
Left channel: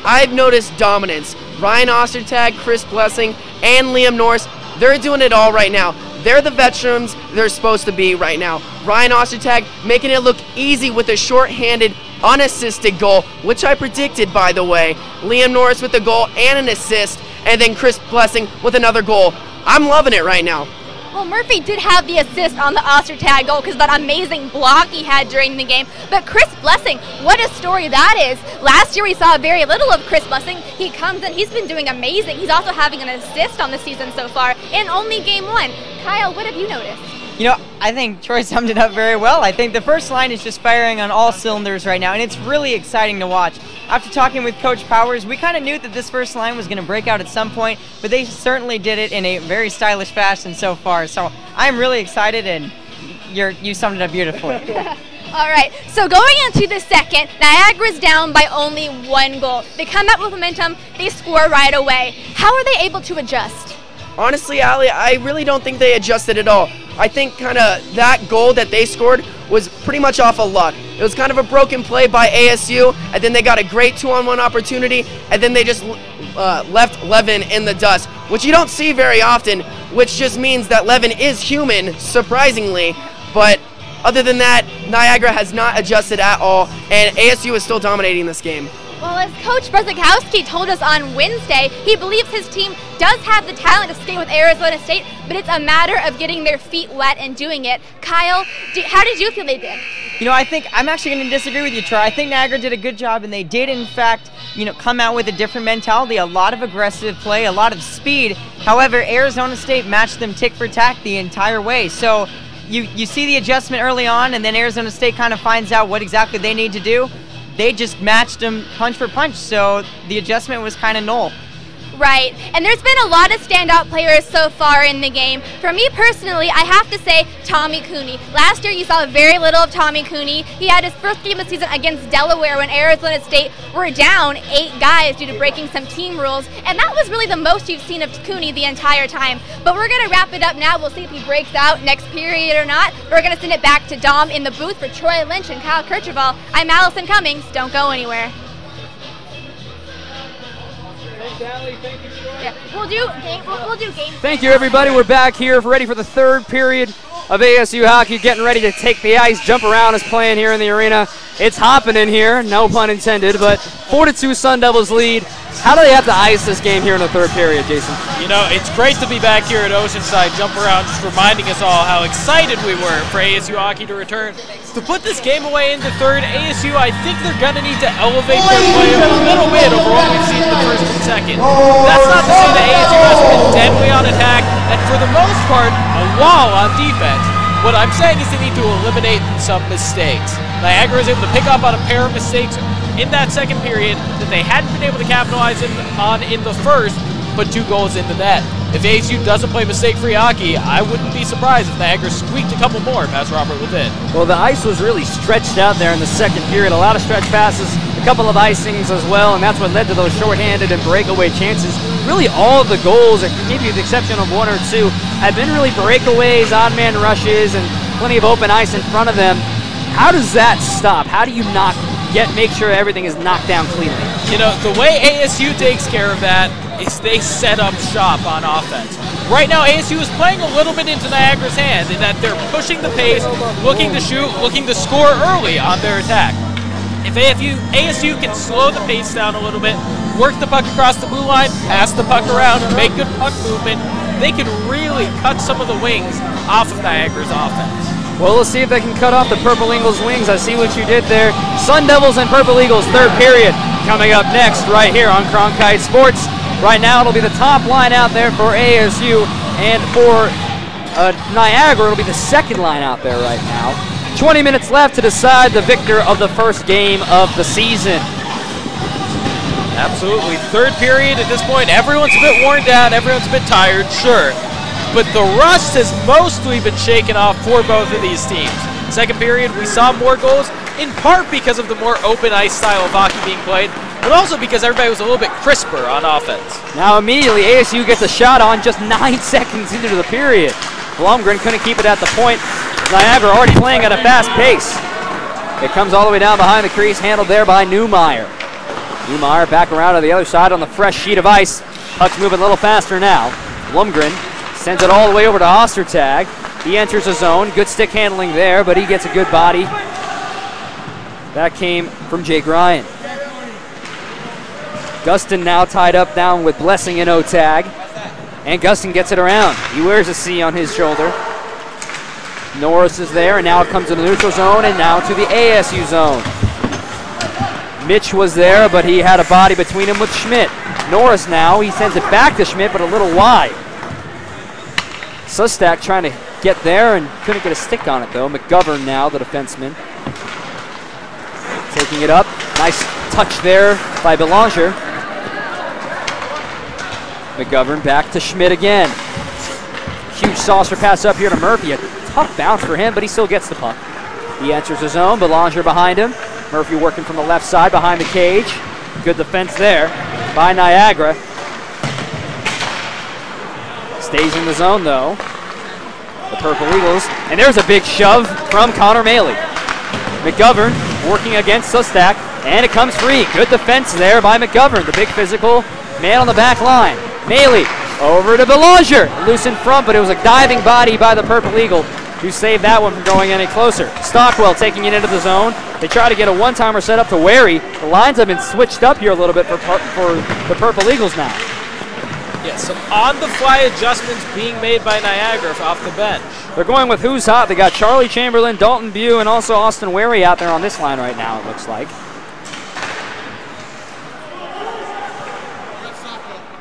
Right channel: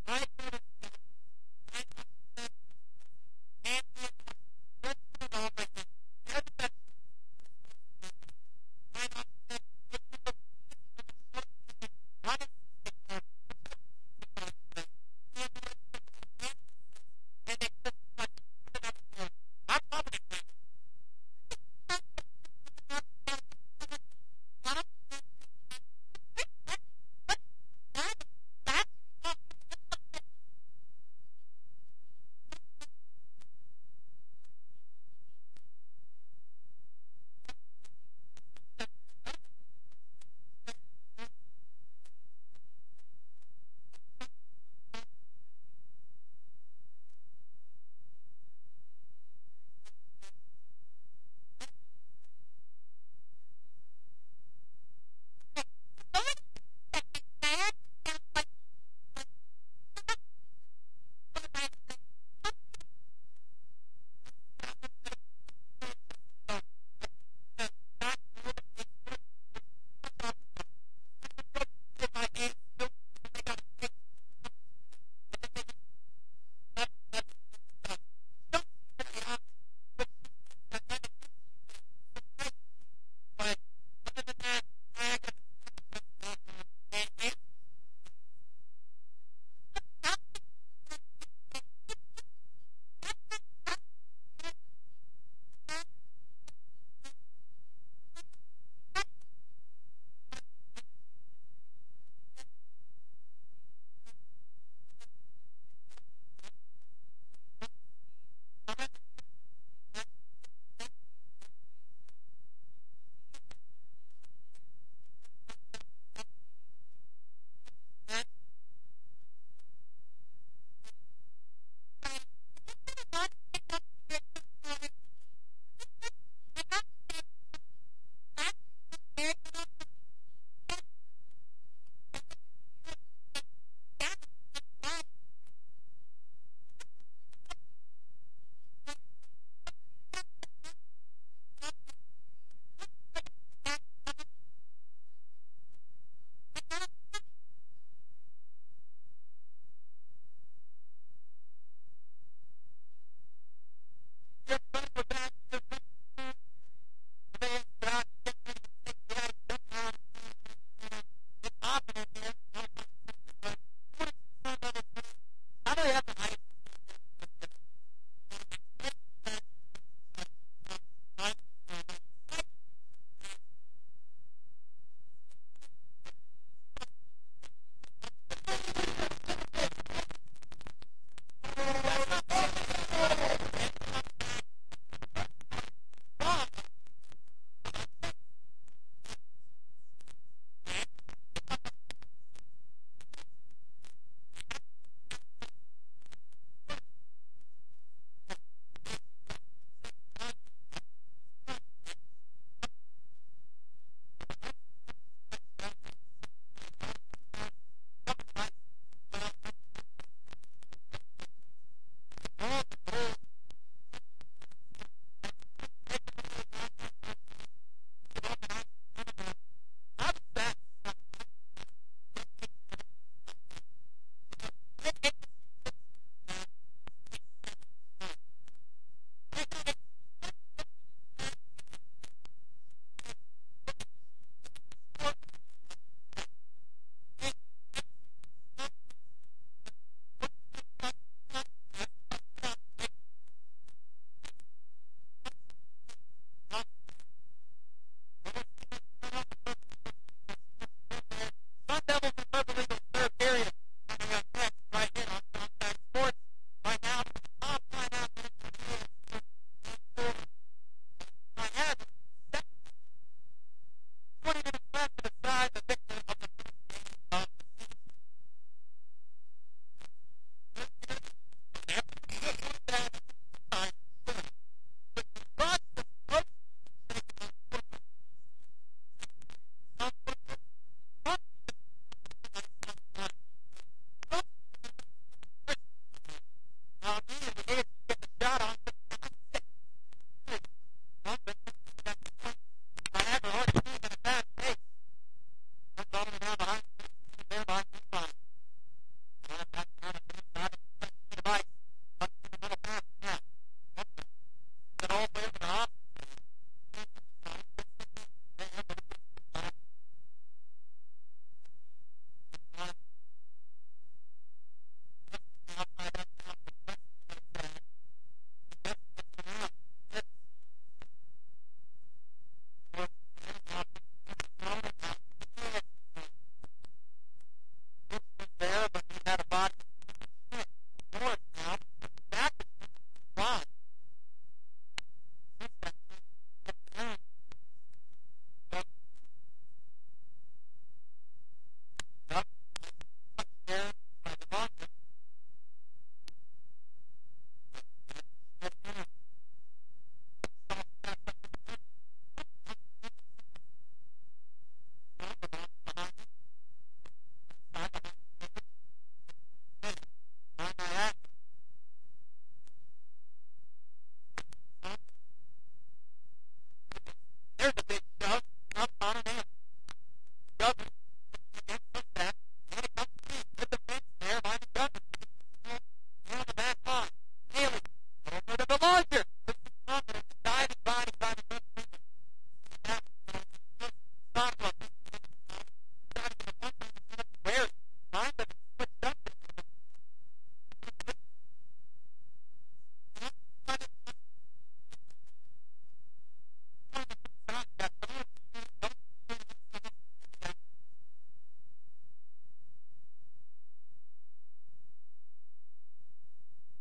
I've noticed dominance. Ryan Ostertag, Chris Blessing, and Liam Norris, they're doing it all right now. They're the veterans they're supposed to be right now. Ryan Ostertag making it look easy with a shorthanded, unassisted goal, which I predicted, by the way. Liam Norris with a goal and an assist, and then Chris Blessing with another goal. I'm loving it right now. Well, Murphy did have the assist on the Ostertag goal because that amazing block he had during the game. But Chris Blessing, what a story that is. Last year we saw very little of Chris Blessing. He comes in, he's been doing amazing. He's also having an assist on the season so far in only game 1. Kyle, what have you noticed? You know, I think Troy summed it up very well. I think the first line is just firing on all cylinders right now, and it's really exciting to watch. After talking with Coach Powers, we kind of knew that this first line was going to break out at some point, but they certainly did it in a very stylish fashion so far. So I'm really excited, and you summed it up beautifully. All right, so going into the second, Niagara's down by only 1 goal. They come out with momentum, they score right away. How are they able to adjust? Honestly, Allie, I really don't think they adjusted at all. I think kind of that goal that they scored was pretty much off of luck. It was kind of a broken play by ASU, and then they got a great 2-on-1 opportunity, and then they just left Levin in the dust, which you don't see very often, which just means that Levin is human, surprisingly. But other than that, Niagara has not adjusted at all, and ASU is still dominating this game. Well, as Coach Brzezikowski told us on Wednesday, he believes his team does have the talent to stay with Arizona State, but it's a matter of getting their feet wet and doing it. Kyle, how did you feel they did? You know, I think I'm actually going to disagree with you, Troy. I think Niagara did a good job, and they did, in fact, come out with a different mentality, a lot of aggressive play, a lot of speed. However, Arizona State matched them tick for tack the entire way. So you see the adjustment early on, and then Arizona State kind of finds out what exactly they need to do. They just matched them punch for punch, so the adjustment was kind of null. Right, and there's been a lot of standout players so far in the game. For me personally, I have to say Tommy Cooney. Last year you saw very little of Tommy Cooney. He had his first game of the season against Delaware when Arizona State were down 8 guys due to breaking some team rules, and that was really the most you've seen of Cooney the entire time. But we're going to wrap it up now. We'll see if he breaks out next period or not. We're going to send it back to Dom in the booth for Troy Lynch and Kyle Kirchhoff. I'm Allison Cummings. Don't go anywhere. Yeah, we'll do game. Thank you, everybody. We're back here ready for the third period of ASU hockey, getting ready to take the ice. Jump Around is playing here in the arena. It's hopping in here, no pun intended, but 4-2 Sun Devils lead. How do they have to ice this game here in the third period, Jason? You know, it's great to be back here at Oceanside. Jump Around just reminding us all how excited we were for ASU hockey to return. To put this game away into third, ASU, I think they're going to need to elevate their play a little bit over what we've seen in the first and second. That's not to say that ASU hasn't been deadly on attack, and for the most part, a wall on defense. What I'm saying is they need to eliminate some mistakes. Niagara was able to pick up on a pair of mistakes in that second period that they hadn't been able to capitalize on in the first, put 2 goals in the net. If ASU doesn't play mistake-free hockey, I wouldn't be surprised if Niagara squeaked a couple more past Robert Levin. Well, the ice was really stretched out there in the second period. A lot of stretch passes, a couple of icings as well, and that's what led to those shorthanded and breakaway chances. Really all of the goals, maybe with the exception of 1 or 2, have been really breakaways, odd-man rushes, and plenty of open ice in front of them. How does that stop? How do you make sure everything is knocked down cleanly? You know, the way ASU takes care of that is they set up shop on offense. Right now, ASU is playing a little bit into Niagara's hand in that they're pushing the pace, looking to shoot, looking to score early on their attack. If ASU can slow the pace down a little bit, work the puck across the blue line, pass the puck around, make good puck movement, they can really cut some of the wings off of Niagara's offense. Well, let's see if they can cut off the Purple Eagles' wings. I see what you did there. Sun Devils and Purple Eagles, third period. Coming up next right here on Cronkite Sports. Right now it'll be the top line out there for ASU, and for Niagara it'll be the second line out there right now. 20 minutes left to decide the victor of the first game of the season. Absolutely. Third period at this point, everyone's a bit worn down, everyone's a bit tired, sure. But the rust has mostly been shaken off for both of these teams. Second period, we saw more goals, in part because of the more open ice style of hockey being played, but also because everybody was a little bit crisper on offense. Now immediately ASU gets a shot on just 9 seconds into the period. Blumgren couldn't keep it at the point. Niagara already playing at a fast pace. It comes all the way down behind the crease, handled there by Newmeyer. Newmeyer back around to the other side on the fresh sheet of ice. Puck's moving a little faster now. Blumgren sends it all the way over to Ostertag. He enters the zone. Good stick handling there, but he gets a good body. That came from Jake Ryan. Gustin now tied up down with Blessing and Otag. And Gustin gets it around. He wears a C on his shoulder. Norris is there, and now it comes to the neutral zone, and now to the ASU zone. Mitch was there, but he had a body between him with Schmidt. Norris now, he sends it back to Schmidt, but a little wide. Sustak trying to get there and couldn't get a stick on it, though. McGovern now, the defenseman. Taking it up. Nice touch there by Belanger. McGovern back to Schmidt again. Huge saucer pass up here to Murphy. A tough bounce for him, but he still gets the puck. He enters the zone. Belanger behind him. Murphy working from the left side behind the cage. Good defense there by Niagara. Stays in the zone, though. The Purple Eagles. And there's a big shove from Connor Maley. McGovern working against Sustak, and it comes free. Good defense there by McGovern, the big physical man on the back line. Maley over to Belanger. Loose in front, but it was a diving body by the Purple Eagle who saved that one from going any closer. Stockwell taking it into the zone. They try to get a one-timer set up to Wary. The lines have been switched up here a little bit for the Purple Eagles now. Yes, some on-the-fly adjustments being made by Niagara off the bench. They're going with who's hot. They got Charlie Chamberlain, Dalton Bew, and also Austin Wary out there on this line right now, it looks like.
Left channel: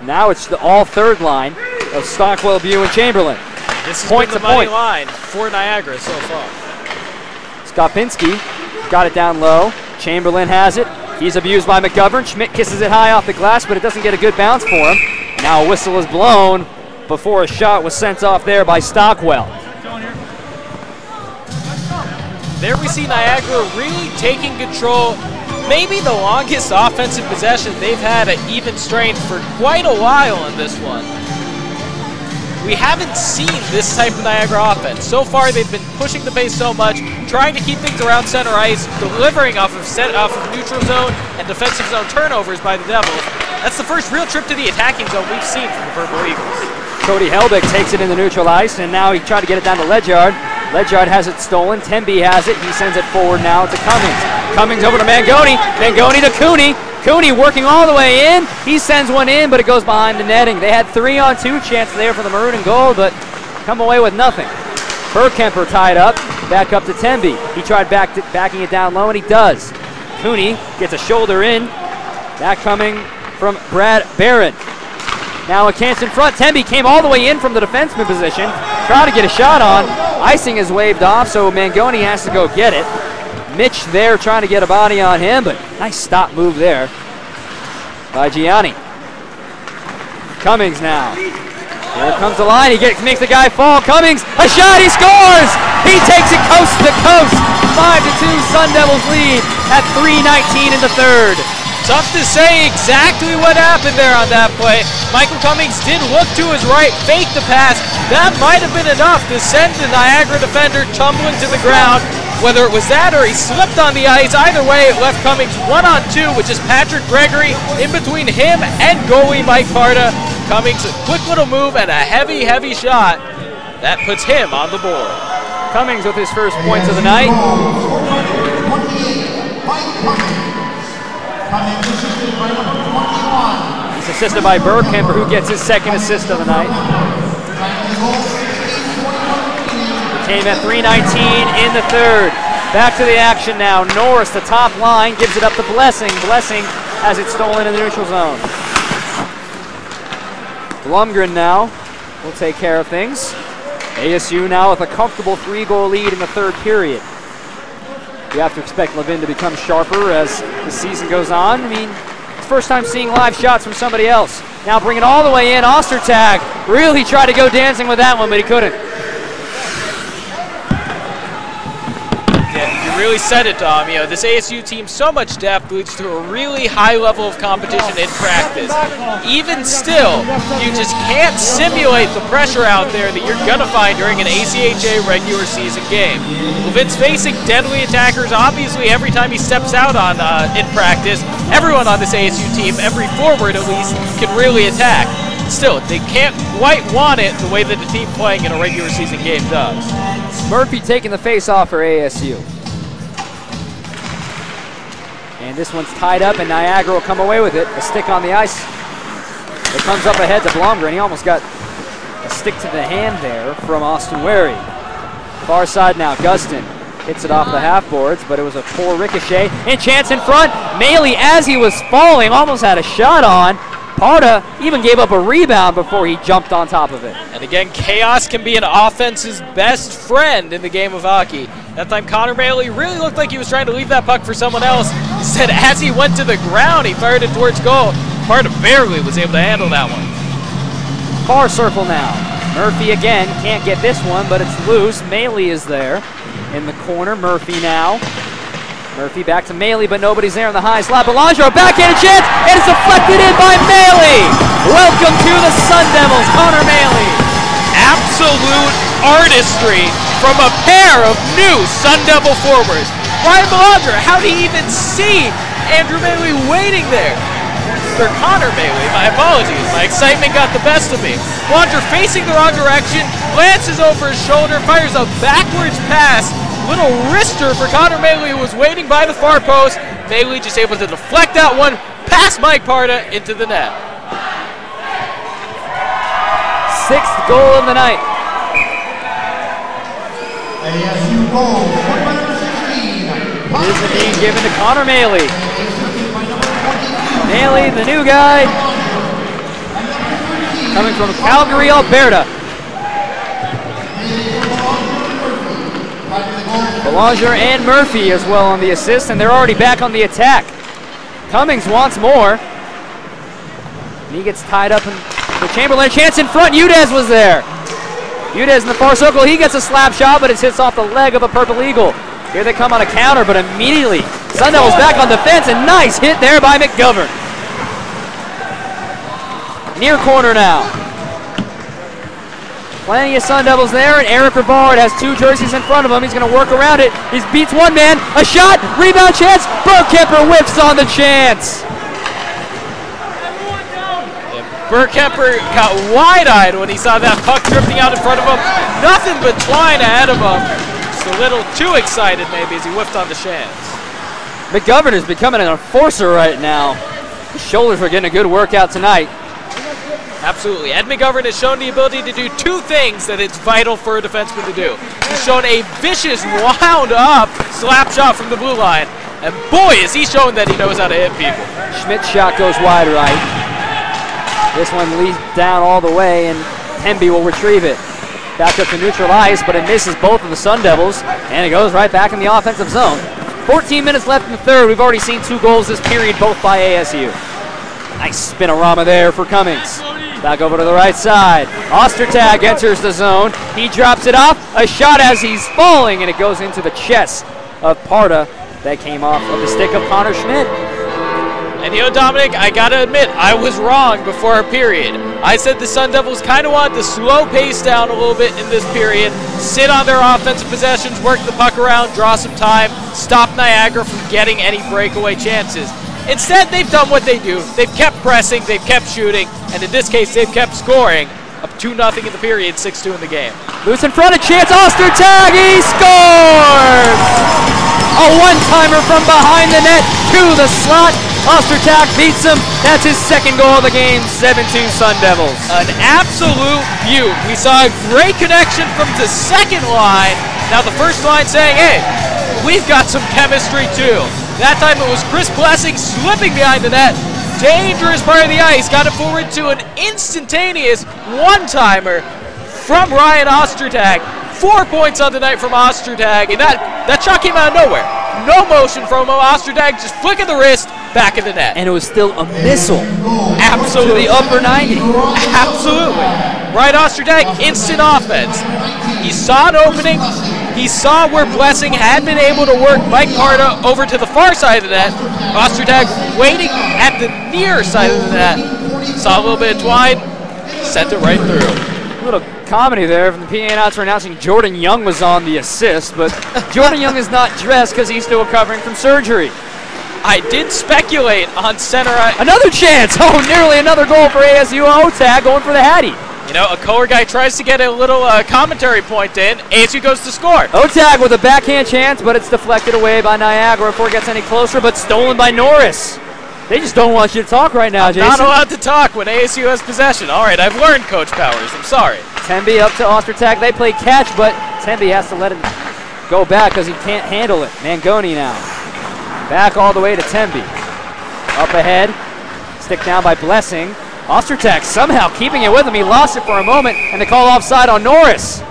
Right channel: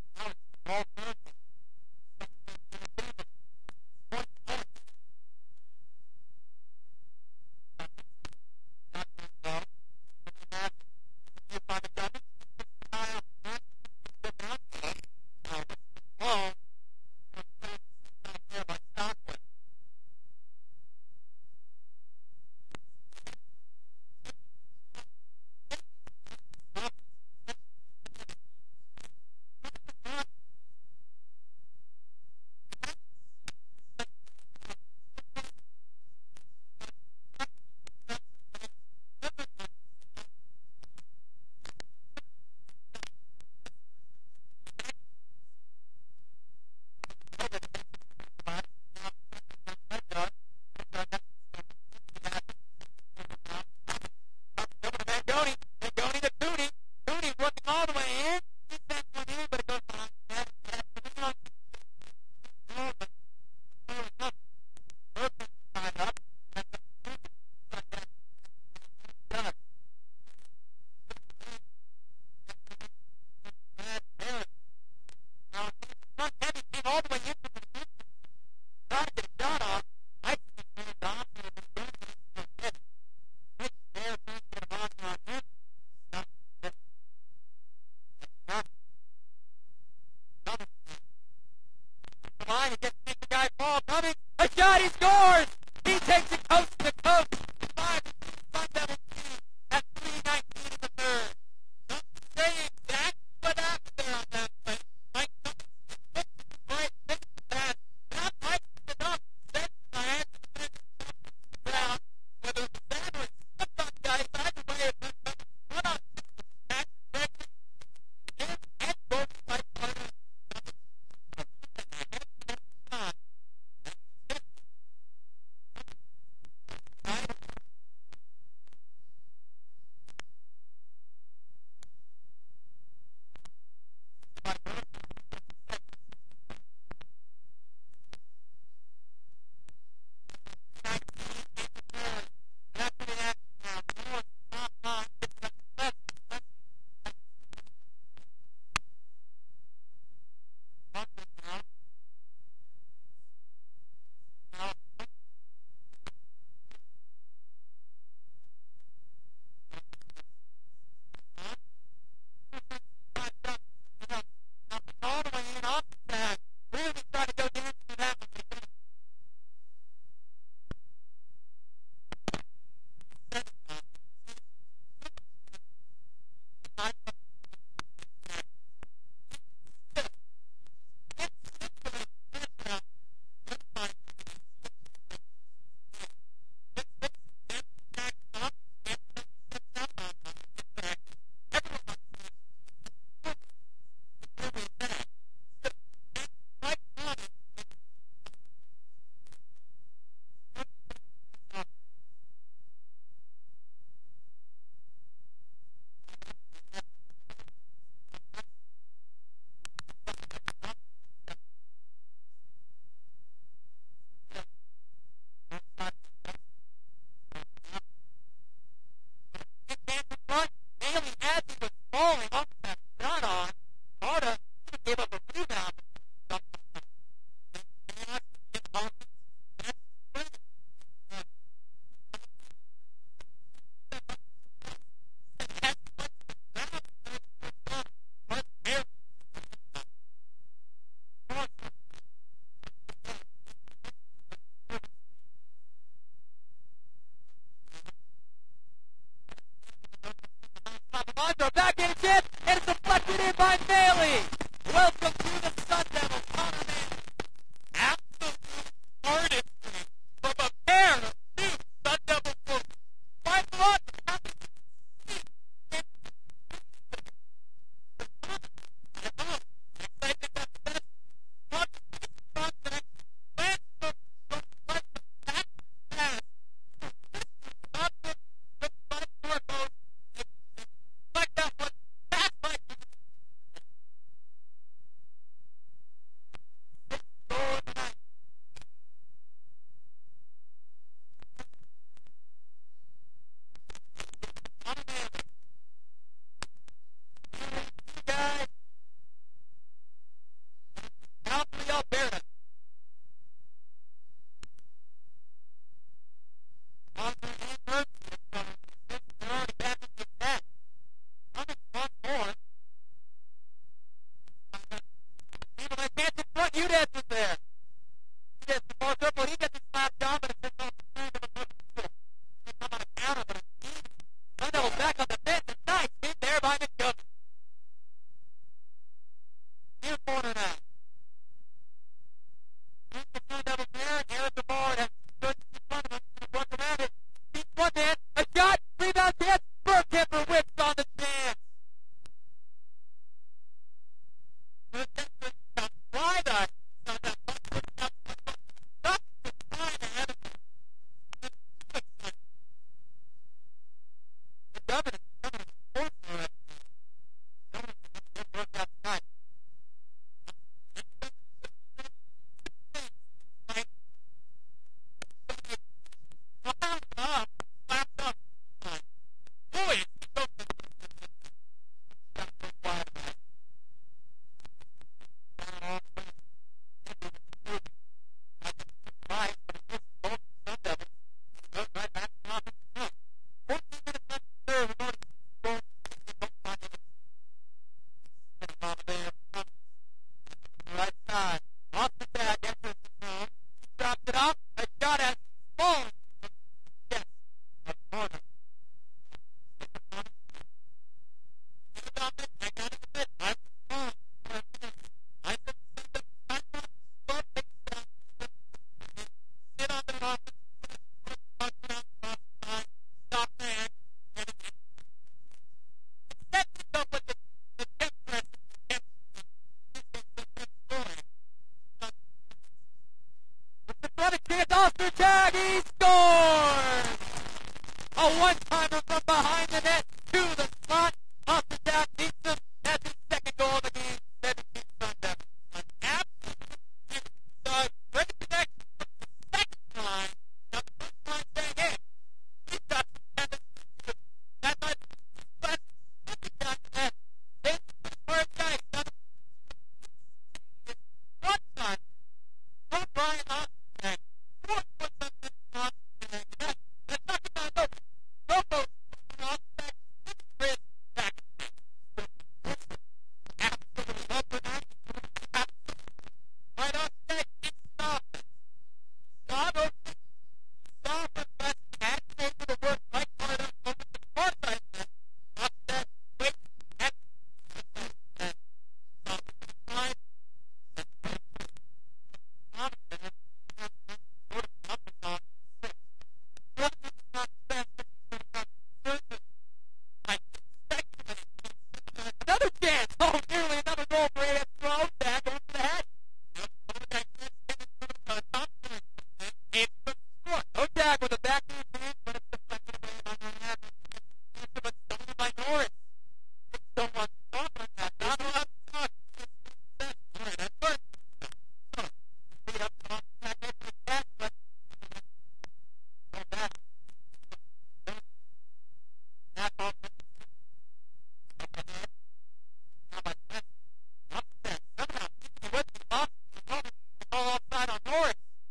Now it's the all third line of Stockwell, Bew, and Chamberlain. This is point the to money point line for Niagara so far. Skopinski got it down low. Chamberlain has it. He's abused by McGovern. Schmidt kisses it high off the glass, but it doesn't get a good bounce for him. Now a whistle is blown before a shot was sent off there by Stockwell. There we see Niagara really taking control. Maybe the longest offensive possession they've had at even strength for quite a while in this one. We haven't seen this type of Niagara offense. So far, they've been pushing the pace so much, trying to keep things around center ice, delivering off of neutral zone and defensive zone turnovers by the Devils. That's the first real trip to the attacking zone we've seen from the Purple Eagles. Cody Helbig takes it in the neutral ice, and now he tried to get it down to Ledyard. Ledyard has it stolen. Temby has it. He sends it forward now to Cummings. Cummings over to Mangoni. Mangoni to Cooney. Cooney working all the way in. He sends one in, but it goes behind the netting. They had 3-on-2 chance there for the maroon and gold, but come away with nothing. Burkemper tied up. Back up to Temby. He tried backing it down low, and he does. Cooney gets a shoulder in. That coming from Brad Barron. Now a chance in front. Temby came all the way in from the defenseman position. Trying to get a shot on. Icing is waved off, so Mangoni has to go get it. Mitch there trying to get a body on him, but nice stop move there by Gianni. Cummings now. Here comes the line. He makes the guy fall. Cummings, a shot, he scores! He takes it coast to coast. 5-2 Sun Devils lead at 3:19 in the third. Tough to say exactly what happened there on that play. Michael Cummings did look to his right, fake the pass. That might have been enough to send the Niagara defender tumbling to the ground. Whether it was that or he slipped on the ice, either way it left Cummings 1-on-2, which is Patrick Gregory in between him and goalie Mike Parda. Cummings, a quick little move and a heavy, heavy shot. That puts him on the board. Cummings with his first points of the night. He's assisted by Burkemper, who gets his second assist of the night. Came at 3:19 in the third. Back to the action now. Norris, the top line, gives it up to Blessing. Blessing has it stolen in the neutral zone. Blumgren now will take care of things. ASU now with a comfortable 3-goal lead in the third period. You have to expect Levin to become sharper as the season goes on. I mean, it's first time seeing live shots from somebody else. Now bring it all the way in. Ostertag really tried to go dancing with that one, but he couldn't. Yeah, you really said it, Dom. You know, this ASU team, so much depth leads to a really high level of competition in practice. Even still, you just can't simulate the pressure out there that you're gonna find during an ACHA regular season game. Levin's facing deadly attackers, obviously, every time he steps out on in practice. Everyone on this ASU team, every forward at least, can really attack. Still, they can't quite want it the way that the team playing in a regular season game does. Murphy taking the face off for ASU. And this one's tied up, and Niagara will come away with it. A stick on the ice. It comes up ahead to Blomgren. He almost got a stick to the hand there from Austin Wary. Far side now, Gustin hits it off the half boards, but it was a poor ricochet. And chance in front. Maley, as he was falling, almost had a shot on. Parda even gave up a rebound before he jumped on top of it. And again, chaos can be an offense's best friend in the game of hockey. That time Connor Maley really looked like he was trying to leave that puck for someone else. Instead, as he went to the ground, he fired it towards goal. Parda barely was able to handle that one. Far circle now. Murphy again can't get this one, but it's loose. Maley is there in the corner. Murphy now. Murphy back to Maley, but nobody's there in the high slot. Belanger, a backhanded chance, and it's deflected in by Maley. Welcome to the Sun Devils, Connor Maley. Absolute artistry from a pair of new Sun Devil forwards. Ryan Belanger, how did he even see Andrew Maley waiting there? Or Connor Maley, my apologies. My excitement got the best of me. Belanger facing the wrong direction, glances over his shoulder, fires a backwards pass. Little wrister for Connor Maley, who was waiting by the far post. Maley just able to deflect that one past Mike Parda into the net. Sixth goal of the night. ASU goal, number 16. This is being given to Connor Maley. Maley, the new guy, coming from Calgary, Alberta. Belanger and Murphy as well on the assist, and they're already back on the attack. Cummings wants more. And he gets tied up in the Chamberlain. Chance in front. Udez was there. Udez in the far circle. He gets a slap shot, but it hits off the leg of a Purple Eagle. Here they come on a counter, but immediately Sun Devils back on defense, and nice hit there by McGovern. Near corner now. Plenty of Sun Devils there, and Eric Rivard has two jerseys in front of him. He's going to work around it. He beats one man. A shot, rebound chance. Burkemper whiffs on the chance. Burkemper got wide-eyed when he saw that puck drifting out in front of him. Nothing but twine ahead of him. Just a little too excited maybe as he whiffed on the chance. McGovern is becoming an enforcer right now. His shoulders are getting a good workout tonight. Absolutely. Ed McGovern has shown the ability to do two things that it's vital for a defenseman to do. He's shown a vicious, wound-up slap shot from the blue line. And boy, is he showing that he knows how to hit people. Schmidt's shot goes wide right. This one leads down all the way, and Temby will retrieve it. Back up to neutral ice, but it misses both of the Sun Devils, and it goes right back in the offensive zone. 14 minutes left in the third. We've already seen 2 goals this period, both by ASU. Nice spinorama there for Cummings. Back over to the right side. Ostertag enters the zone. He drops it off. A shot as he's falling, and it goes into the chest of Parda. That came off of the stick of Connor Schmidt. And you know, Dominic, I gotta admit, I was wrong before our period. I said the Sun Devils kind of want to slow pace down a little bit in this period, sit on their offensive possessions, work the puck around, draw some time, stop Niagara from getting any breakaway chances. Instead, they've done what they do. They've kept pressing, they've kept shooting, and in this case, they've kept scoring. Up 2-0 in the period, 6-2 in the game. Loose in front, a chance, Ostertag, he scores! A one-timer from behind the net to the slot. Ostertag beats him. That's his second goal of the game, 7-2 Sun Devils. An absolute beaut. We saw a great connection from the second line. Now the first line saying, hey, we've got some chemistry too. That time it was Chris Blessing slipping behind the net. Dangerous part of the ice. Got it forward to an instantaneous one-timer from Ryan Ostertag. 4 points on the night from Ostertag, and that shot came out of nowhere. No motion from him. Ostertag just flicking the wrist, back in the net. And it was still a missile. Absolutely. To the upper 90. Absolutely. Ryan Ostertag, instant offense. He saw an opening. He He saw where Blessing had been able to work Mike Parda over to the far side of the net. Ostertag waiting at the near side of the net. Saw a little bit of twine, sent it right through. A little comedy there from the PA announcer announcing Jordan Young was on the assist, but Jordan Young is not dressed because he's still recovering from surgery. I did speculate on center. Another chance! Oh, nearly another goal for ASU. Otag going for the Hattie. You know, a Kohler guy tries to get a little commentary point in. ASU goes to score. Otag with a backhand chance, but it's deflected away by Niagara before it gets any closer, but stolen by Norris. They just don't want you to talk right now, Jason. Not allowed to talk when ASU has possession. All right, I've learned, Coach Powers. I'm sorry. Temby up to Ostertag. They play catch, but Temby has to let it go back because he can't handle it. Mangoni now. Back all the way to Temby. Up ahead. Stick down by Blessing. Ostertag somehow keeping it with him. He lost it for a moment, and they call offside on Norris.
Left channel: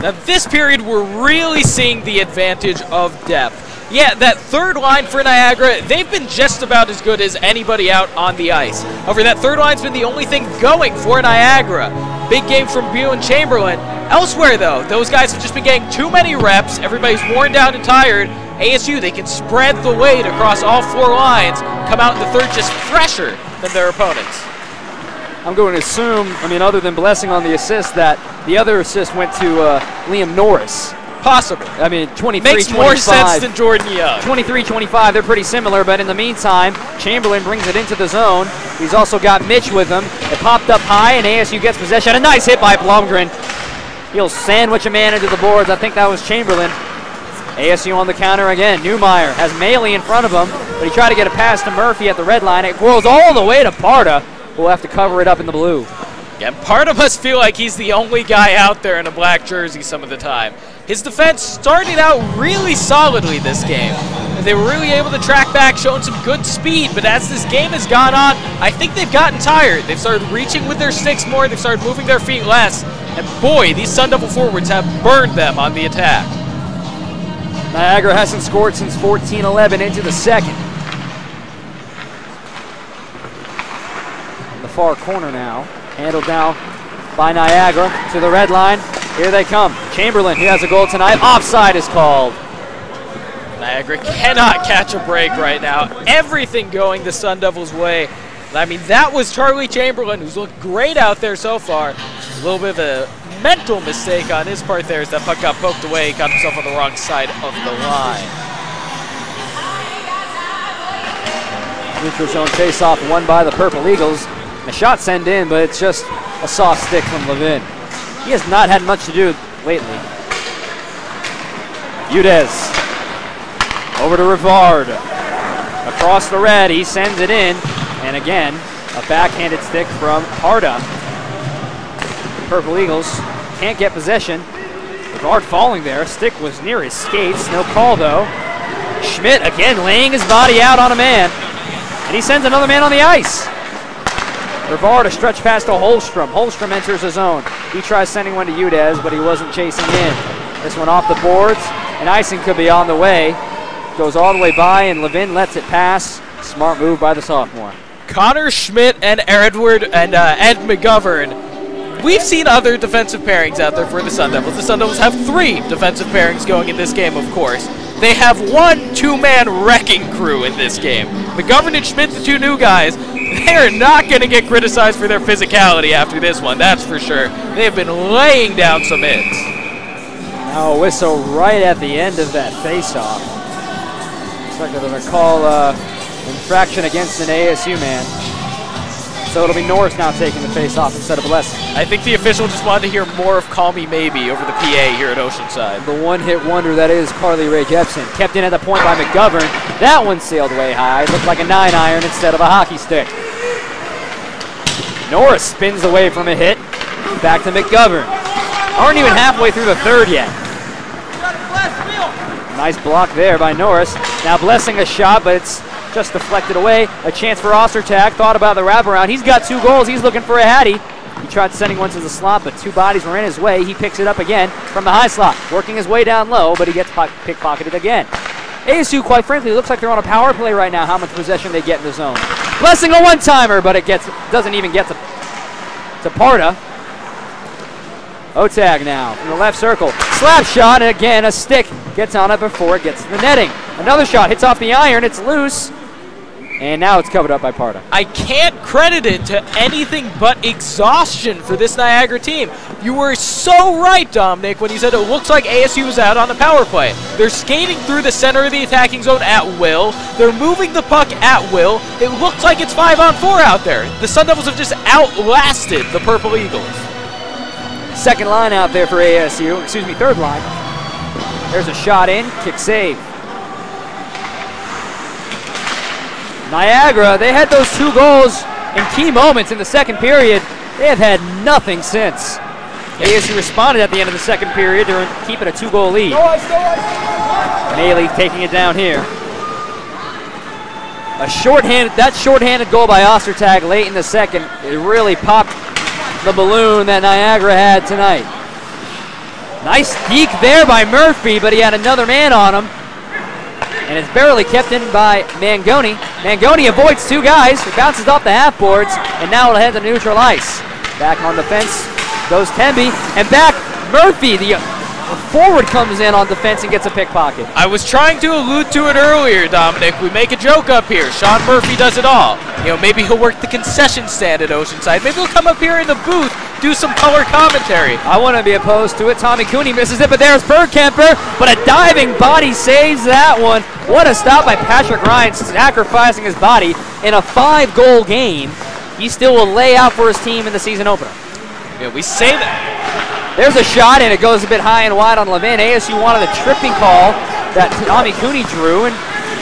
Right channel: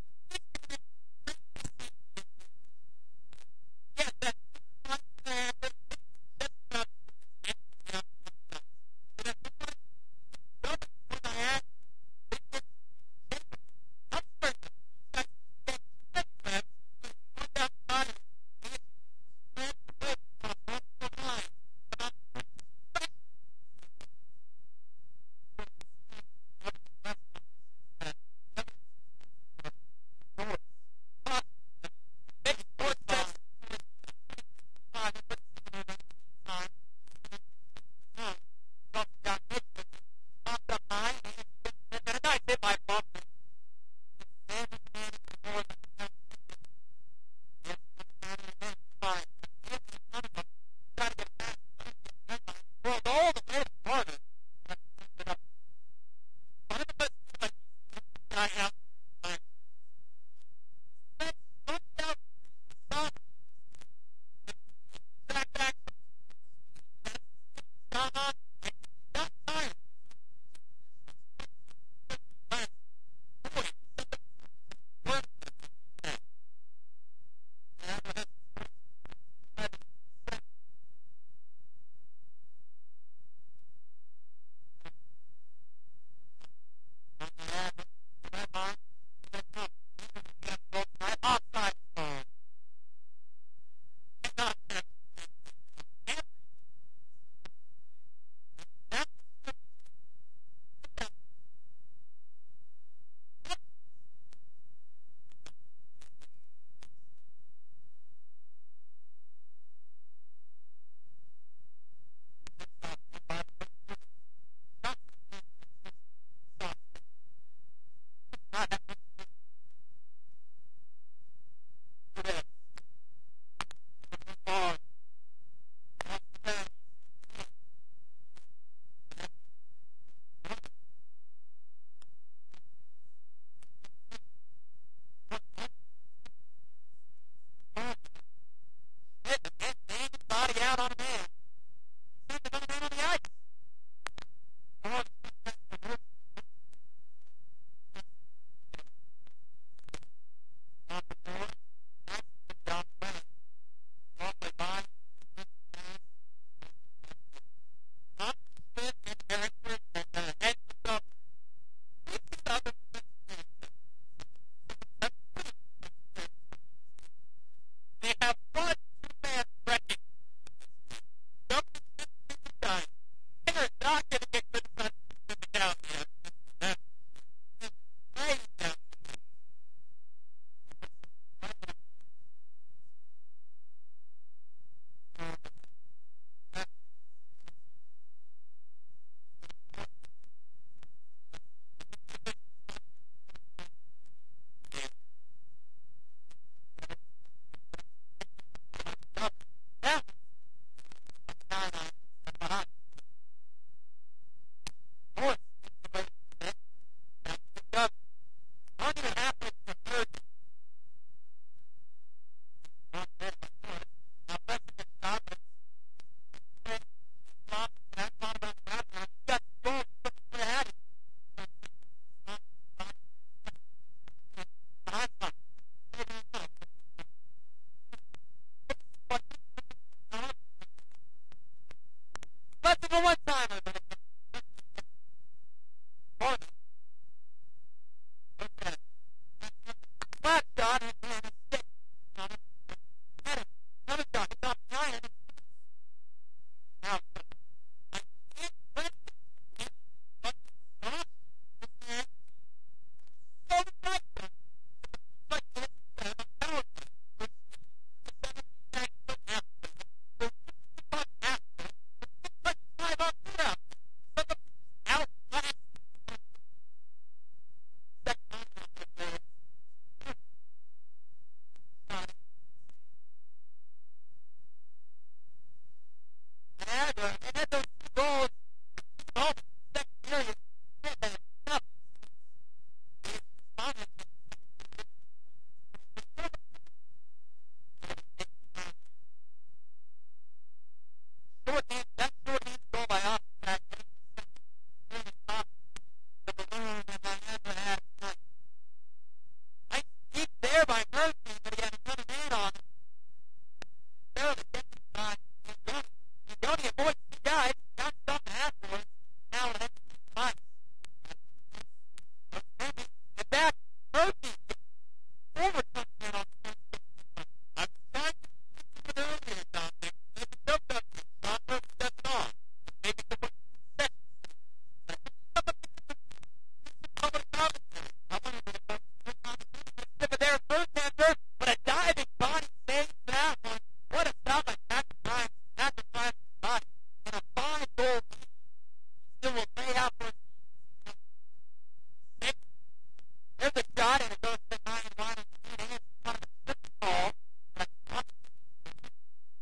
Now, this period, we're really seeing the advantage of depth. Yeah, that third line for Niagara, they've been just about as good as anybody out on the ice. However, that third line's been the only thing going for Niagara. Big game from Bew and Chamberlain. Elsewhere, though, those guys have just been getting too many reps. Everybody's worn down and tired. ASU, they can spread the weight across all four lines, come out in the third just fresher than their opponents. I'm going to assume, other than Blessing on the assist, that the other assist went to Liam Norris. Possible. 23, Makes 25. More sense than Jordan Young. 23, 25, they're pretty similar, but in the meantime, Chamberlain brings it into the zone. He's also got Mitch with him. It popped up high, and ASU gets possession. A nice hit by Blomgren. He'll sandwich a man into the boards. I think that was Chamberlain. ASU on the counter again. Newmeyer has Maley in front of him, but he tried to get a pass to Murphy at the red line. It whirls all the way to Parda. We'll have to cover it up in the blue. Yeah, Parda must feel like he's the only guy out there in a black jersey some of the time. His defense started out really solidly this game. They were really able to track back, showing some good speed, but as this game has gone on, I think they've gotten tired. They've started reaching with their sticks more, they've started moving their feet less, and boy, these Sun Devil forwards have burned them on the attack. Niagara hasn't scored since 14-11 into the second. The far corner now, handled down by Niagara to the red line. Here they come. Chamberlain, he has a goal tonight. Offside is called. Niagara cannot catch a break right now. Everything going the Sun Devils' way. That was Charlie Chamberlain, who's looked great out there so far. A little bit of a mental mistake on his part there as that puck got poked away. He got himself on the wrong side of the line. Neutral zone face-off won by the Purple Eagles. The shot sent in, but it's just a soft stick from Levin. He has not had much to do lately. Udez over to Rivard. Across the red, he sends it in. And again, a backhanded stick from Parda. The Purple Eagles can't get possession. Rivard falling there. Stick was near his skates. No call, though. Schmidt again laying his body out on a man. And he sends another man on the ice. Rivard a stretch pass to Holstrom. Holstrom enters the zone. He tries sending one to Udez, but he wasn't chasing in. This one off the boards, and icing could be on the way. Goes all the way by, and Levin lets it pass. Smart move by the sophomore. Connor Schmidt and Edward and Ed McGovern. We've seen other defensive pairings out there for the Sun Devils. The Sun Devils have 3 defensive pairings going in this game, of course. They have 1 2-man wrecking crew in this game. McGovern and Schmidt, the 2 new guys, they are not going to get criticized for their physicality after this one, that's for sure. They have been laying down some hits. Now a whistle right at the end of that face-off. Looks like they're going to call infraction against an ASU man. So it'll be Norris now taking the face-off instead of Blessing. I think the official just wanted to hear more of Call Me Maybe over the PA here at Oceanside. The one-hit wonder that is Carly Ray Jepson. Kept in at the point by McGovern. That one sailed way high. Looked like a 9-iron instead of a hockey stick. Norris spins away from a hit. Back to McGovern. Aren't even halfway through the third yet. Nice block there by Norris. Now Blessing a shot, but it's just deflected away. A chance for Ostertag. Thought about the wraparound. He's got 2 goals. He's looking for a Hattie. He tried sending one to the slot, but 2 bodies were in his way. He picks it up again from the high slot. Working his way down low, but he gets pickpocketed again. ASU, quite frankly, looks like they're on a power play right now, how much possession they get in the zone. Blessing a one-timer, but it doesn't even get to Parda. Otag now from the left circle. Slap shot, and again a stick gets on it before it gets to the netting. Another shot hits off the iron, it's loose. And now it's covered up by Parda. I can't credit it to anything but exhaustion for this Niagara team. You were so right, Dominic, when you said it looks like ASU was out on the power play. They're skating through the center of the attacking zone at will. They're moving the puck at will. It looks like it's 5-on-4 out there. The Sun Devils have just outlasted the Purple Eagles. Second line out there for ASU, excuse me, third line. There's a shot in, kick save. Niagara, they had those 2 goals in key moments in the second period. They have had nothing since. ASU responded at the end of the second period to keep it a 2-goal lead. Maley taking it down here. That shorthanded goal by Ostertag late in the second, it really popped the balloon that Niagara had tonight. Nice deke there by Murphy, but he had another man on him. And it's barely kept in by Mangoni. Mangoni avoids 2 guys. It bounces off the half boards, and now it'll head to neutral ice. Back on the fence goes Temby, and back Murphy. The forward comes in on defense and gets a pickpocket. I was trying to allude to it earlier, Dominic. We make a joke up here. Sean Murphy does it all. You know, maybe he'll work the concession stand at Oceanside. Maybe he'll come up here in the booth, do some color commentary. I wouldn't be opposed to it. Tommy Cooney misses it, but there's Bergkemper, but a diving body saves that one. What a stop by Patrick Ryan, sacrificing his body in a 5-goal game. He still will lay out for his team in the season opener. Yeah, we say that. There's a shot, and it goes a bit high and wide on Levin. ASU wanted a tripping call that Tommy Cooney drew, and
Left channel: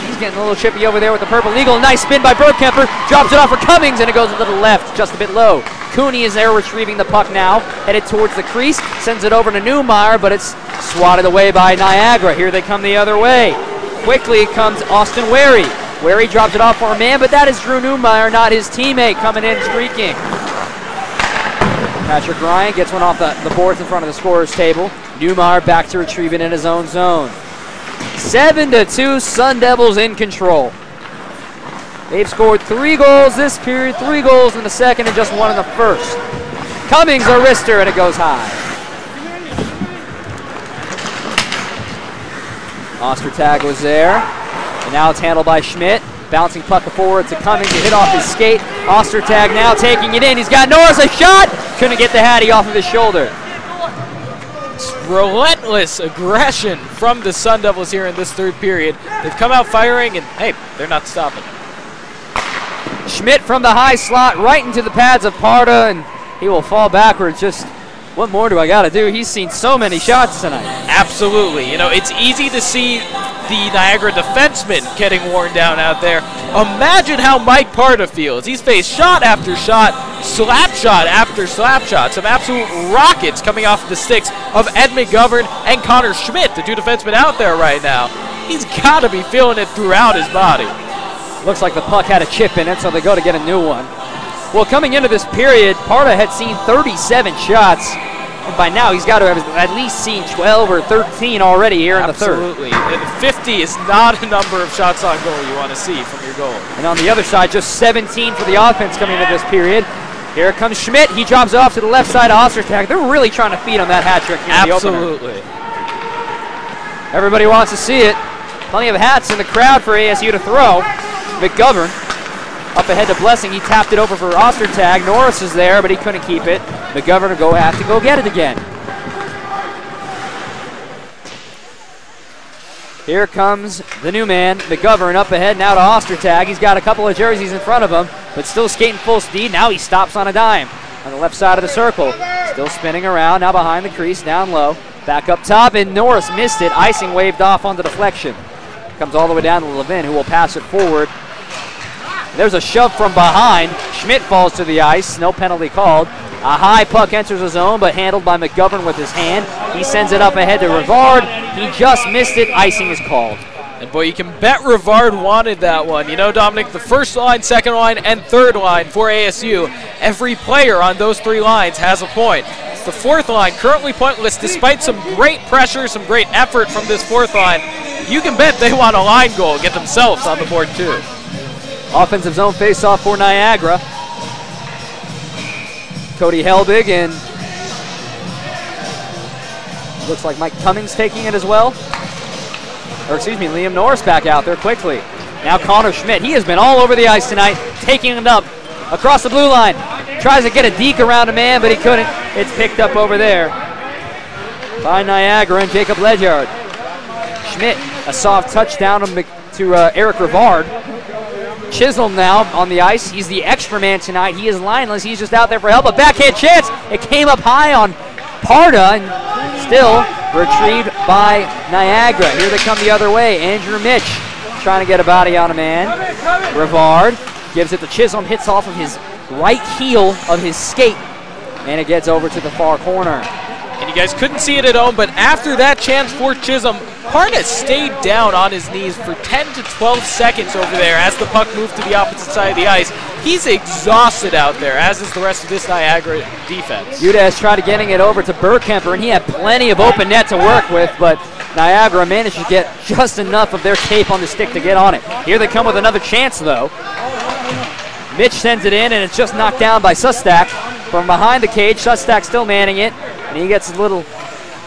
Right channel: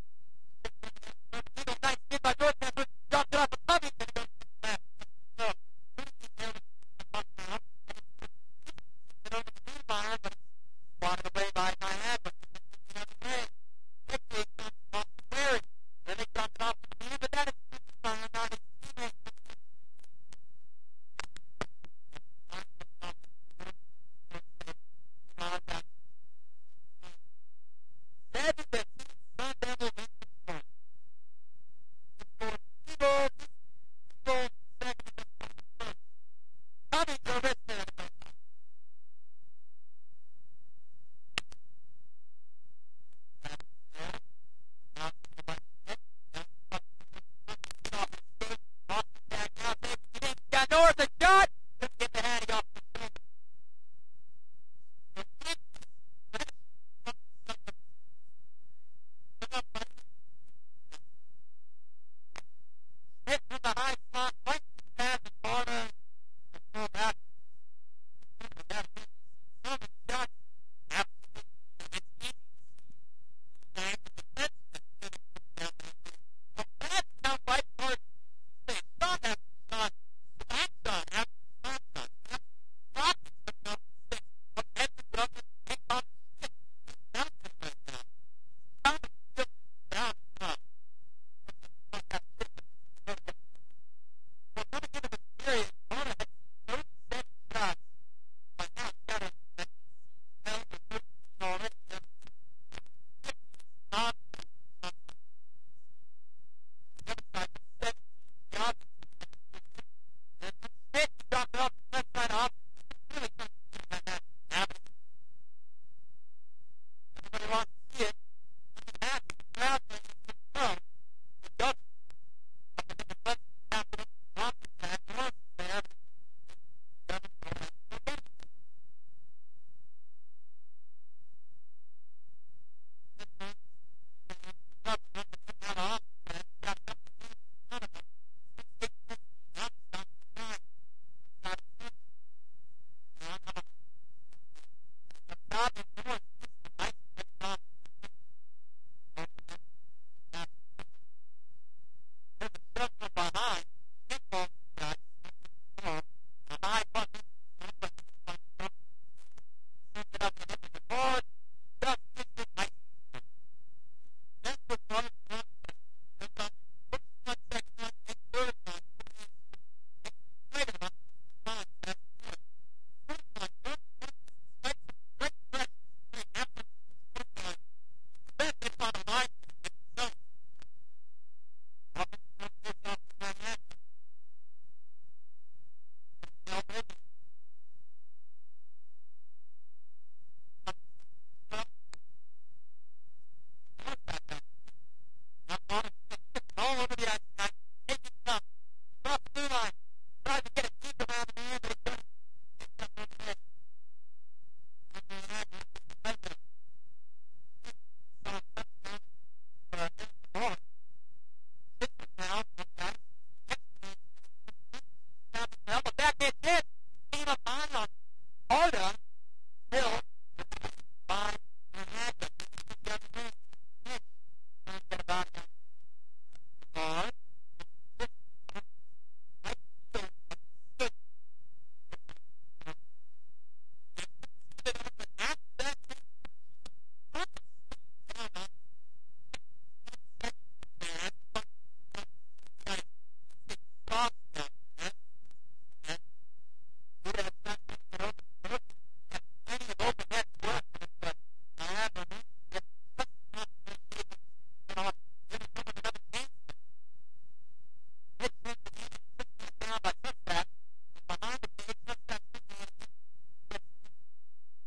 he's getting a little chippy over there with the Purple Eagle. Nice spin by Bergkemper, drops it off for Cummings, and it goes a little left, just a bit low. Cooney is there retrieving the puck now, headed towards the crease, sends it over to Newmeyer, but it's swatted away by Niagara. Here they come the other way. Quickly comes Austin Wary. Wary drops it off for a man, but that is Drew Newmeyer, not his teammate, coming in streaking. Patrick Ryan gets one off the boards in front of the scorer's table. Newmeyer back to retrieve it in his own zone. 7-2, Sun Devils in control. They've scored 3 goals this period, 3 goals in the second, and just 1 in the first. Cummings a wrister, and it goes high. Ostertag was there, and now it's handled by Schmidt. Bouncing puck forward to Cummings to hit off his skate. Ostertag now taking it in. He's got Norris, a shot! Couldn't get the Hattie off of his shoulder. Relentless aggression from the Sun Devils here in this third period. They've come out firing, and hey, they're not stopping. Schmidt from the high slot right into the pads of Parda, and he will fall backwards. Just what more do I got to do? He's seen so many shots tonight. Absolutely. You know, it's easy to see the Niagara defenseman getting worn down out there. Imagine how Mike Parda feels. He's faced shot after shot, slap shot after slap shot. Some absolute rockets coming off the sticks of Ed McGovern and Connor Schmidt, the 2 defensemen out there right now. He's got to be feeling it throughout his body. Looks like the puck had a chip in it, so they go to get a new one. Well, coming into this period, Parda had seen 37 shots. And by now, he's got to have at least seen 12 or 13 already here in the third. Absolutely. 50 is not a number of shots on goal you want to see from your goal. And on the other side, just 17 for the offense coming into this period. Here comes Schmidt. He drops it off to the left side of Ostertag. They're really trying to feed him that hat trick here in the opener. Absolutely. Everybody wants to see it. Plenty of hats in the crowd for ASU to throw. McGovern up ahead to Blessing. He tapped it over for Ostertag. Norris is there, but he couldn't keep it. McGovern will have to go get it again. Here comes the new man, McGovern, up ahead now to Ostertag. He's got a couple of jerseys in front of him, but still skating full speed. Now he stops on a dime on the left side of the circle. Still spinning around, now behind the crease, down low. Back up top, and Norris missed it. Icing waved off on the deflection. Comes all the way down to Levin, who will pass it forward. There's a shove from behind. Schmidt falls to the ice, no penalty called. A high puck enters the zone, but handled by McGovern with his hand. He sends it up ahead to Rivard. He just missed it. Icing is called. And boy, you can bet Rivard wanted that one. You know, Dominic, the first line, second line, and third line for ASU, every player on those 3 lines has a point. It's the 4th line, currently pointless, despite some great pressure, some great effort from this 4th line. You can bet they want a line goal, get themselves on the board too. Offensive zone face-off for Niagara. Cody Helbig and Looks like Mike Cummings taking it as well. Or excuse me, Liam Norris back out there quickly. Now Connor Schmidt, he has been all over the ice tonight, taking it up across the blue line. Tries to get a deke around a man, but he couldn't. It's picked up over there by Niagara and Jacob Ledyard. Schmidt, a soft touchdown to Eric Rivard. Chisholm now on the ice. He's the extra man tonight. He is lineless. He's just out there for help. A backhand chance. It came up high on Parda and still retrieved by Niagara. Here they come the other way. Andrew Mitch trying to get a body on a man. Rivard gives it to Chisholm. Hits off of his right heel of his skate. And it gets over to the far corner. And you guys couldn't see it at home, but after that chance for Chisholm, Parda stayed down on his knees for 10 to 12 seconds over there as the puck moved to the opposite side of the ice. He's exhausted out there, as is the rest of this Niagara defense. Udez tried getting it over to Burkemper, and he had plenty of open net to work with, but Niagara managed to get just enough of their tape on the stick to get on it. Here they come with another chance, though. Mitch sends it in, and it's just knocked down by Sustak from behind the cage. Sustak still manning it, and he gets a little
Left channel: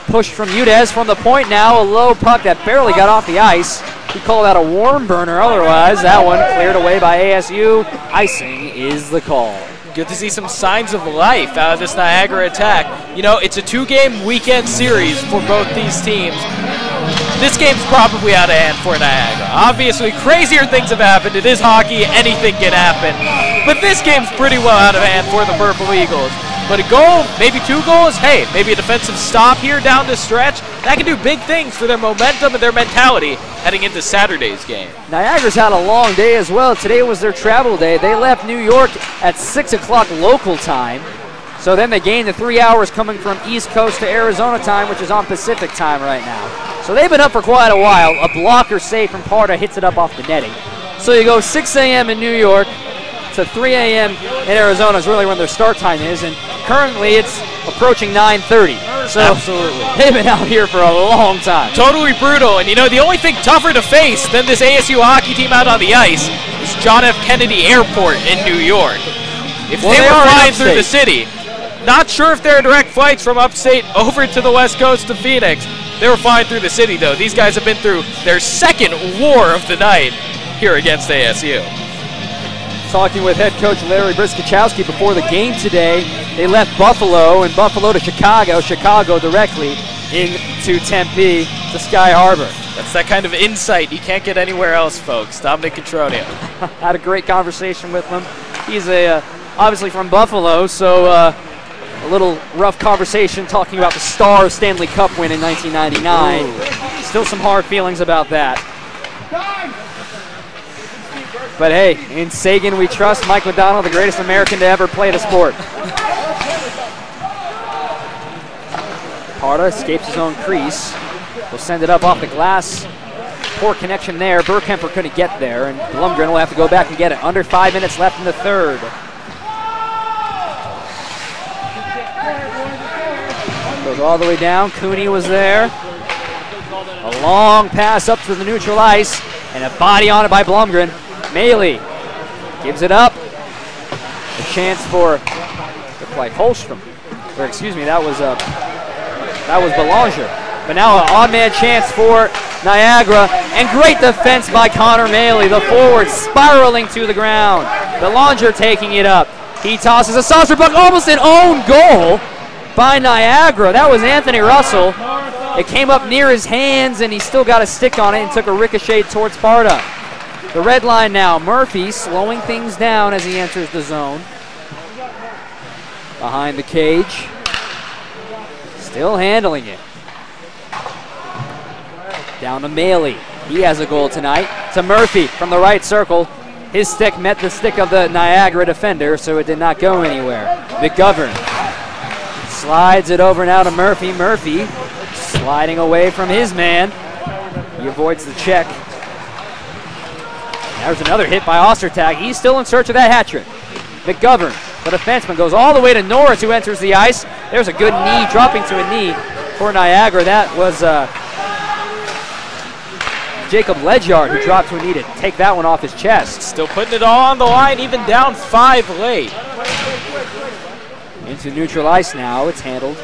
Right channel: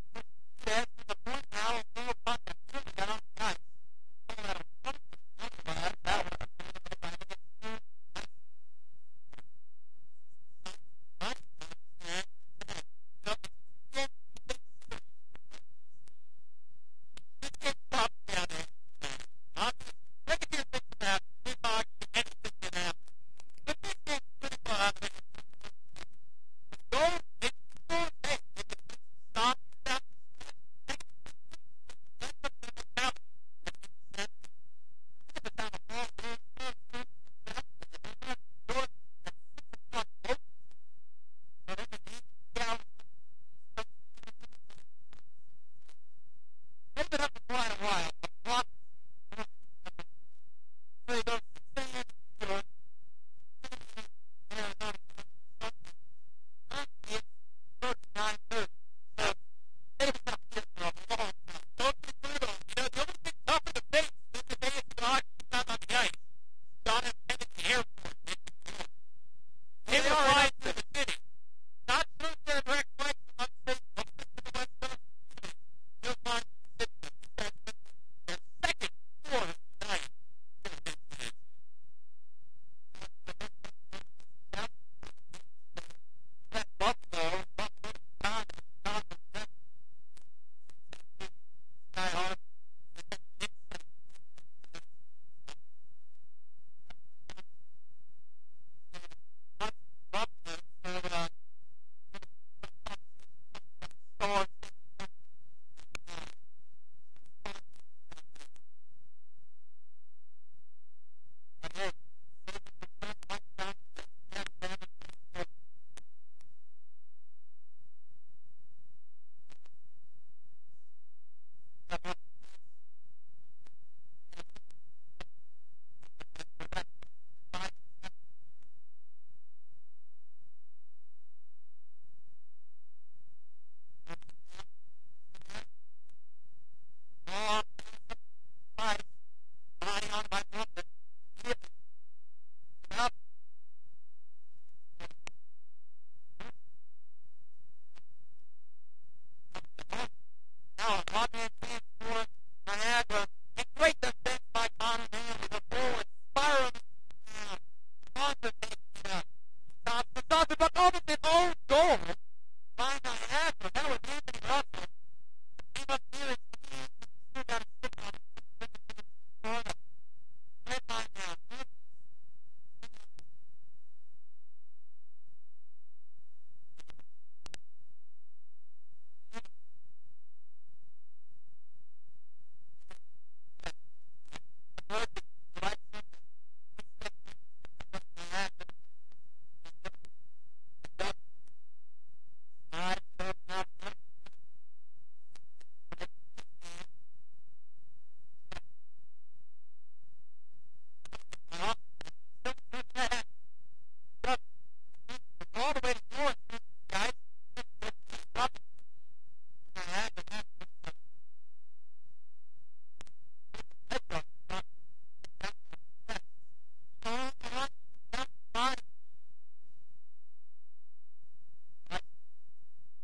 push from Udez from the point now. A low puck that barely got off the ice. He called that a worm burner otherwise. That one cleared away by ASU. Icing is the call. Good to see some signs of life out of this Niagara attack. You know, it's a 2-game weekend series for both these teams. This game's probably out of hand for Niagara. Obviously, crazier things have happened. It is hockey. Anything can happen. But this game's pretty well out of hand for the Purple Eagles. But a goal, maybe 2 goals, hey, maybe a defensive stop here down the stretch, that can do big things for their momentum and their mentality heading into Saturday's game. Niagara's had a long day as well. Today was their travel day. They left New York at 6 o'clock local time. So then they gained the 3 hours coming from East Coast to Arizona time, which is on Pacific time right now. So they've been up for quite a while. A blocker save from Parda hits it up off the netting. So you go 6 a.m. in New York to 3 a.m. in Arizona is really when their start time is, and currently it's approaching 9:30. So absolutely, they've been out here for a long time. Totally brutal, and you know, the only thing tougher to face than this ASU hockey team out on the ice is John F. Kennedy Airport in New York. If they were flying through the city, not sure if there are direct flights from upstate over to the west coast to Phoenix. They were flying through the city, though. These guys have been through their second war of the night here against ASU. Talking with head coach Larry Briskachowski before the game today. They left Buffalo and Buffalo to Chicago, Chicago directly into Tempe to Sky Harbor. That's that kind of insight you can't get anywhere else, folks. Dominic Cotronio. Had a great conversation with him. He's obviously from Buffalo, so a little rough conversation talking about the Stars Stanley Cup win in 1999. Ooh. Still some hard feelings about that. But hey, in Sagan we trust. Mike McDonald, the greatest American to ever play the sport. Parda escapes his own crease. Will send it up off the glass. Poor connection there. Burkemper couldn't get there, and Blumgren will have to go back and get it. Under 5 minutes left in the third. Goes all the way down. Cooney was there. A long pass up to the neutral ice, and a body on it by Blumgren. Maley gives it up. A chance for, looked like Holstrom. Or excuse me, that was Belanger. But now an odd man chance for Niagara, and great defense by Connor Maley, the forward spiraling to the ground. Belanger taking it up. He tosses a saucer puck, almost an own goal by Niagara. That was Anthony Russell. It came up near his hands, and he still got a stick on it and took a ricochet towards Parda. The red line now, Murphy slowing things down as he enters the zone. Behind the cage. Still handling it. Down to Maley. He has a goal tonight. To Murphy from the right circle. His stick met the stick of the Niagara defender, so it did not go anywhere. McGovern slides it over now to Murphy. Murphy sliding away from his man. He avoids the check. There's another hit by Ostertag. He's still in search of that hat trick. McGovern, the defenseman, goes all the way to Norris, who enters the ice. There's a good knee, dropping to a knee for Niagara. That was Jacob Ledyard, who dropped to a knee to take that one off his chest. Still putting it all on the line, even down 5 late. Into neutral ice now. It's handled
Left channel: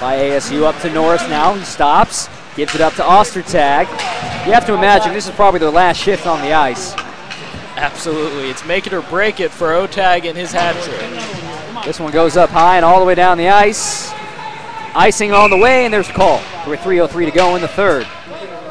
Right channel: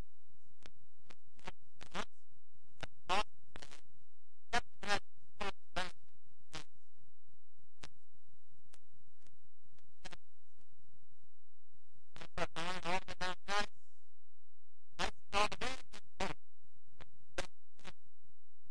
by ASU up to Norris now. He stops, gives it up to Ostertag. You have to imagine this is probably their last shift on the ice. Absolutely. It's make it or break it for Otag and his hat trick. This one goes up high and all the way down the ice. Icing on the way, and there's a call. With 3:03 to go in the third.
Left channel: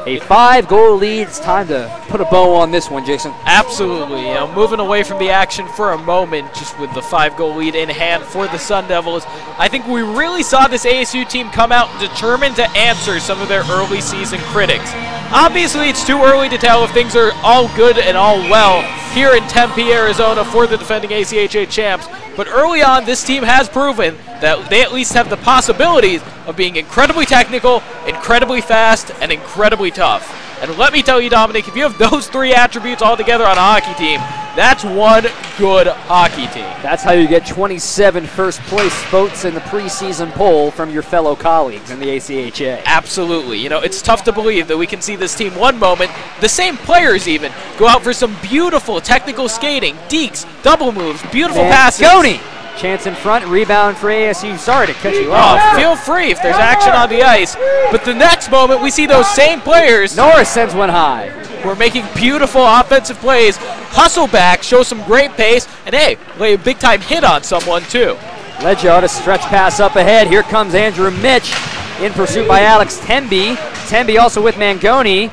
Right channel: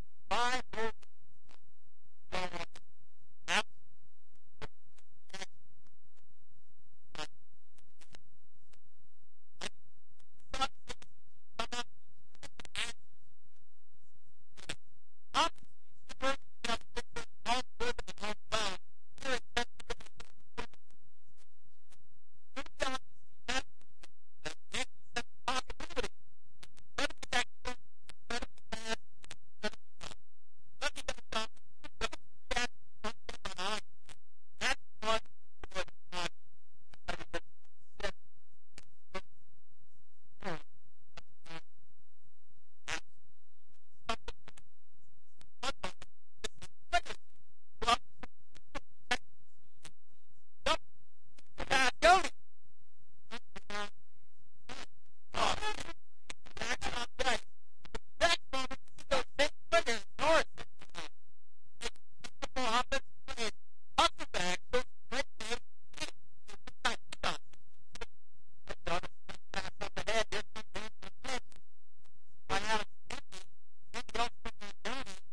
A 5-goal lead. It's time to put a bow on this one, Jason. Absolutely. You know, moving away from the action for a moment, just with the 5-goal lead in hand for the Sun Devils, I think we really saw this ASU team come out determined to answer some of their early season critics. Obviously, it's too early to tell if things are all good and all well here in Tempe, Arizona for the defending ACHA champs. But early on, this team has proven that they at least have the possibilities of being incredibly technical, incredibly fast, and incredibly tough. And let me tell you, Dominic, if you have those three attributes all together on a hockey team, that's one good hockey team. That's how you get 27 first place votes in the preseason poll from your fellow colleagues in the ACHA. Absolutely. You know, it's tough to believe that we can see this team one moment, the same players even, go out for some beautiful technical skating, dekes, double moves, beautiful passes. Mangoni. Chance in front, rebound for ASU. Sorry to cut you off. Feel free if there's action on the ice. But the next moment, we see those same players. Norris sends one high. Who are making beautiful offensive plays, hustle back, show some great pace, and hey, lay a big-time hit on someone too. Leggio, a stretch pass up ahead. Here comes Andrew Mitch in pursuit by Alex Temby. Temby also with Mangoni.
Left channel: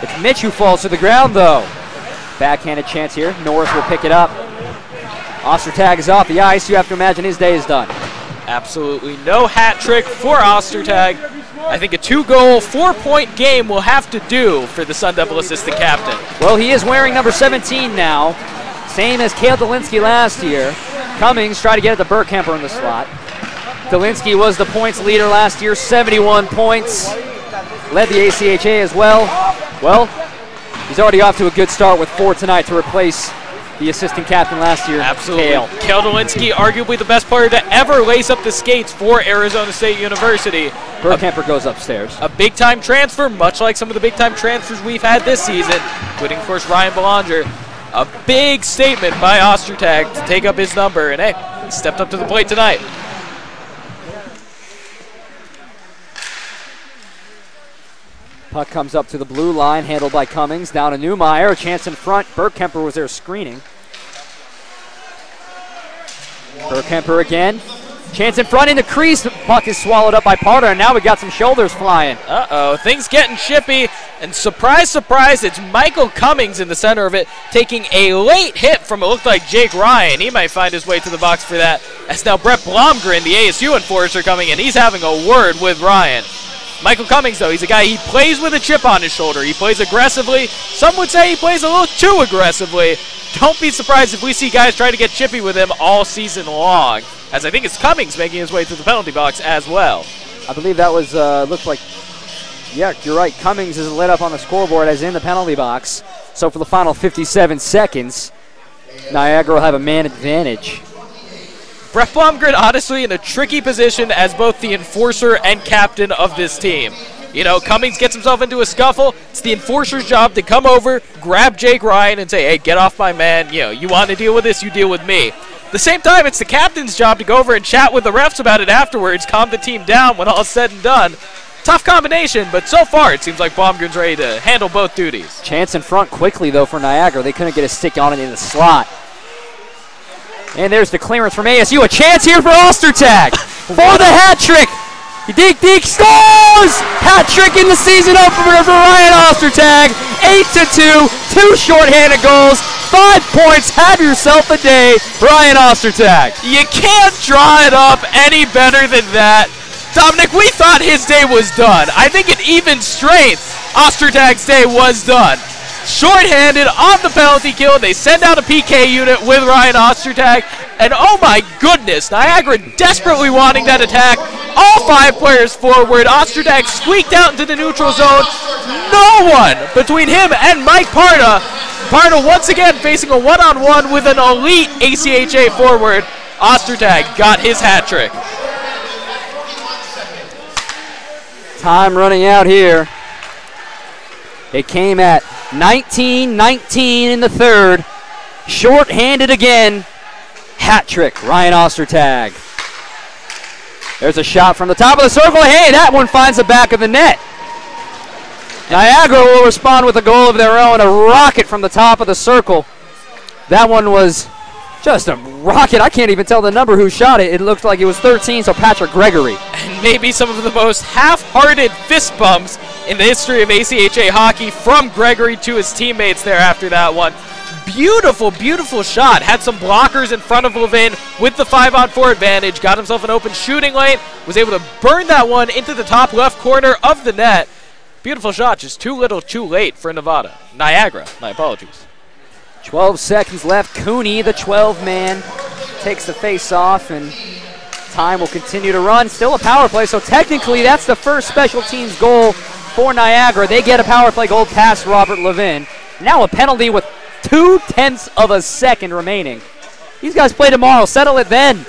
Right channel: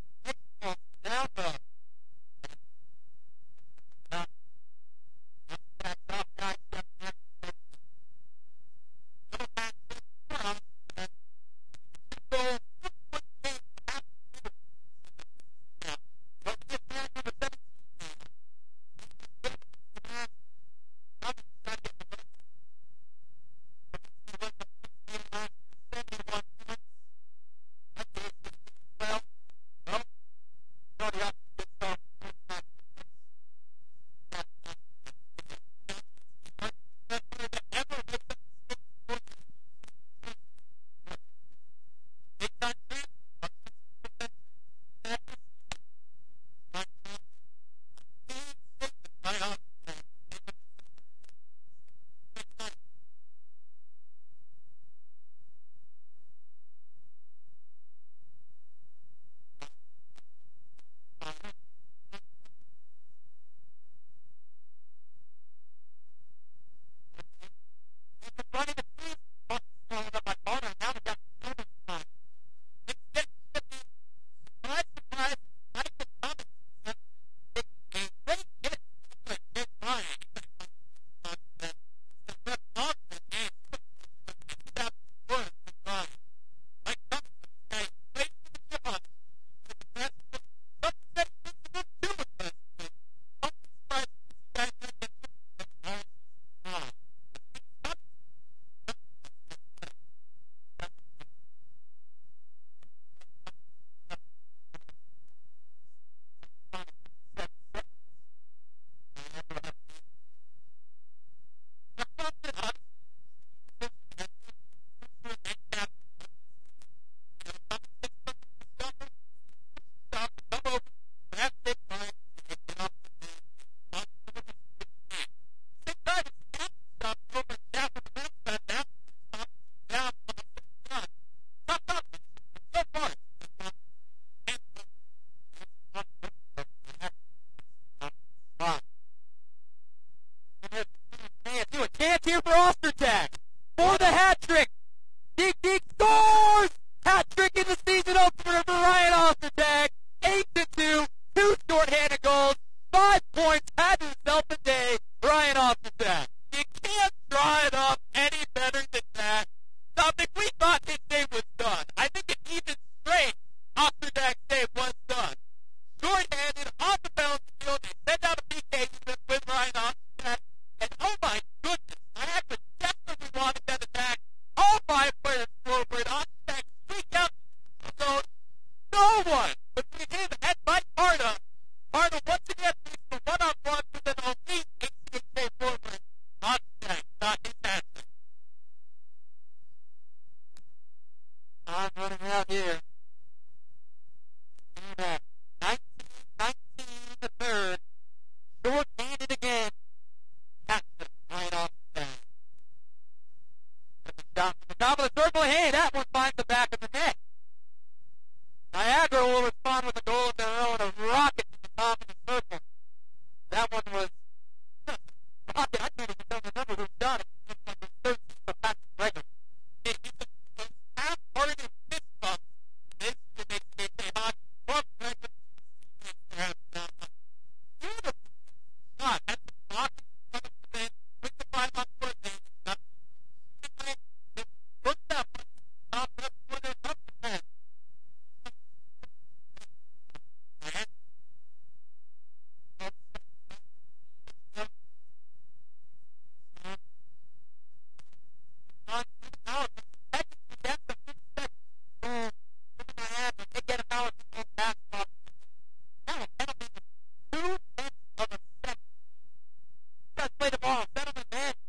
It's Mitch who falls to the ground though. Backhanded chance here. Norris will pick it up. Ostertag is off the ice. You have to imagine his day is done. Absolutely no hat trick for Ostertag. I think a 2-goal, 4-point game will have to do for the Sun Devil assistant captain. Well, he is wearing number 17 now, same as Cale Dolinsky last year. Cummings tried to get it to Burkhamper in the slot. Dolinsky was the points leader last year, 71 points. Led the ACHA as well. Well, he's already off to a good start with 4 tonight to replace the assistant captain last year. Absolutely. Cale. Cale Dolinsky, arguably the best player to ever lace up the skates for Arizona State University. Burkhamper goes upstairs. A big-time transfer, much like some of the big-time transfers we've had this season, including, of course, Ryan Belanger. A big statement by Ostertag to take up his number, and hey, he stepped up to the plate tonight. Puck comes up to the blue line, handled by Cummings. Down to Newmeyer, a chance in front. Burkhamper was there screening. Burkhamper again. Chance in front in the crease. Puck is swallowed up by Parter, and now we got some shoulders flying. Uh-oh, things getting chippy, and surprise, surprise, it's Michael Cummings in the center of it, taking a late hit from, it looked like Jake Ryan. He might find his way to the box for that. As now Brett Blomgren, the ASU enforcer, coming in. He's having a word with Ryan. Michael Cummings, though, he's a guy, he plays with a chip on his shoulder. He plays aggressively. Some would say he plays a little too aggressively. Don't be surprised if we see guys try to get chippy with him all season long, as I think it's Cummings making his way to the penalty box as well. I believe that was, looks like, yeah, you're right. Cummings is lit up on the scoreboard as in the penalty box. So for the final 57 seconds, Niagara will have a man advantage. Brett Blomgren, honestly, in a tricky position as both the enforcer and captain of this team. You know, Cummings gets himself into a scuffle. It's the enforcer's job to come over, grab Jake Ryan, and say, hey, get off my man. You know, you want to deal with this, you deal with me. At the same time, it's the captain's job to go over and chat with the refs about it afterwards, calm the team down when all's said and done. Tough combination, but so far it seems like Blomgren's ready to handle both duties. Chance in front quickly, though, for Niagara. They couldn't get a stick on it in the slot. And there's the clearance from ASU. A chance here for Ostertag for the hat trick. Deke scores! Hat trick in the season opener for Ryan Ostertag. 8-2, 2 shorthanded goals, 5 points. Have yourself a day, Ryan Ostertag. You can't draw it up any better than that. Dominic, we thought his day was done. I think at even strength, Ostertag's day was done. Short-handed on the penalty kill. They send out a PK unit with Ryan Ostertag. And oh my goodness, Niagara desperately wanting that attack. All 5 players forward. Ostertag squeaked out into the neutral zone. No one between him and Mike Parda. Parda once again facing a one-on-one with an elite ACHA forward. Ostertag got his hat trick. Time running out here. It came at 19-19 in the third. Short-handed again. Hat trick, Ryan Ostertag. There's a shot from the top of the circle. Hey, that one finds the back of the net. Niagara will respond with a goal of their own, a rocket from the top of the circle. That one was just a rocket. I can't even tell the number who shot it. It looked like it was 13, so Patrick Gregory. And maybe some of the most half-hearted fist bumps in the history of ACHA hockey from Gregory to his teammates there after that one. Beautiful, beautiful shot. Had some blockers in front of Levin with the 5-on-4 advantage. Got himself an open shooting lane. Was able to burn that one into the top left corner of the net. Beautiful shot, just too little, too late for Niagara, my apologies. 12 seconds left. Cooney, the 12-man, takes the face-off, and time will continue to run. Still a power play, so technically that's the first special teams goal for Niagara. They get a power play goal past Robert Levin. Now a penalty with 0.2 of a second remaining. These guys play tomorrow. Settle it then.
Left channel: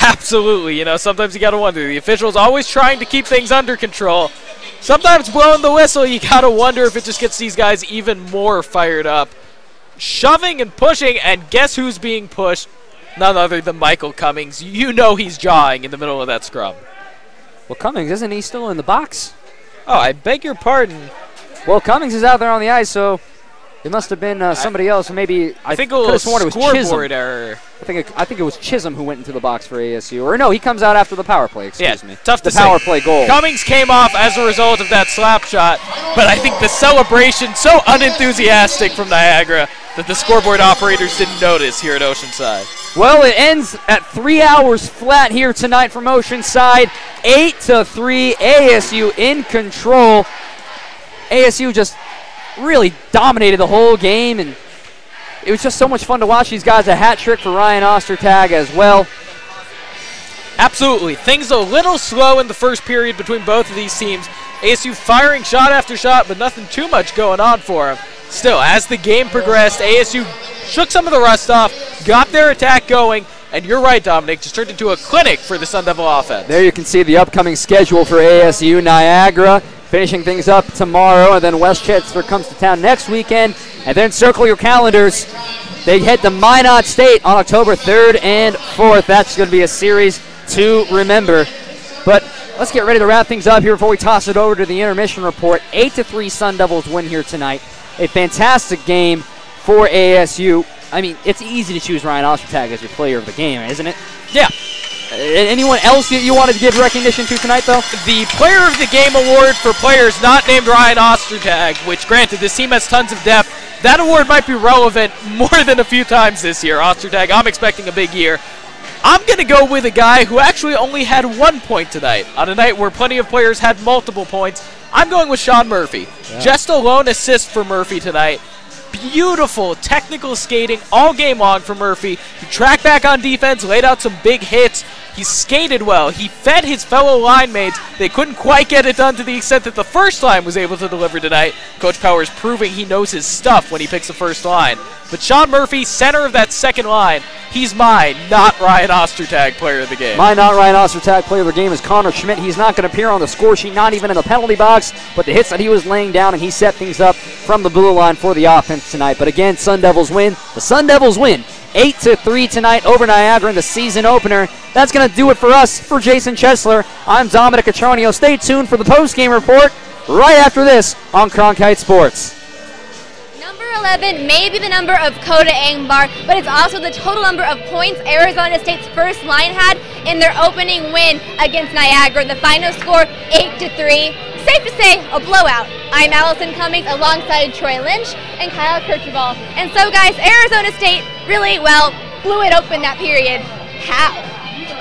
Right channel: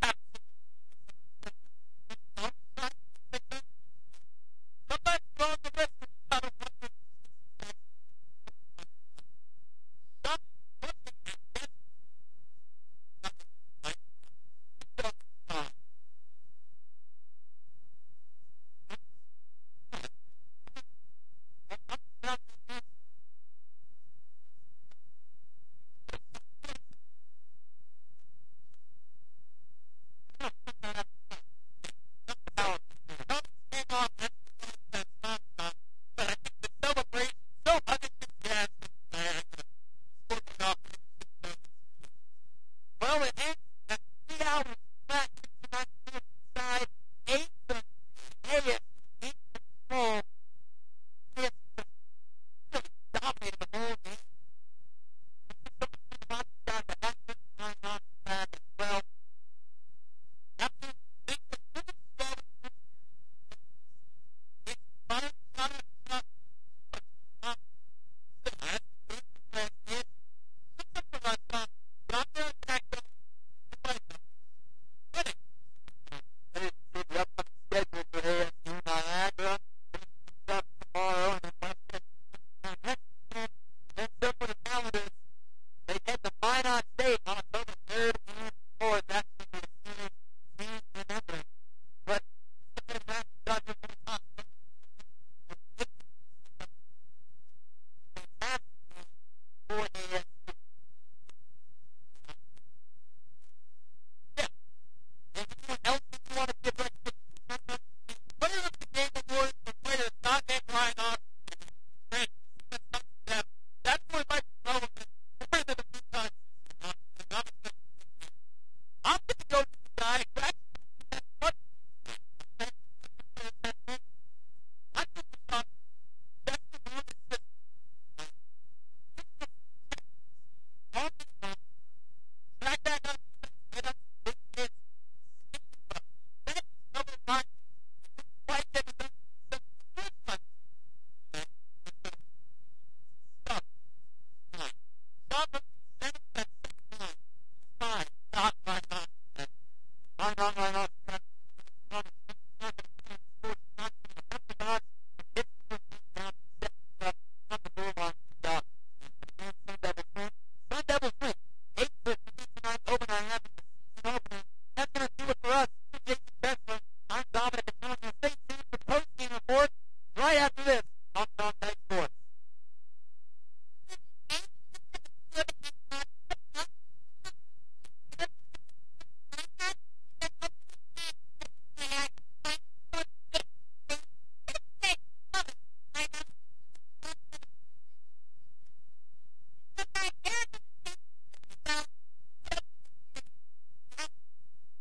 Absolutely. You know, sometimes you got to wonder. The officials always trying to keep things under control. Sometimes blowing the whistle, you got to wonder if it just gets these guys even more fired up. Shoving and pushing, and guess who's being pushed? None other than Michael Cummings. You know he's jawing in the middle of that scrum. Well, Cummings, isn't he still in the box? Oh, I beg your pardon. Well, Cummings is out there on the ice, so it must have been somebody else. Maybe I think could have sworn it was Chisholm. Scoreboard error. I think it was Chisholm who went into the box for ASU. Or no, he comes out after the power play. Excuse me. Tough to say. The power play goal. Cummings came off as a result of that slap shot, but I think the celebration so unenthusiastic from Niagara that the scoreboard operators didn't notice here at Oceanside. Well, it ends at 3 hours flat here tonight from Oceanside. 8-3, ASU in control. ASU just really dominated the whole game, and it was just so much fun to watch these guys. A hat trick for Ryan Ostertag as well. Absolutely. Things a little slow in the first period between both of these teams. ASU firing shot after shot, but nothing too much going on for them. Still, as the game progressed, ASU shook some of the rust off, got their attack going, and you're right, Dominic, just turned into a clinic for the Sun Devil offense. There you can see the upcoming schedule for ASU. Niagara finishing things up tomorrow, and then Westchester comes to town next weekend. And then circle your calendars. They head to Minot State on October 3rd and 4th. That's going to be a series to remember. But let's get ready to wrap things up here before we toss it over to the intermission report. 8-3 Sun Devils win here tonight. A fantastic game for ASU. I mean, it's easy to choose Ryan Ostertag as your player of the game, isn't it? Yeah. Anyone else that you wanted to give recognition to tonight, though? The Player of the Game award for players not named Ryan Ostertag, which, granted, this team has tons of depth. That award might be relevant more than a few times this year. Ostertag, I'm expecting a big year. I'm going to go with a guy who actually only had 1 point tonight, on a night where plenty of players had multiple points. I'm going with Sean Murphy. Yeah. Just a lone assist for Murphy tonight. Beautiful technical skating all game long for Murphy. He tracked back on defense, laid out some big hits. He skated well. He fed his fellow line mates. They couldn't quite get it done to the extent that the first line was able to deliver tonight. Coach Powers proving he knows his stuff when he picks the first line. But Sean Murphy, center of that second line, he's my not Ryan Ostertag player of the game. My not Ryan Ostertag player of the game is Connor Schmidt. He's not going to appear on the score sheet, not even in the penalty box, but the hits that he was laying down, and he set things up from the blue line for the offense tonight. But again, Sun Devils win. The Sun Devils win 8-3 tonight over Niagara in the season opener. That's going to do it for us. For Jason Chesler, I'm Dominic Atronio. Stay tuned for the post-game report right after this on Cronkite Sports. Number 11 may be the number of Coda Angbar, but it's also the total number of points Arizona State's first line had in their opening win against Niagara. The final score, 8-3. Safe to say, a blowout. I'm Allison Cummings alongside Troy Lynch and Kyle Kirchhoff. And so, guys, Arizona State really, blew it open that period. How?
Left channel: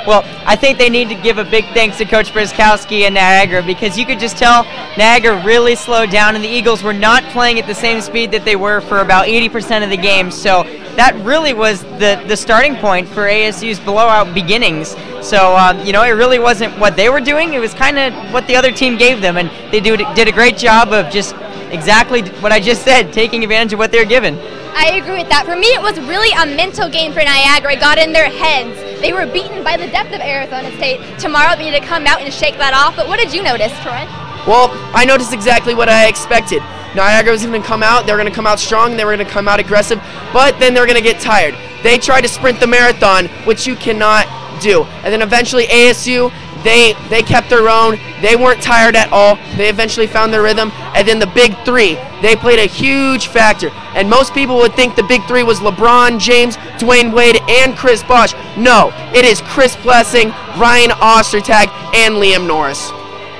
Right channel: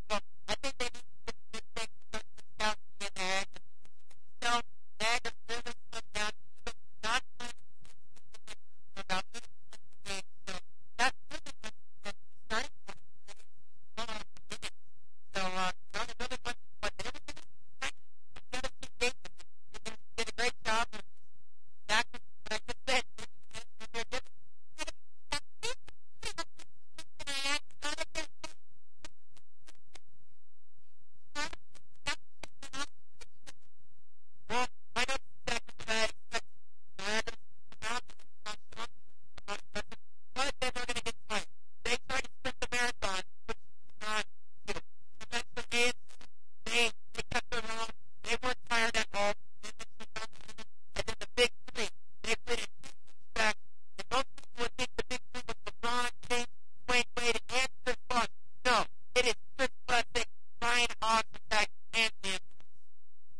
Well, I think they need to give a big thanks to Coach Brzezkowski and Niagara, because you could just tell Niagara really slowed down, and the Eagles were not playing at the same speed that they were for about 80% of the game. So that really was the starting point for ASU's blowout beginnings. So, it really wasn't what they were doing. It was kind of what the other team gave them, and they did a great job of just exactly what I just said, taking advantage of what they're given. I agree with that. For me, it was really a mental game for Niagara. It got in their heads. They were beaten by the depth of Arizona State. Tomorrow they need to come out and shake that off. But what did you notice, Troy? Well, I noticed exactly what I expected. Niagara was going to come out. They were going to come out strong. They were going to come out aggressive. But then they're going to get tired. They tried to sprint the marathon, which you cannot do. And then eventually ASU They kept their own. They weren't tired at all. They eventually found their rhythm. And then the big three, they played a huge factor. And most people would think the big three was LeBron James, Dwayne Wade, and Chris Bosh. No, it is Chris Blessing, Ryan Ostertag, and Liam Norris.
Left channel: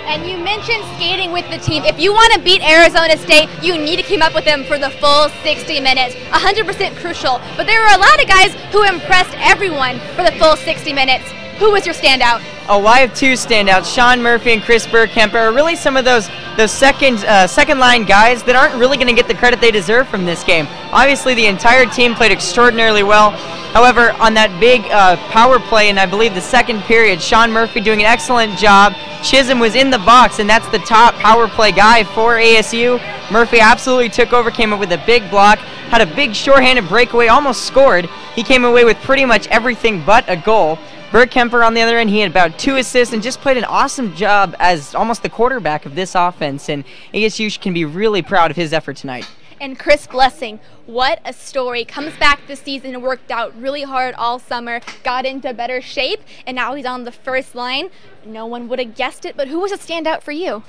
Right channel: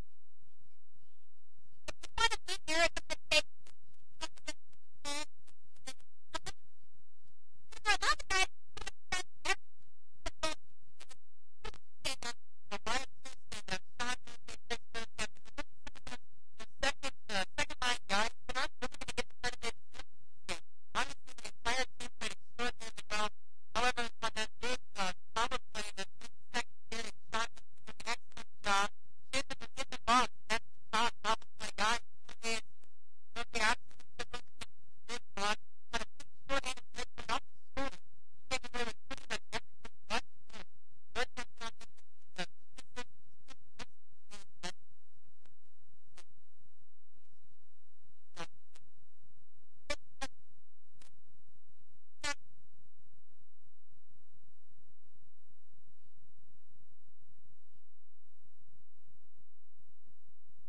And you mentioned skating with the team. If you want to beat Arizona State, you need to keep up with them for the full 60 minutes. 100% crucial. But there were a lot of guys who impressed everyone for the full 60 minutes. Who was your standout? Oh, well, I have two standouts. Sean Murphy and Chris Burkemper are really some of those second line guys that aren't really going to get the credit they deserve from this game. Obviously, the entire team played extraordinarily well. However, on that big power play in, I believe, the second period, Sean Murphy doing an excellent job. Chisholm was in the box, and that's the top power play guy for ASU. Murphy absolutely took over, came up with a big block, had a big shorthanded breakaway, almost scored. He came away with pretty much everything but a goal. Burkemper, on the other end, he had about 2 assists and just played an awesome job as almost the quarterback of this offense, and ASU can be really proud of his effort tonight. And Chris Blessing, what a story. Comes back this season, worked out really hard all summer, got into better shape, and now he's on the first line. No one would have guessed it, but who was a standout for you?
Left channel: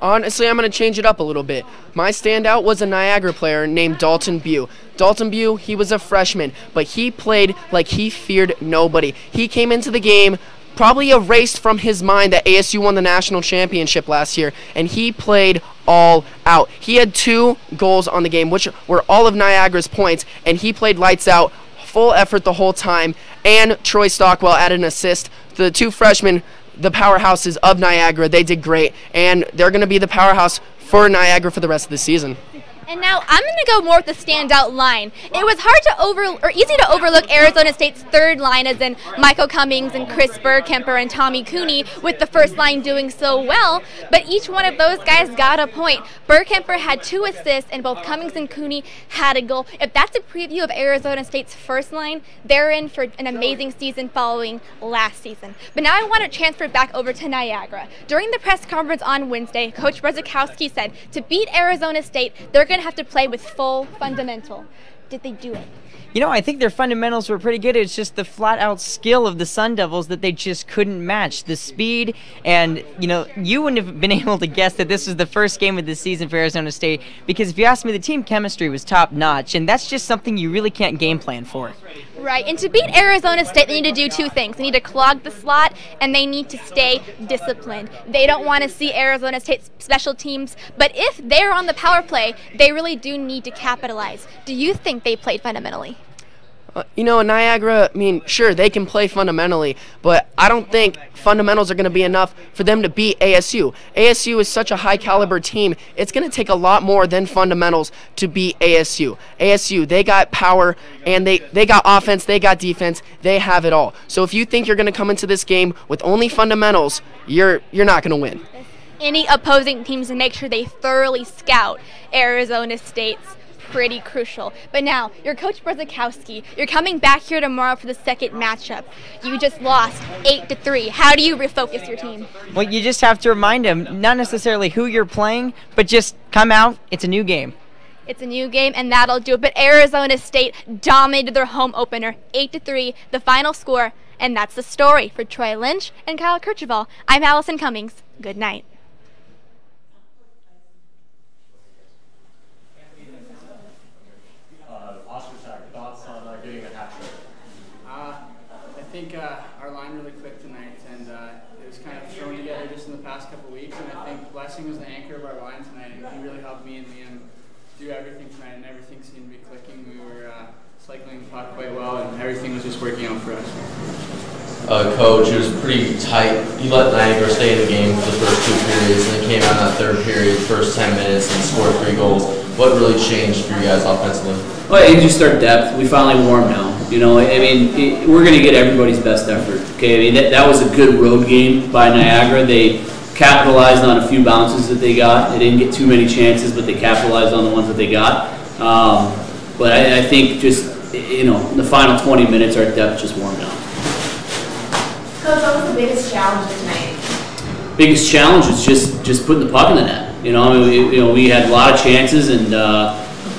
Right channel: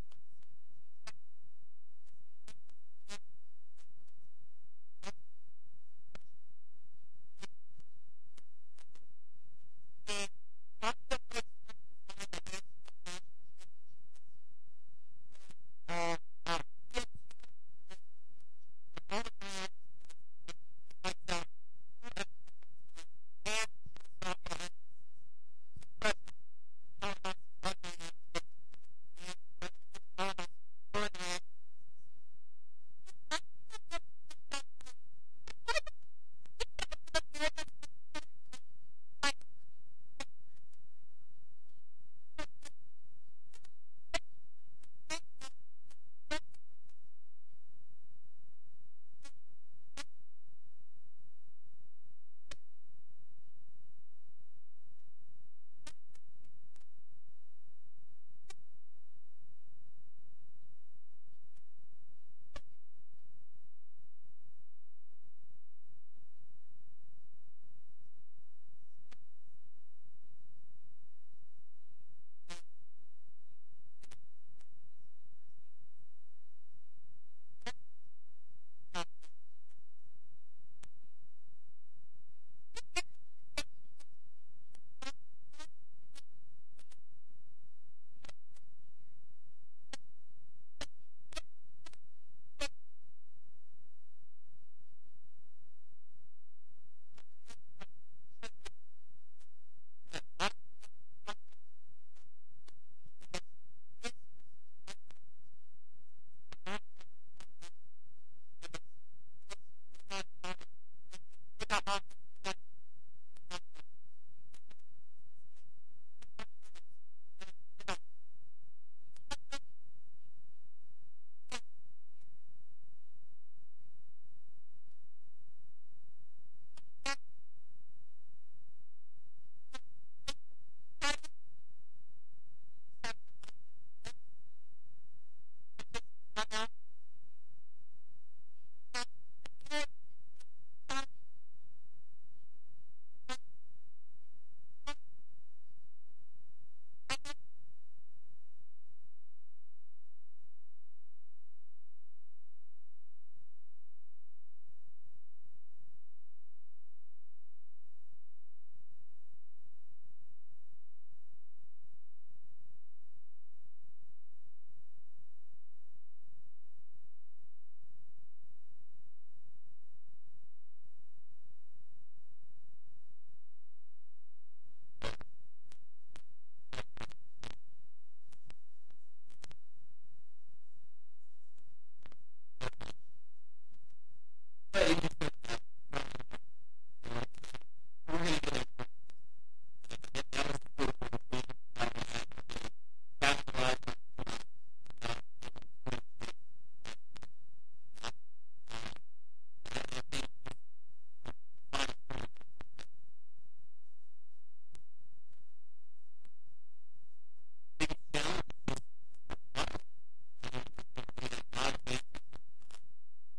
Honestly, I'm going to change it up a little bit. My standout was a Niagara player named Dalton Bew. Dalton Bew, he was a freshman, but he played like he feared nobody. He came into the game probably erased from his mind that ASU won the national championship last year, and he played all out. He had 2 goals on the game, which were all of Niagara's points, and he played lights out, full effort the whole time, and Troy Stockwell added an assist. The 2 freshmen, the powerhouses of Niagara, they did great, and they're going to be the powerhouse for Niagara for the rest of the season. And now I'm going to go more with the standout line. It was hard to easy to overlook Arizona State's third line, as in Michael Cummings and Chris Burkemper and Tommy Cooney, with the first line doing so well. But each one of those guys got a point. Burkemper had 2 assists, and both Cummings and Cooney had a goal. If that's a preview of Arizona State's first line, they're in for an amazing season following last season. But now I want to transfer back over to Niagara. During the press conference on Wednesday, Coach Brzezikowski said to beat Arizona State, they're going to have to play with full fundamental. Did they do it? You know, I think their fundamentals were pretty good. It's just the flat-out skill of the Sun Devils that they just couldn't match. The speed, and, you know, you wouldn't have been able to guess that this was the first game of the season for Arizona State, because if you ask me, the team chemistry was top-notch, and that's just something you really can't game plan for. Right, and to beat Arizona State, they need to do 2 things. They need to clog the slot, and they need to stay disciplined. They don't want to see Arizona State's special teams, but if they're on the power play, they really do need to capitalize. Do you think they played fundamentally? You know, Niagara, I mean, sure, they can play fundamentally, but I don't think fundamentals are going to be enough for them to beat ASU. ASU is such a high-caliber team, it's going to take a lot more than fundamentals to beat ASU. ASU, they got power, and they got offense, they got defense, they have it all. So if you think you're going to come into this game with only fundamentals, you're not going to win. Any opposing teams, and make sure they thoroughly scout Arizona State's pretty crucial. But now, you're Coach Brzezikowski. You're coming back here tomorrow for the second matchup. You just lost 8-3. How do you refocus your team? Well, you just have to remind them, not necessarily who you're playing, but just come out. It's a new game. It's a new game, and that'll do it. But Arizona State dominated their home opener, 8-3, the final score. And that's the story for Troy Lynch and Kyle Kirchhoff. I'm Allison Cummings. Good night. I think our line really clicked tonight, and it was kind of thrown together just in the past couple weeks, and I think Blessing was the anchor of our line tonight, and he really helped me and Liam do everything tonight, and everything seemed to be clicking. We were cycling the puck quite well, and everything was just working out for us. Coach, it was pretty tight. You let Niagara stay in the game for the first 2 periods, and then came out in that third period, first 10 minutes, and scored 3 goals. What really changed for you guys offensively? Well, it's just our depth. We finally wore them down. You know, I mean, we're going to get everybody's best effort. Okay, I mean, that was a good road game by Niagara. They capitalized on a few bounces that they got. They didn't get too many chances, but they capitalized on the ones that they got. But I think just, you know, in the final 20 minutes, our depth just wore them down. Coach, what was the biggest challenge tonight? Biggest challenge is just putting the puck in the net. You know, I mean, we had a lot of chances, and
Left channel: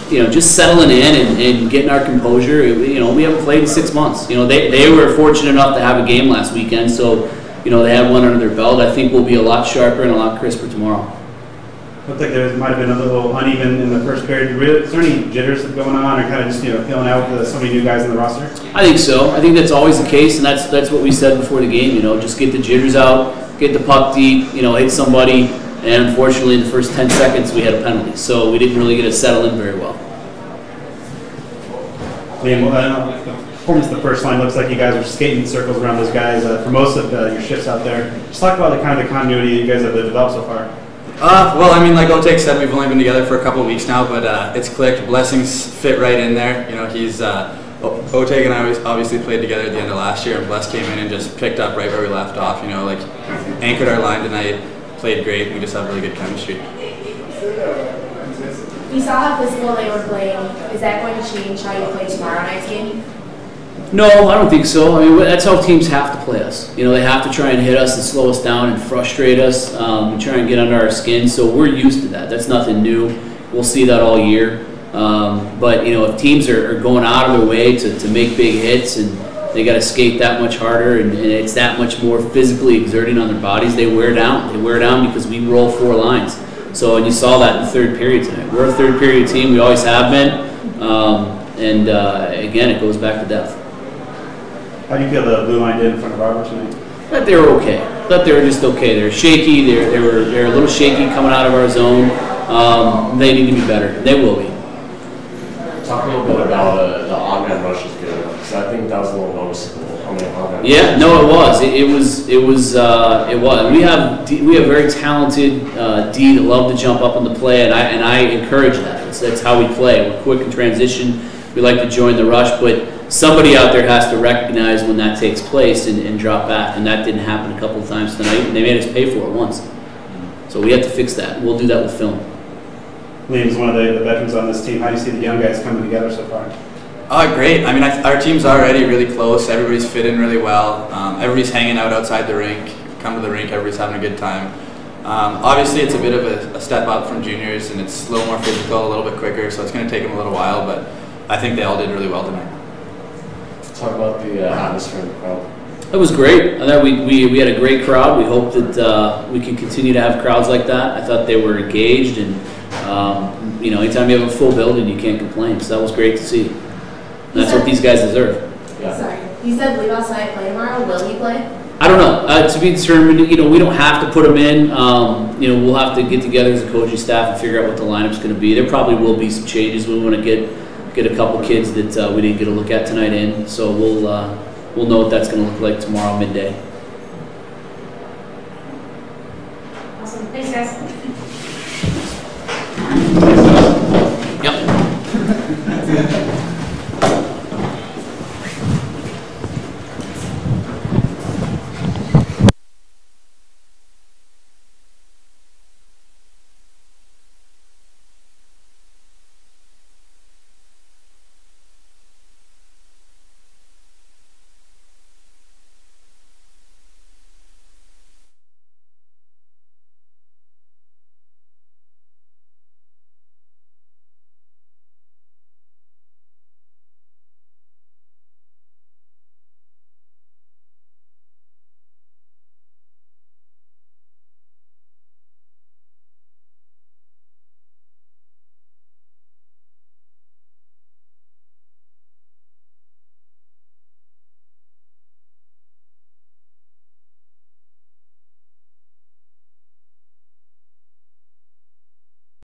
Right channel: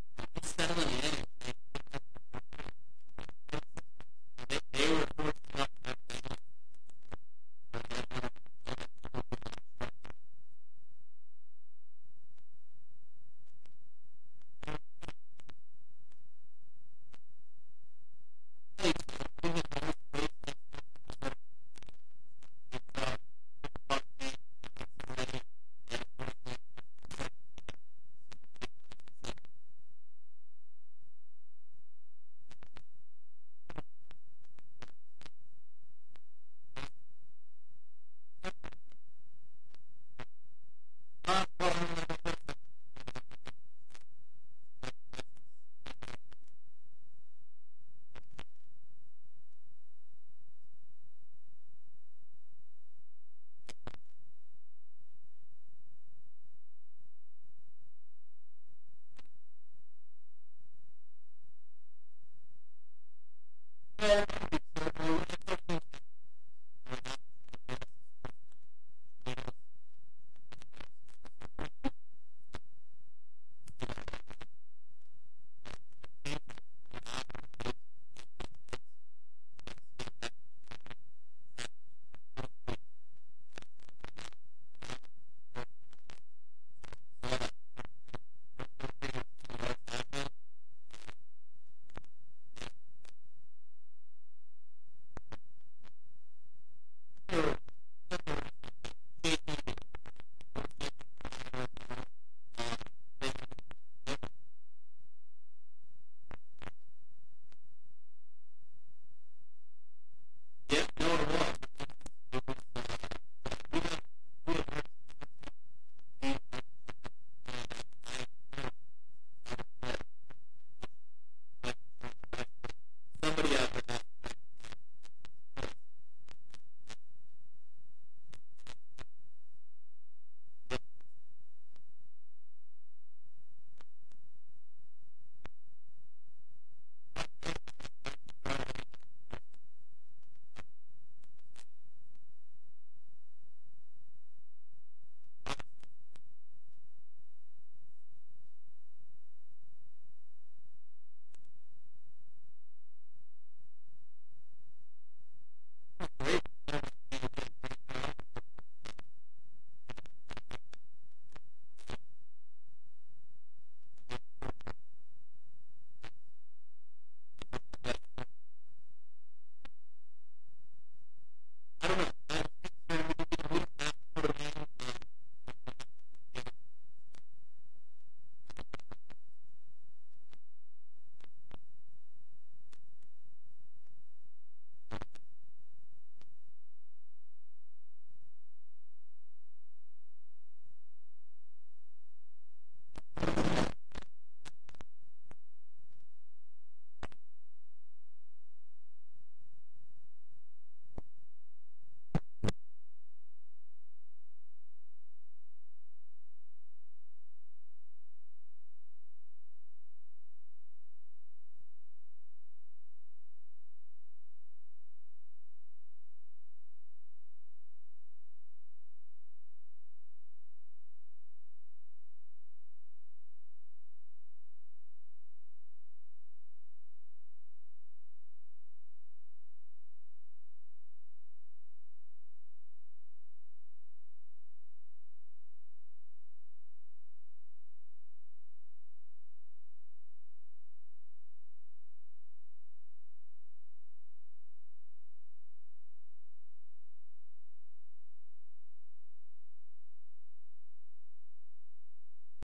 you know, just settling in and getting our composure. You know, we haven't played in 6 months. You know, they were fortunate enough to have a game last weekend, so you they had one under their belt. I think we'll be a lot sharper and a lot crisper tomorrow. Looked like there might have been a little uneven in the first period. Is there any jitters going on, or kind of just feeling out with so many new guys in the roster? I think so. I think that's always the case, and that's what we said before the game. Just get the jitters out, get the puck deep, hit somebody, and unfortunately in the first 10 seconds we had a penalty, so we didn't really get to settle in very well. Liam, the performance of the first line looks like you guys are skating circles around those guys for most of your shifts out there. Just talk about the kind of continuity you guys have developed so far. Well, I mean, like Otek said, we've only been together for a couple of weeks now, but it's clicked. Blessings fit right in there. He's Otek and I obviously played together at the end of last year, and Bless came in and just picked up right where we left off. Anchored our line tonight, played great. We just have really good chemistry. You saw how physical they were playing. Is that going to change how you play tomorrow night's game? No, I don't think so. I mean, that's how teams have to play us. They have to try and hit us and slow us down and frustrate us, and try and get under our skin. So we're used to that. That's nothing new. We'll see that all year. But if teams are going out of their way to make big hits, and they got to skate that much harder, and it's that much more physically exerting on their bodies, they wear down. They wear down because we roll 4 lines. So, and you saw that in the third period tonight. We're a third period team. We always have been. Again, it goes back to depth. How do you feel the blue line did in front of Arbor tonight? That they were okay. That they were just okay. They're shaky. They're a little shaky coming out of our zone. They need to be better. They will be. Talk a little bit about the on-man rush is good, because I think that was a little noticeable. How many on-man Yeah, no, it was. It was. We have very talented D that love to jump up on the play, and I encourage that. That's how we play. We're quick in transition. We like to join the rush, but somebody out there has to recognize when that takes place and drop back, and that didn't happen a couple of times tonight, and they made us pay for it once. So we have to fix that. We'll do that with film. Liam's one of the veterans on this team. How do you see the young guys coming together so far? Great. I mean, our team's already really close. Everybody's fit in really well. Everybody's hanging out outside the rink. Come to the rink, everybody's having a good time. Obviously, it's a bit of a step up from juniors, and it's a little more physical, a little bit quicker, so it's going to take them a little while, but I think they all did really well tonight. Talk about the atmosphere in the crowd. It was great. I thought we had a great crowd. We hope that we can continue to have crowds like that. I thought they were engaged, and anytime you have a full building, you can't complain. So that was great to see. And that's what these guys deserve. Yeah. Sorry, you said leave outside play tomorrow. Will he play? I don't know. To be determined. We don't have to put him in. We'll have to get together as a coaching staff and figure out what the lineup's going to be. There probably will be some changes. We want to get a couple kids that we didn't get a look at tonight in. So we'll know what that's going to look like tomorrow midday. Awesome. Thanks, guys.